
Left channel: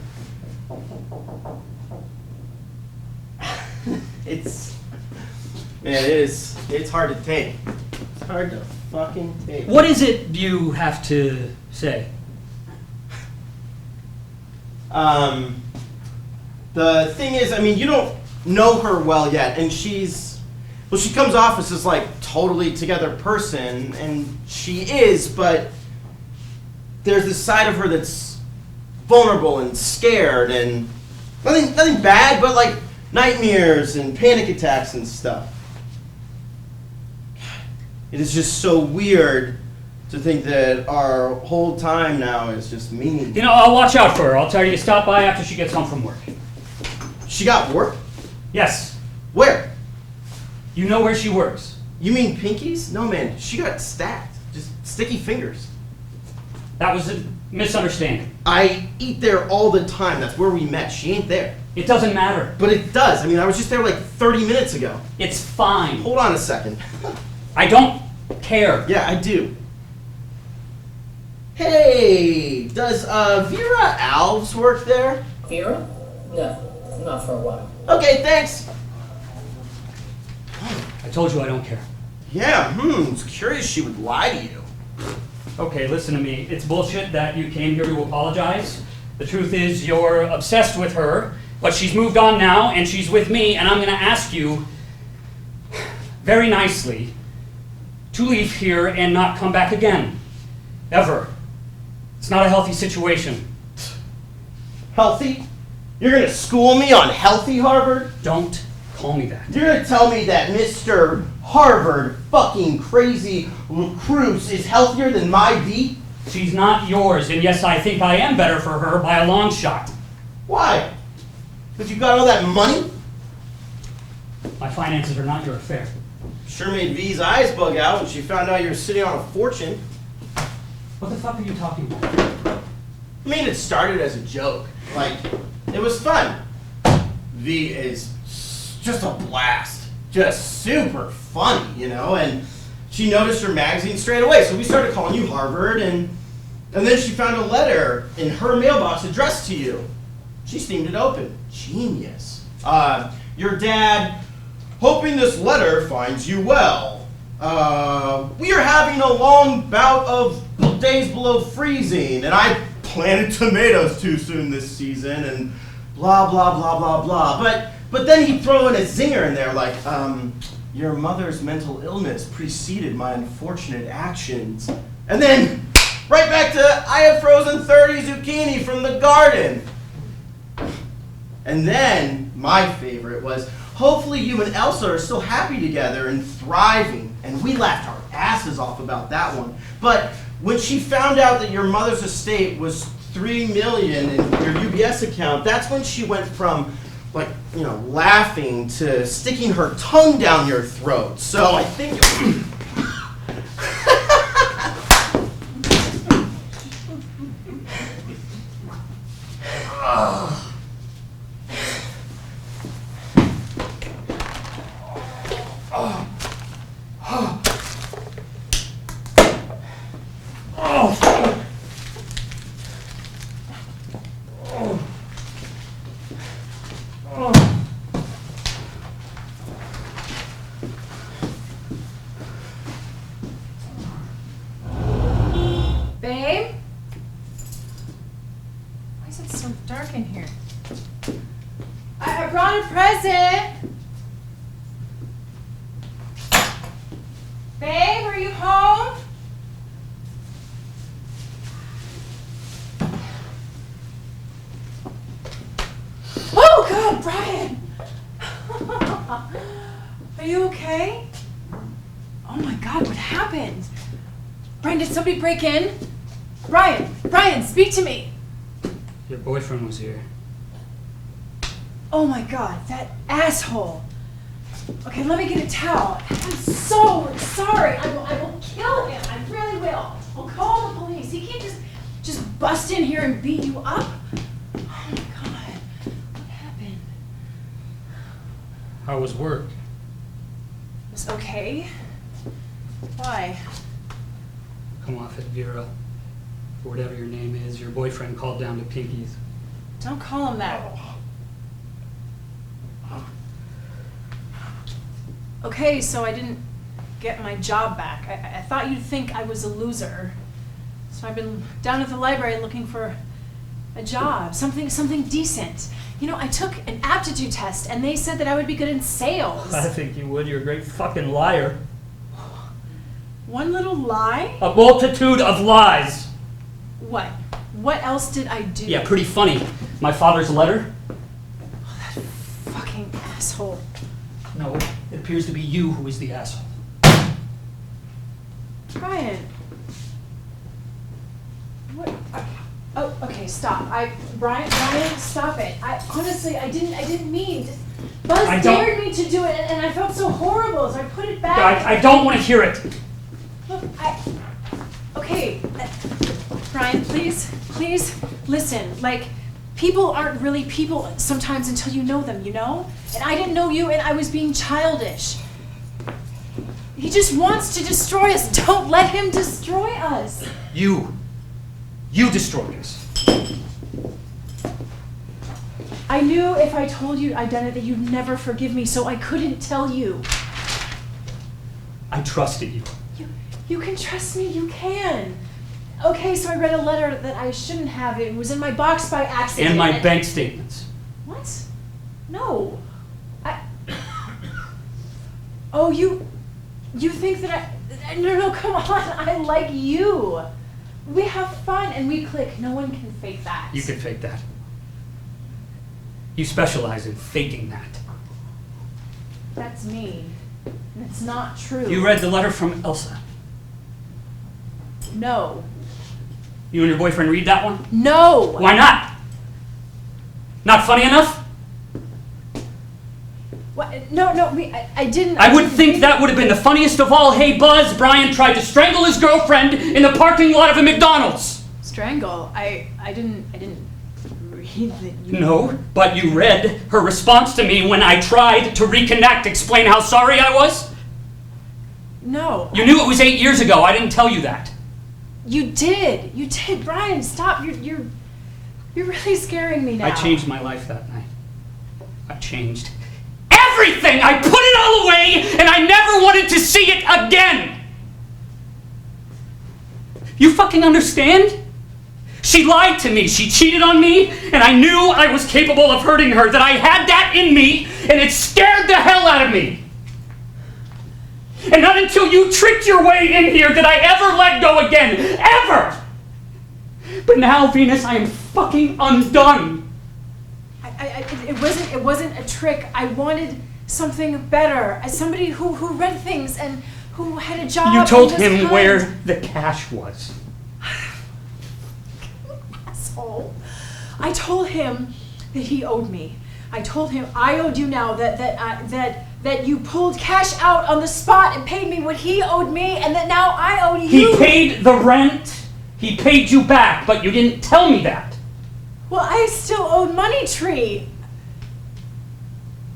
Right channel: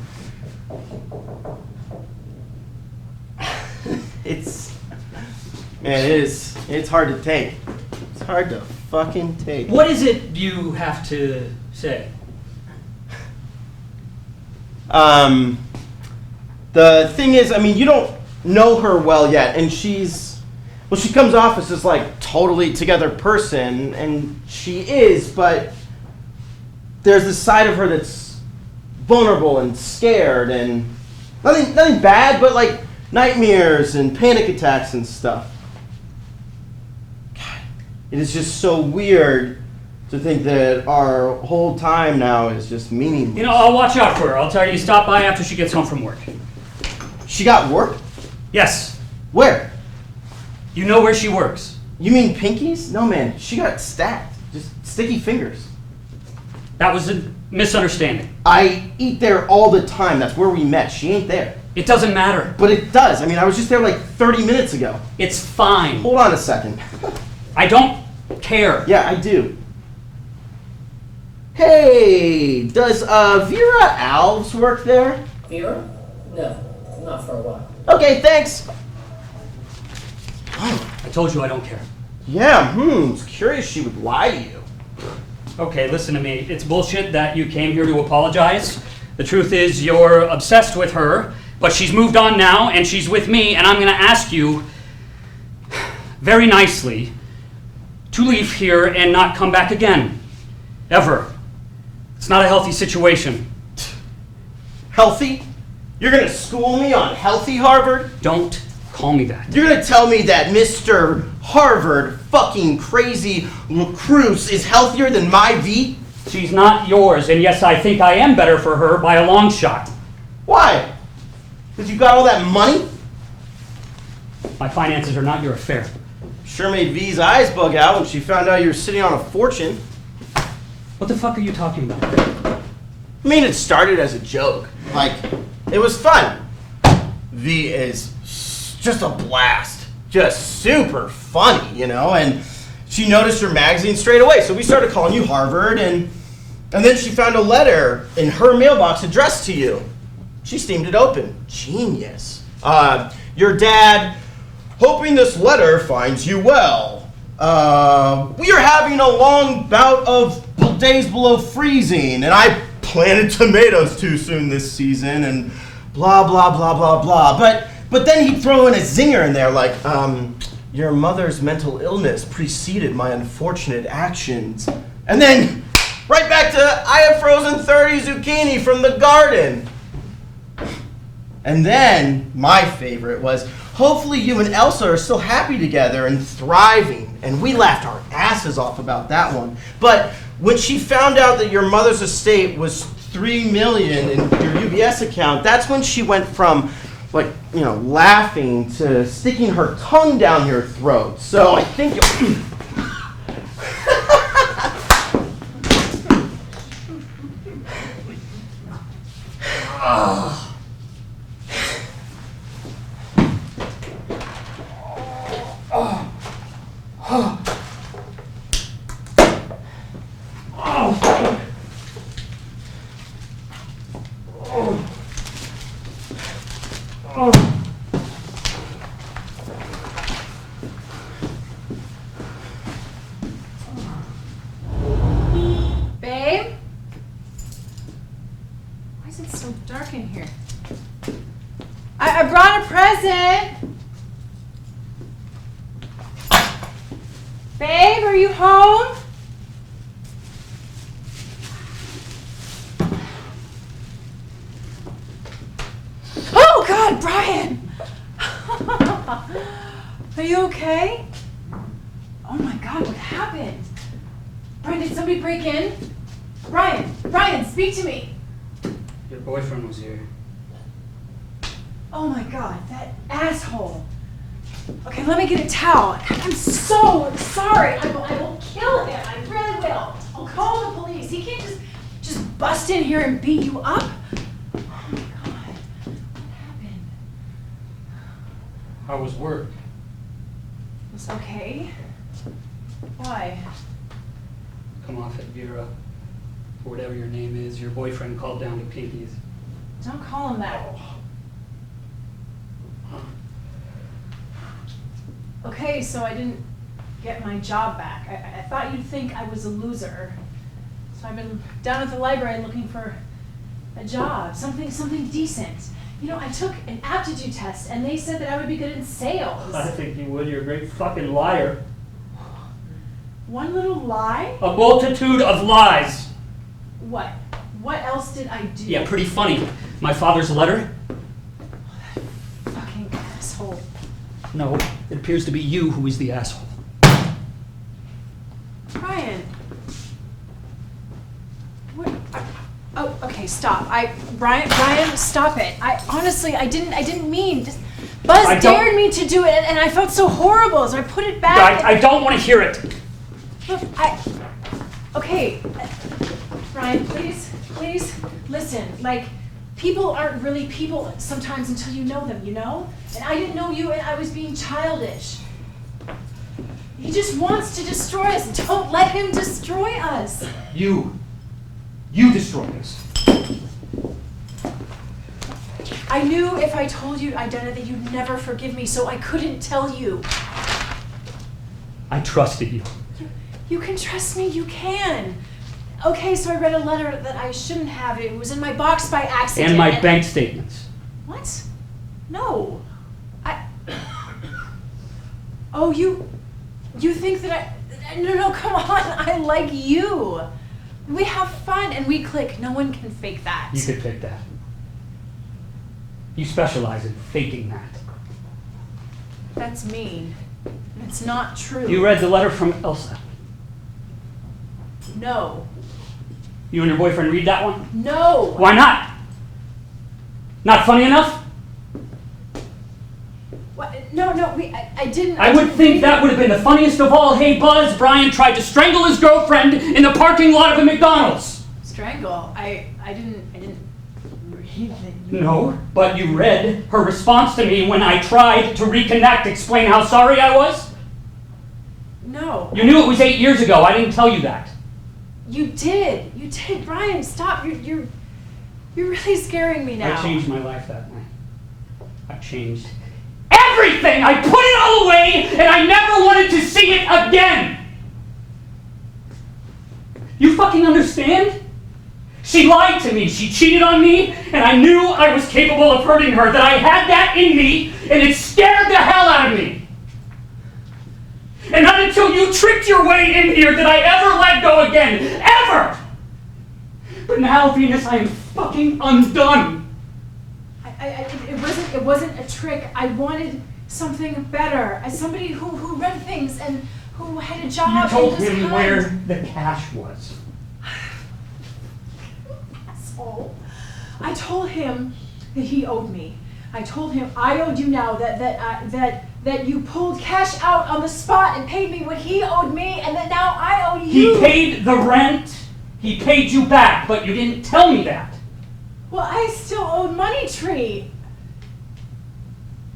It's hard to take. It's hard to fucking take. What is it you have to say? The thing is, I mean, you don't know her well yet, and she comes off as this like totally together person, and she is, but there's this side of her that's vulnerable and scared, and nothing bad, but like nightmares and panic attacks and stuff. God, it is just so weird to think that our whole time now is just meaningless. You know, I'll watch out for her. I'll tell you to stop by after she gets home from work. She got work? Yes. Where? You know where she works. You mean Pinkies? No, man. She got stacked. Just sticky fingers. That was a misunderstanding. I eat there all the time. That's where we met. She ain't there. It doesn't matter. But it does. I mean, I was just there like 30 minutes ago. It's fine. Hold on a second. I don't care. Yeah, I do. Hey, does Vera Alves work there? Here? No, not for a while. Okay, thanks. I told you I don't care. Yeah, it's curious she would lie to you. Okay, listen to me. It's bullshit that you came here to apologize. The truth is you're obsessed with her, but she's moved on now and she's with me, and I'm going to ask you very nicely to leave here and not come back again. Ever. It's not a healthy situation. Healthy? You're gonna school me on healthy, Harvard? Don't call me that. You're gonna tell me that Mr. Harvard fucking crazy Lacrosse is healthier than my V? She's not yours, and yes, I think I am better for her by a long shot. Why? Because you got all that money? My finances are not your affair. Sure made V's eyes bug out when she found out you were sitting on a fortune. What the fuck are you talking about? I mean, it started as a joke. Like, it was fun. V is just a blast. Just super funny, you know? And she noticed your magazine straight away, so we started calling you Harvard, and then she found a letter in her mailbox addressed to you. She steamed it open. Genius. Your dad, hoping this letter finds you well. We are having a long bout of days below freezing, and I planted tomatoes too soon this season, and blah, blah, blah, blah, blah. But then he'd throw in a zinger in there like, your mother's mental illness preceded my unfortunate actions. And then right back to, I have frozen 30 zucchini from the garden. And then my favorite was, hopefully you and Elsa are still happy together and thriving. And we laughed our asses off about that one. But when she found out that your mother's estate was $3 million in your UBS account, that's when she went from, like, you know, laughing to sticking her tongue down your throat. So I think Babe? Why is it so dark in here? I brought a present! Babe, are you home? Oh God, Brian! Are you okay? Oh my God, what happened? Brian, did somebody break in? Brian, speak to me. Your boyfriend was here. Oh my God, that asshole. Okay, let me get a towel. I'm so sorry. I will kill him. I really will. I'll call the police. He can't just bust in here and beat you up. Oh my God, what happened? How was work? It was okay. Why? Come off it, Vera. For whatever your name is, your boyfriend called down to Pinky's. Don't call him that. Okay, so I didn't get my job back. I thought you'd think I was a loser. So I've been down at the library looking for a job, something decent. You know, I took an aptitude test and they said that I would be good in sales. I think you would. You're a great fucking liar. One little lie? A multitude of lies. What? What else did I do? Yeah, pretty funny. My father's letter? Fucking asshole. No, it appears to be you who is the asshole. Brian. What? Oh, okay, stop. Brian, stop it. I didn't mean. Buzz dared me to do it, and I felt so horrible, so I put it back. I don't want to hear it. Look, okay, Brian, please, listen. Like, people aren't really people sometimes until you know them, you know? And I didn't know you, and I was being childish. He just wants to destroy us. Don't let him destroy us. You destroyed us. I knew if I told you I'd done it that you'd never forgive me, so I couldn't tell you. I trusted you. You can trust me, you can. Okay, so I read a letter that I shouldn't have. It was in my box by accident. And my bank statements. What? No. Oh, you think that no, come on. I like you. We have fun and we click. No one can fake that. You could fake that. You specialize in faking that. That's me. It's not true. You read the letter from Elsa. No. You and your boyfriend read that one? No! Why not? Not funny enough? What? No, I didn't. I would think that would have been the funniest of all. Hey, Buzz, Brian tried to strangle his girlfriend in the parking lot of a McDonald's. Strangle? I didn't read that you... No, but you read her response to me when I tried to reconnect, explain how sorry I was? No. You knew it was 8 years ago. I didn't tell you that. You did. Brian, stop. You're really scaring me now. I changed my life that night. I changed everything! I put it all away, and I never wanted to see it again! You fucking understand? She lied to me, she cheated on me, and I knew I was capable of hurting her, that I had that in me, and it scared the hell out of me. And not until you tricked your way in here did I ever let go again. Ever! But now, Venus, I am fucking undone. It wasn't a trick. I wanted something better. As somebody who read things and who had a job. You told and was him kind. where the cash was. Asshole. I told him that he owed me. I told him I owed you now, that you pulled cash out on the spot and paid me what he owed me, and that now I owe you. He paid the rent. He paid you back, but you didn't tell me that. Well, I still owed Money Tree.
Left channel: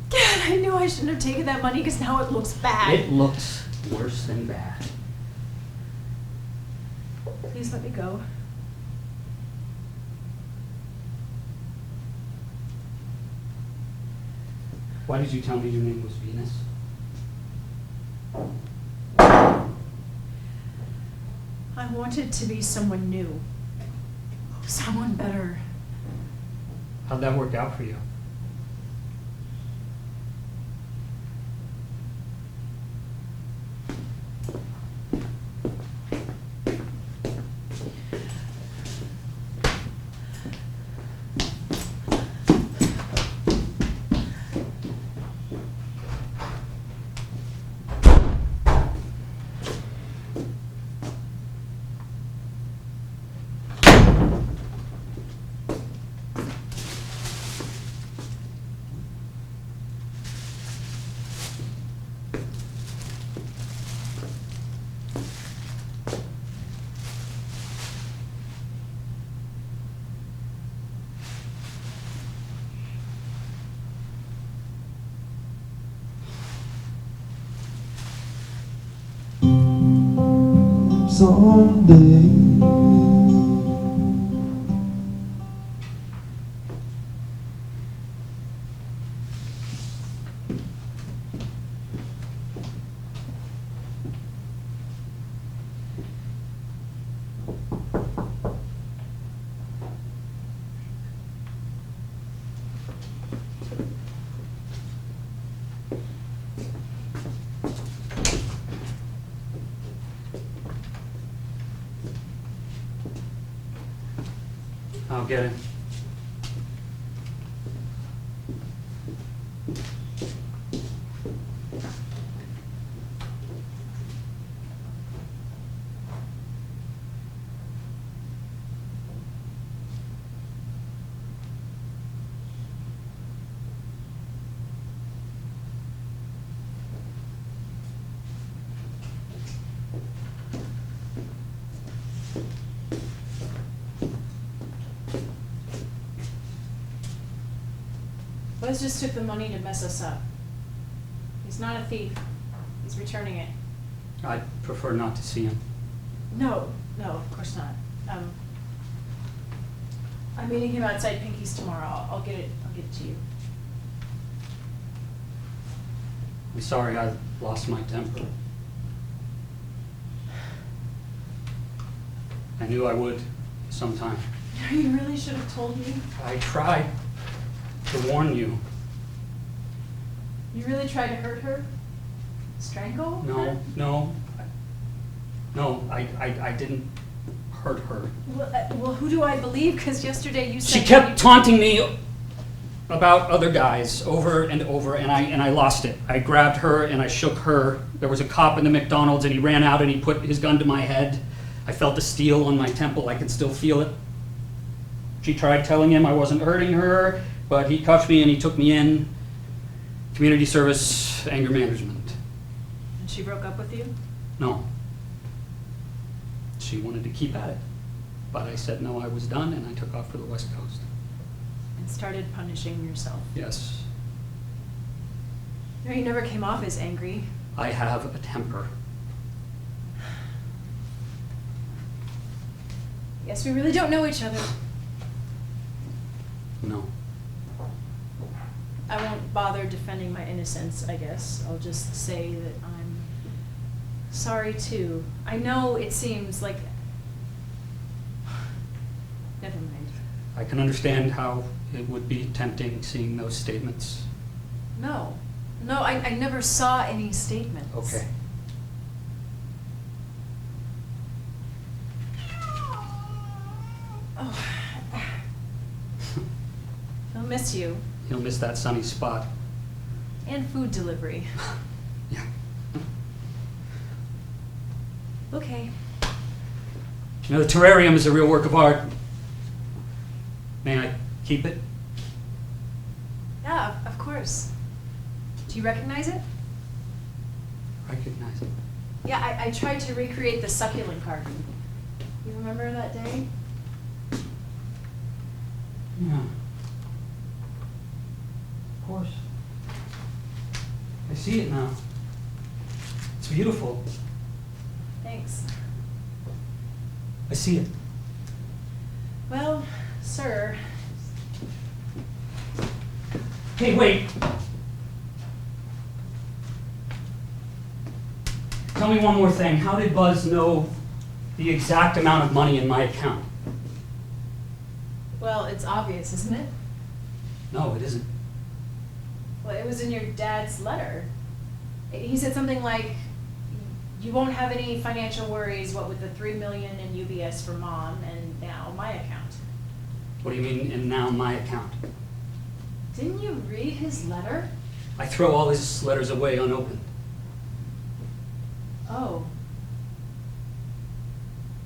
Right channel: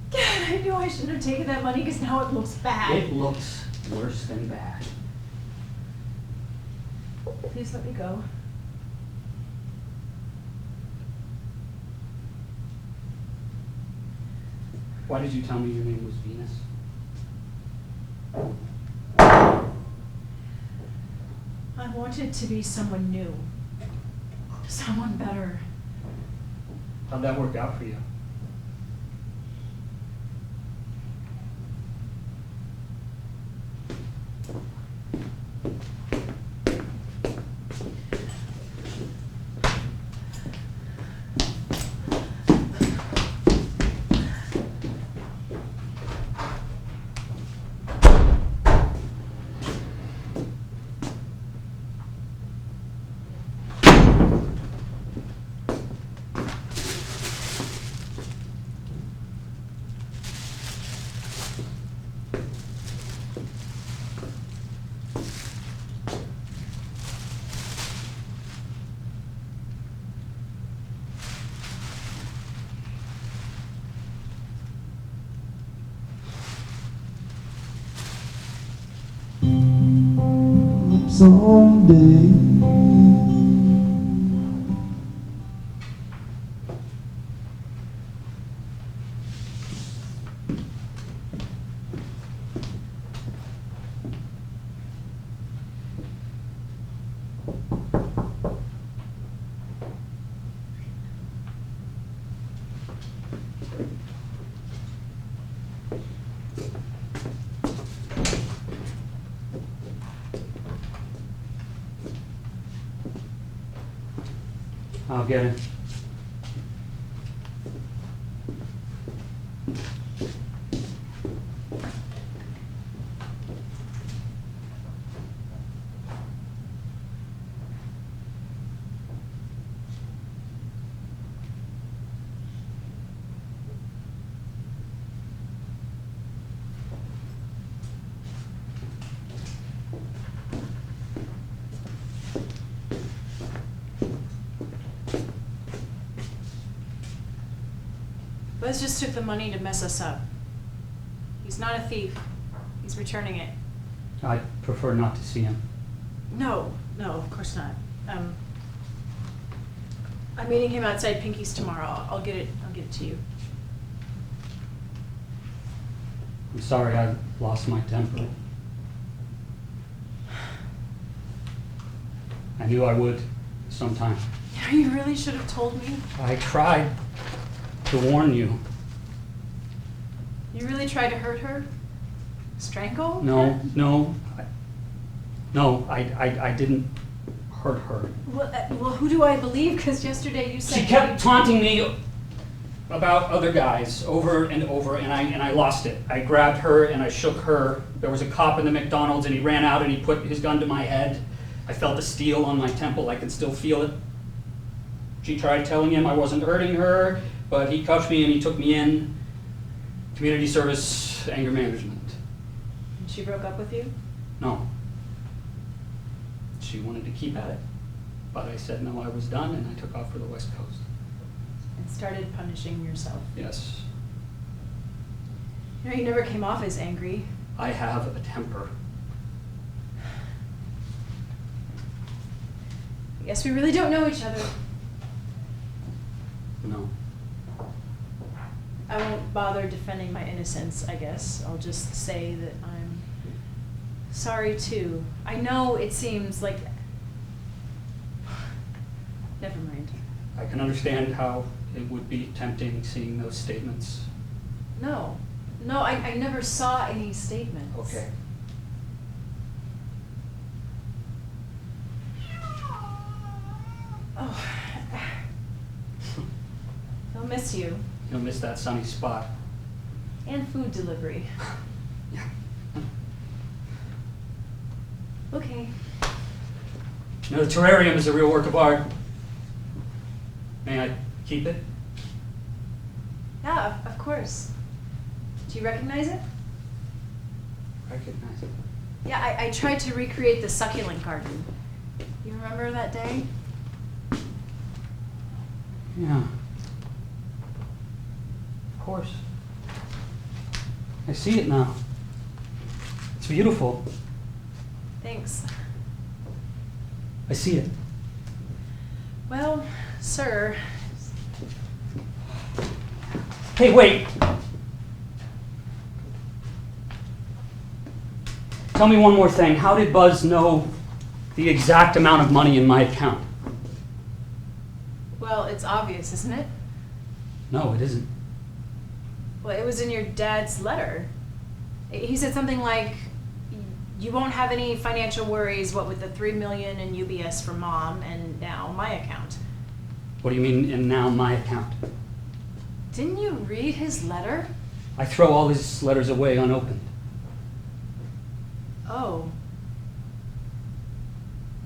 God, I knew I shouldn't have taken that money because now it looks bad. It looks worse than bad. Please let me go. Why did you tell me your name was Venus? I wanted to be someone new. Someone better. How'd that work out for you? Someday I'll get it. Buzz just took the money to mess us up. He's not a thief. He's returning it. I'd prefer not to see him. No, of course not. I'm meeting him outside Pinky's tomorrow. I'll get it to you. I'm sorry I lost my temper. I knew I would sometime. You really should have told me. I tried to warn you. You really tried to hurt her? Strangle? No, I didn't hurt her. Well, who do I believe? Because yesterday you said She kept taunting me about other guys over and over, and I lost it. I grabbed her and I shook her. There was a cop in the McDonald's and he ran out and he put his gun to my head. I felt the steel on my temple. I could still feel it. She tried telling him I wasn't hurting her, but he cuffed me and he took me in. Community service, anger management. And she broke up with you? No. She wanted to keep at it. But I said no, I was done, and I took off for the West Coast. And started punishing yourself? Yes. No, you never came off as angry. I have a temper. I guess we really don't know each other. No. I won't bother defending my innocence, I guess. I'll just say that I'm sorry too. I know it seems like... Never mind. I can understand how it would be tempting seeing those statements. No. No, I never saw any statements. Okay. Oh. He'll miss you. You'll miss that sunny spot. And food delivery. Yeah. Okay. You know, the terrarium is a real work of art. May I keep it? Yeah, of course. Do you recognize it? Recognize it. Yeah, I tried to recreate the succulent garden. You remember that day? Yeah. Of course. I see it now. It's beautiful. Thanks. I see it. Well, sir. Hey, wait. Tell me one more thing. How did Buzz know the exact amount of money in my account? Well, it's obvious, isn't it? No, it isn't. Well, it was in your dad's letter. He said something like, you won't have any financial worries, what with the $3 million in UBS for mom and now my account. What do you mean, and now my account? Didn't you read his letter? I throw all his letters away unopened. Oh.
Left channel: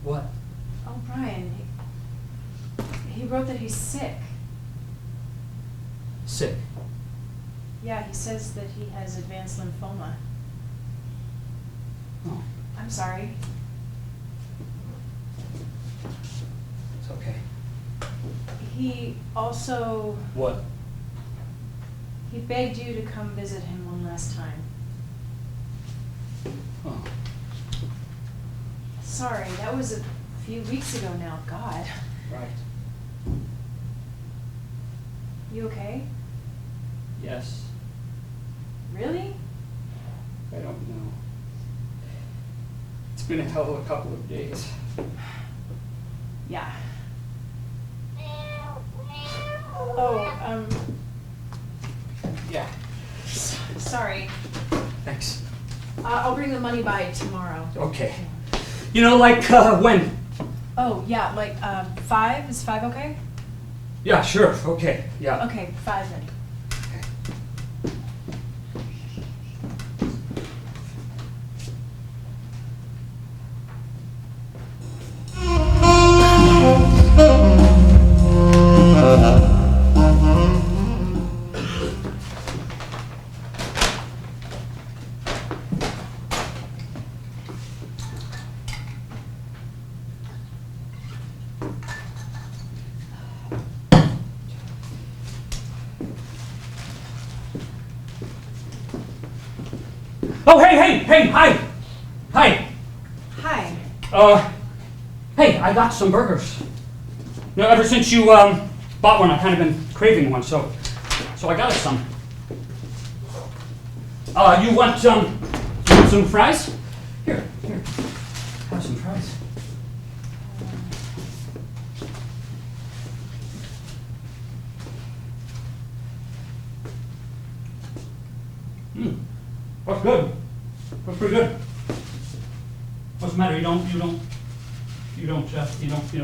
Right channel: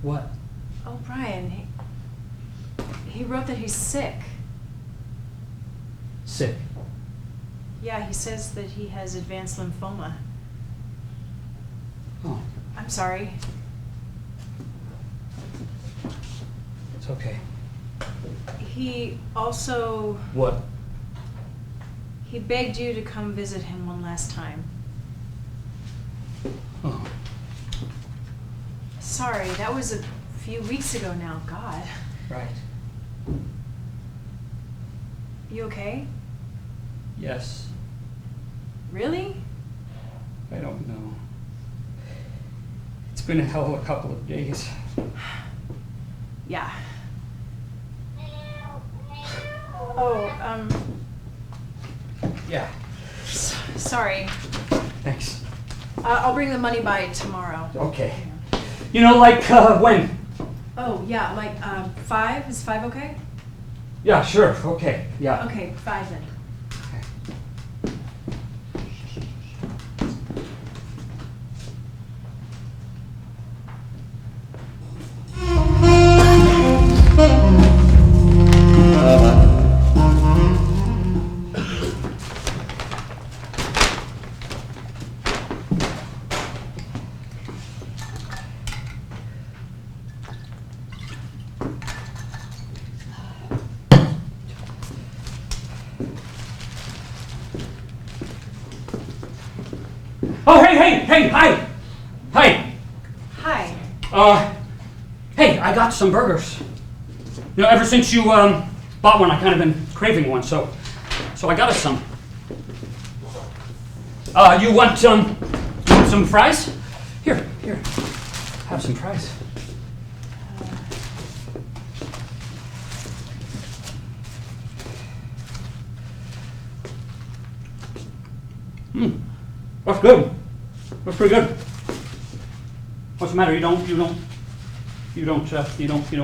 What? Oh, Brian, he wrote that he's sick. Sick. Yeah, he says that he has advanced lymphoma. Oh, I'm sorry. it's okay. He also, What? he begged you to come visit him one last time. Oh, Sorry, that was a few weeks ago now, God. right. You okay? Yes. Really? I don't know. It's been a hell of a couple of days. Yeah. Oh, Yeah. sorry. Thanks. I'll bring the money by tomorrow. Okay. You know, like, when? Oh, yeah, like, 5? Is 5 okay? Yeah, sure. Okay. Yeah. Okay, 5 then. Oh, hey, hi. Hi. Hi. Hey, I got some burgers. You know, ever since you, bought one, I've kind of been craving one, so I got us some. You want, some fries? Here, have some fries. That's good. That's pretty good. What's the matter? You don't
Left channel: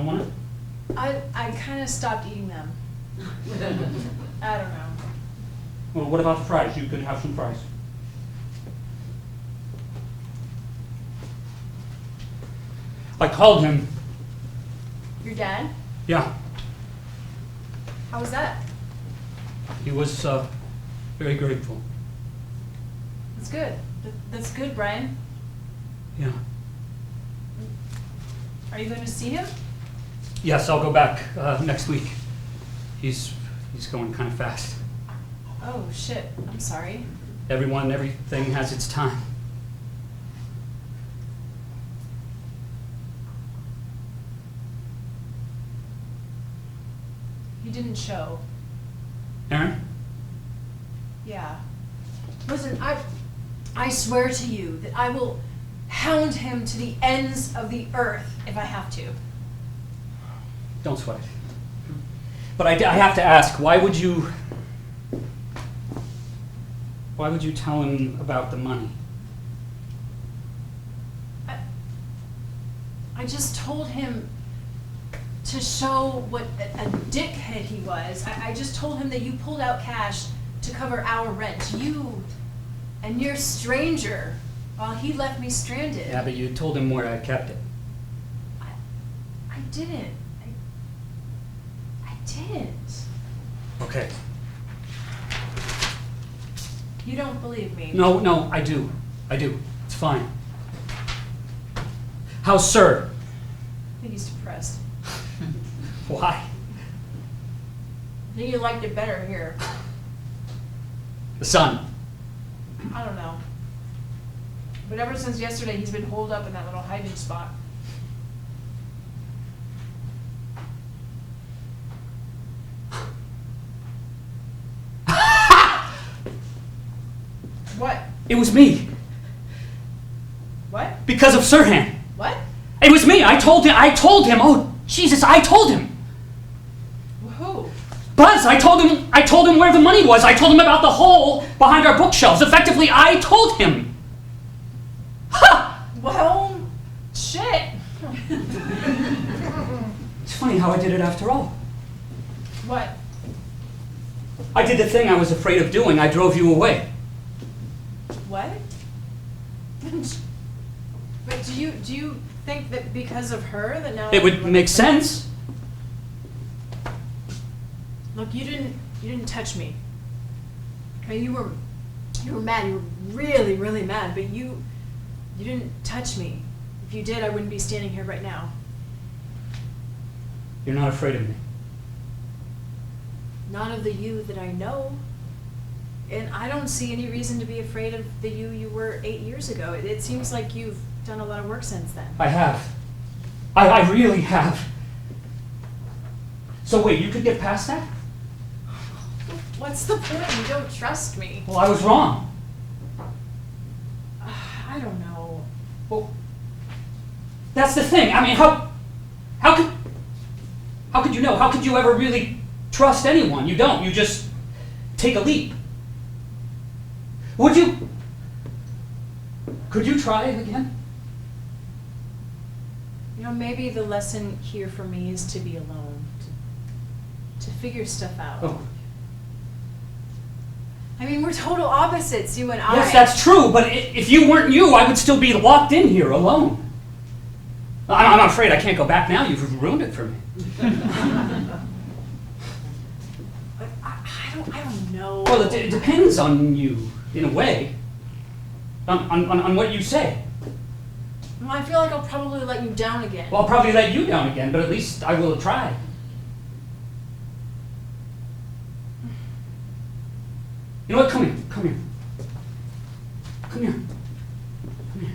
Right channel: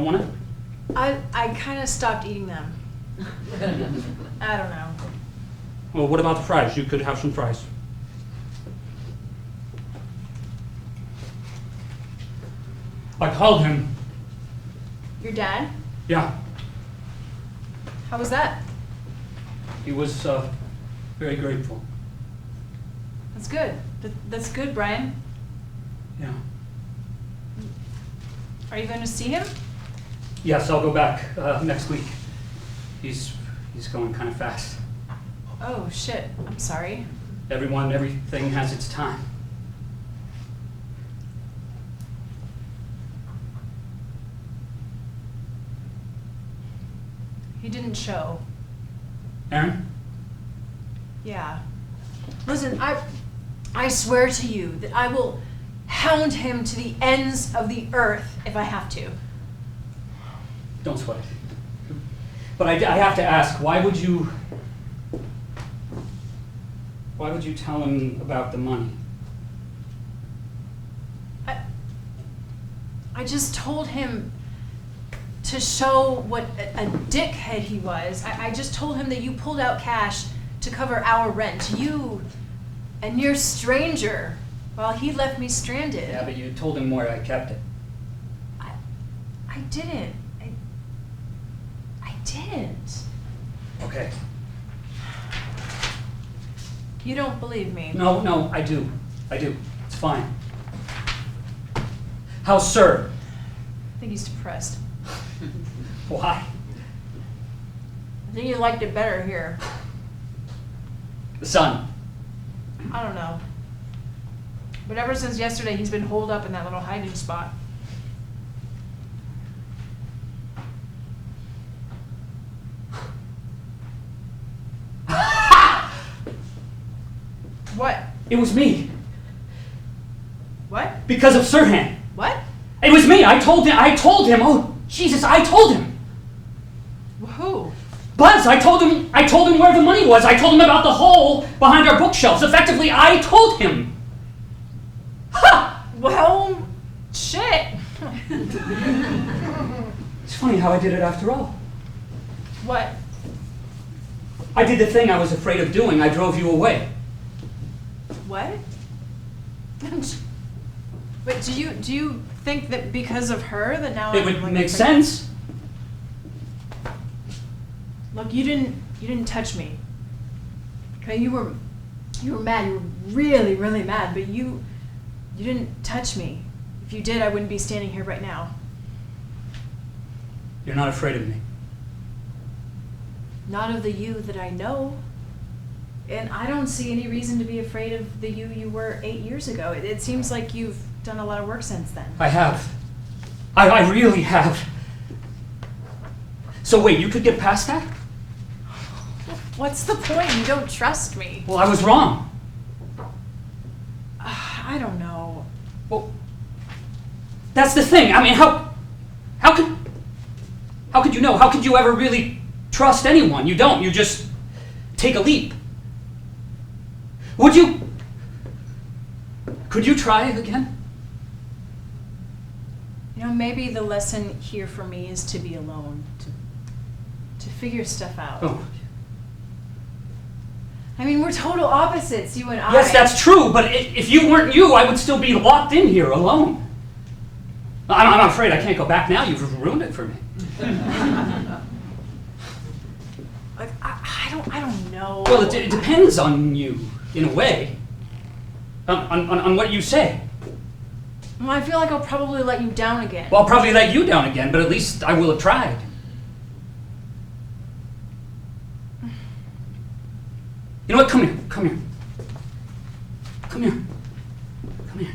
want it? I kind of stopped eating them. I don't know. Well, what about the fries? You could have some fries. I called him. Your dad? Yeah, How was that? he was very grateful. That's good. That's good, Brian. Yeah. Are you going to see him? Yes, I'll go back next week. He's going kind of fast. Oh, shit. I'm sorry. Everything has its time. He didn't show. Aaron? Yeah. Listen, I swear to you that I will hound him to the ends of the earth if I have to. Don't sweat it. But I have to ask, why would you tell him about the money? I just told him to show what a dickhead he was. I just told him that you pulled out cash to cover our rent. You, a near stranger, while he left me stranded. Yeah, but you told him where I kept it. I didn't. I didn't. Okay. You don't believe me. No, I do. It's fine. How's Sir? I think he's depressed. Why? I think he liked it better here. The sun. I don't know. But ever since yesterday, he's been holed up in that little hiding spot. What? It was me. What? Because of Sirhan. What? It was me. I told him. Oh, Jesus, I told him. Who? Buzz, I told him where the money was. I told him about the hole behind our bookshelves. Effectively, I told him. Ha! Well, shit. It's funny how I did it after all. What? I did the thing I was afraid of doing. I drove you away. What? But do you think that because of her that now It would make sense. Look, you didn't touch me. Okay, you were mad. You were really, really mad. But you didn't touch me. If you did, I wouldn't be standing here right now. You're not afraid of me. Not of the you that I know. And I don't see any reason to be afraid of the you were 8 years ago. It seems like you've done a lot of work since then. I have. I really have. So wait, you could get past that? What's the point? You don't trust me. Well, I was wrong. I don't know. Well, that's the thing. I mean, how could you know? How could you ever really trust anyone? You don't. You just take a leap. Could you try it again? You know, maybe the lesson here for me is to be alone, to figure stuff out. Oh. I mean, we're total opposites, you and I. Yes, that's true, but if you weren't you, I would still be locked in here alone. I'm afraid I can't go back now. You've ruined it for me. I don't know. Well, it depends on you, in a way. On what you say. Well, I feel like I'll probably let you down again. Well, I'll probably let you down again, but at least I will have tried. You know what? Come here. Come here. Come here. Come here.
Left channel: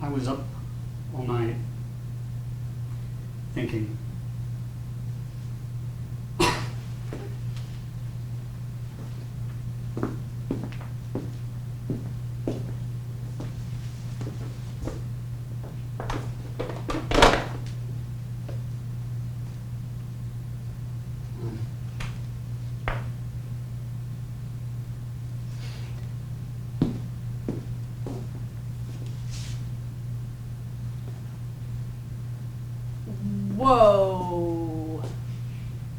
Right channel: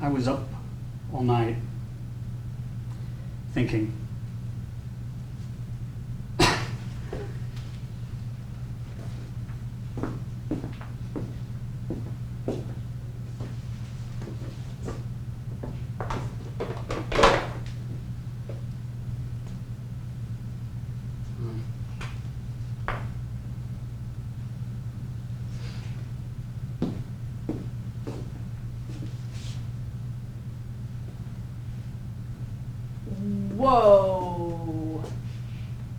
I was up all night thinking. Whoa.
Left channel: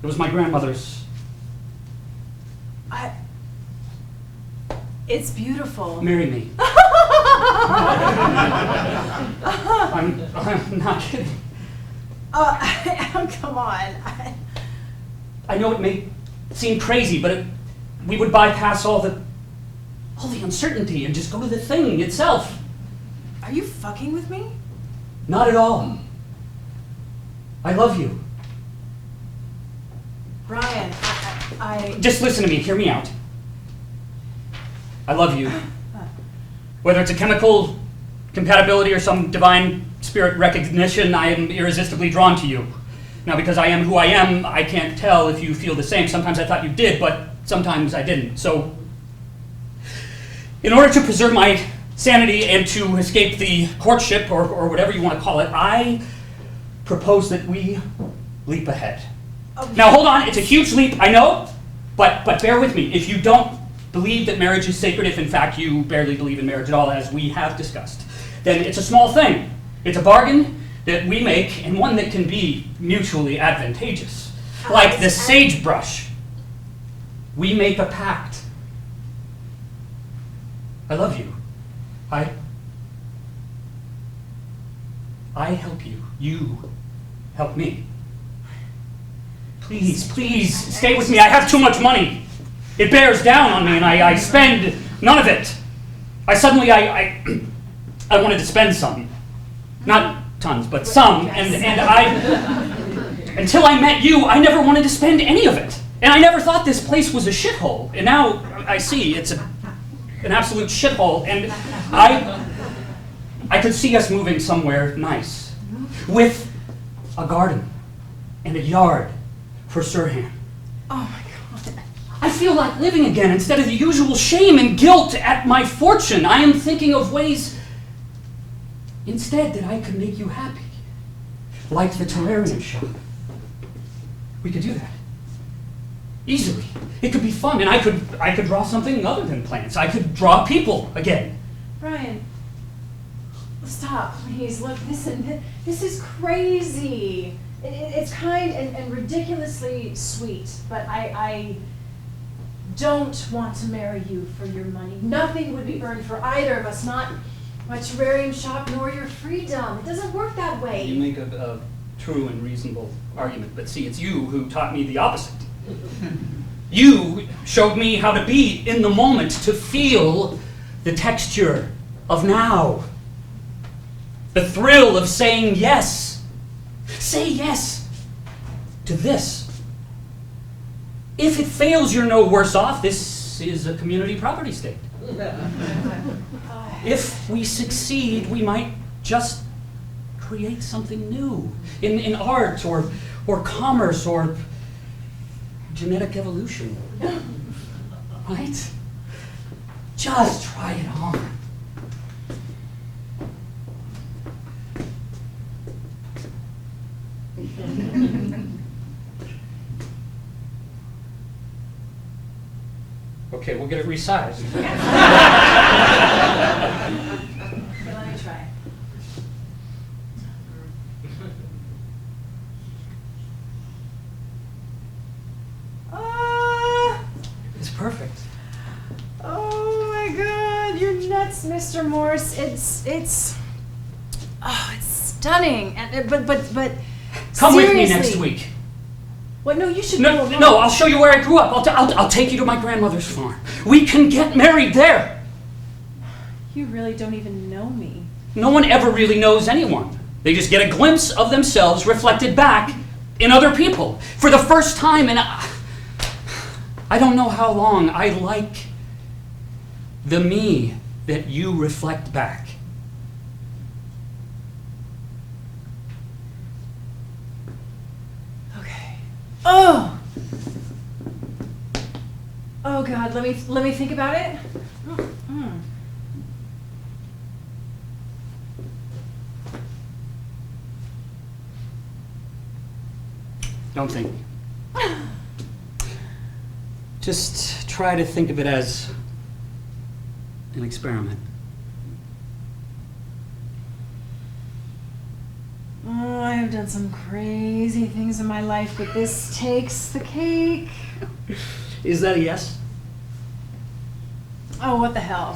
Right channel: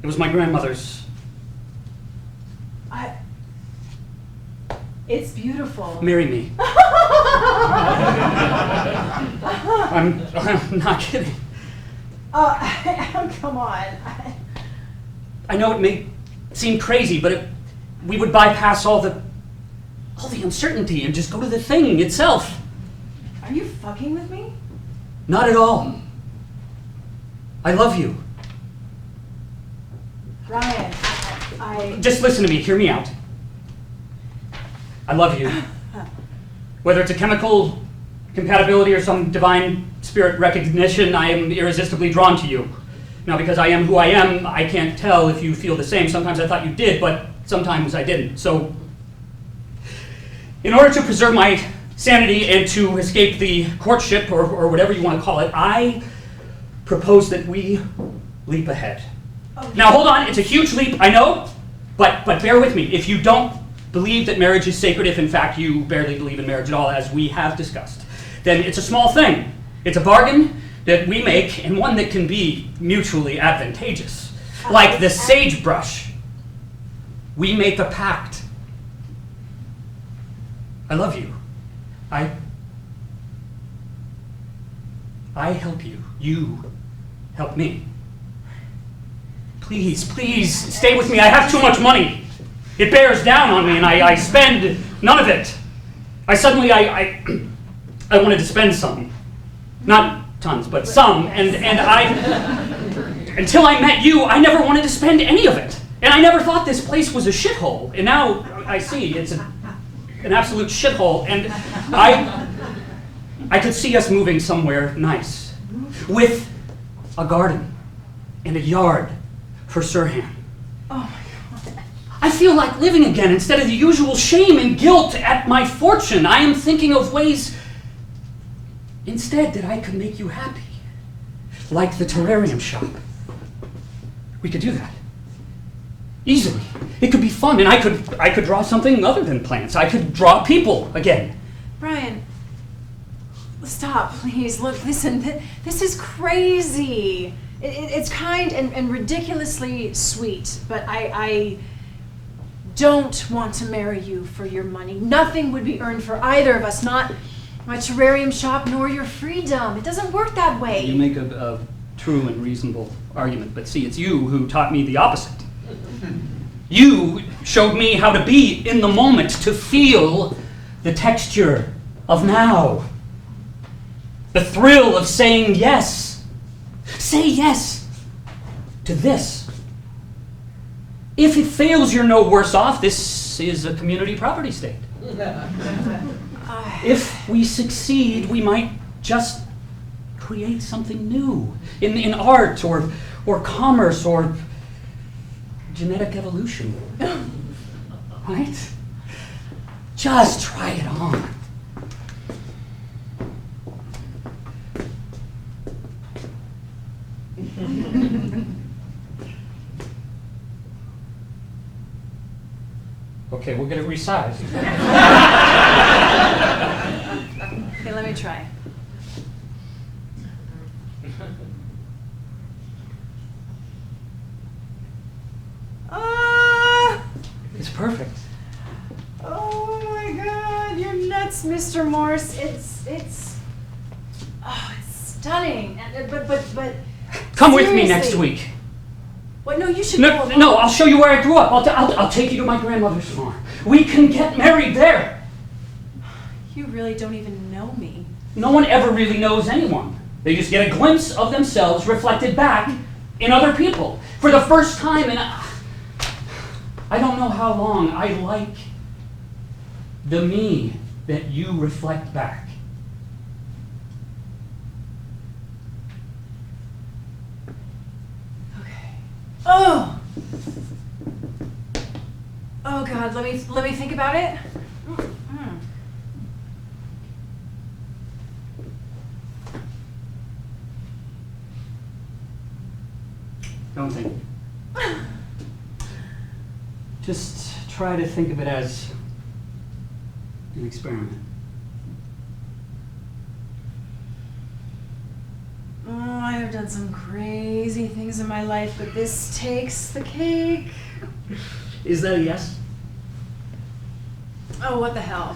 It was my grandmother's. It's beautiful. Marry me. I'm not kidding. Come on. I know it may seem crazy, but we would bypass all the uncertainty and just go to the thing itself. Are you fucking with me? Not at all. I love you. Ryan, I Just listen to me, hear me out. I love you. Whether it's a chemical compatibility or some divine spirit recognition, I am irresistibly drawn to you. Now, because I am who I am, I can't tell if you feel the same. Sometimes I thought you did, but sometimes I didn't. So, in order to preserve my sanity and to escape the courtship, or whatever you want to call it, I propose that we leap ahead. Now, hold on, it's a huge leap, I know, but bear with me. If you don't believe that marriage is sacred, if in fact you barely believe in marriage at all, as we have discussed, then it's a small thing. It's a bargain that we make, and one that can be mutually advantageous. Like the sagebrush. We make a pact. I love you. I help you. You help me. Please, stay with me. I have too much money. It bears down on me, and I spend none of it. I wanted to spend some. Not tons, but some. And I, until I met you, I never wanted to spend any of it. And I never thought this place was a shithole. And now I see it's an absolute shithole. And I could see us moving somewhere nice. With a garden and a yard for Sirhan. Oh my God. I feel like living again instead of the usual shame and guilt at my fortune. I am thinking of ways instead that I could make you happy. Like the terrarium shop. We could do that. Easily. It could be fun, and I could draw something other than plants. I could draw people again. Brian, stop, please. Look, listen, this is crazy. It's kind and ridiculously sweet, but I don't want to marry you for your money. Nothing would be earned for either of us, not my terrarium shop nor your freedom. It doesn't work that way. You make a true and reasonable argument, but see, it's you who taught me the opposite. You showed me how to be in the moment, to feel the texture of now. The thrill of saying yes. Say yes to this. If it fails, you're no worse off. This is a community property state. If we succeed, we might just create something new in art or commerce or genetic evolution. Right? Just try it on. Okay, we'll get it resized. Okay, let me try. It's perfect. Oh my God, you're nuts, Mr. Morse. It's stunning. And but Come with me seriously. next week. What? No, you should No, go alone. no, I'll show you where I grew up. I'll take you to my grandmother's farm. We can get married there. You really don't even know me. No one ever really knows anyone. They just get a glimpse of themselves reflected back in other people. For the first time in I don't know how long, I like the me that you reflect back. Okay. Oh God, let me think about it. Don't think. Just try to think of it as an experiment. Oh, I have done done some crazy things in my life, but this takes the cake. Is that a yes? Oh, what the hell?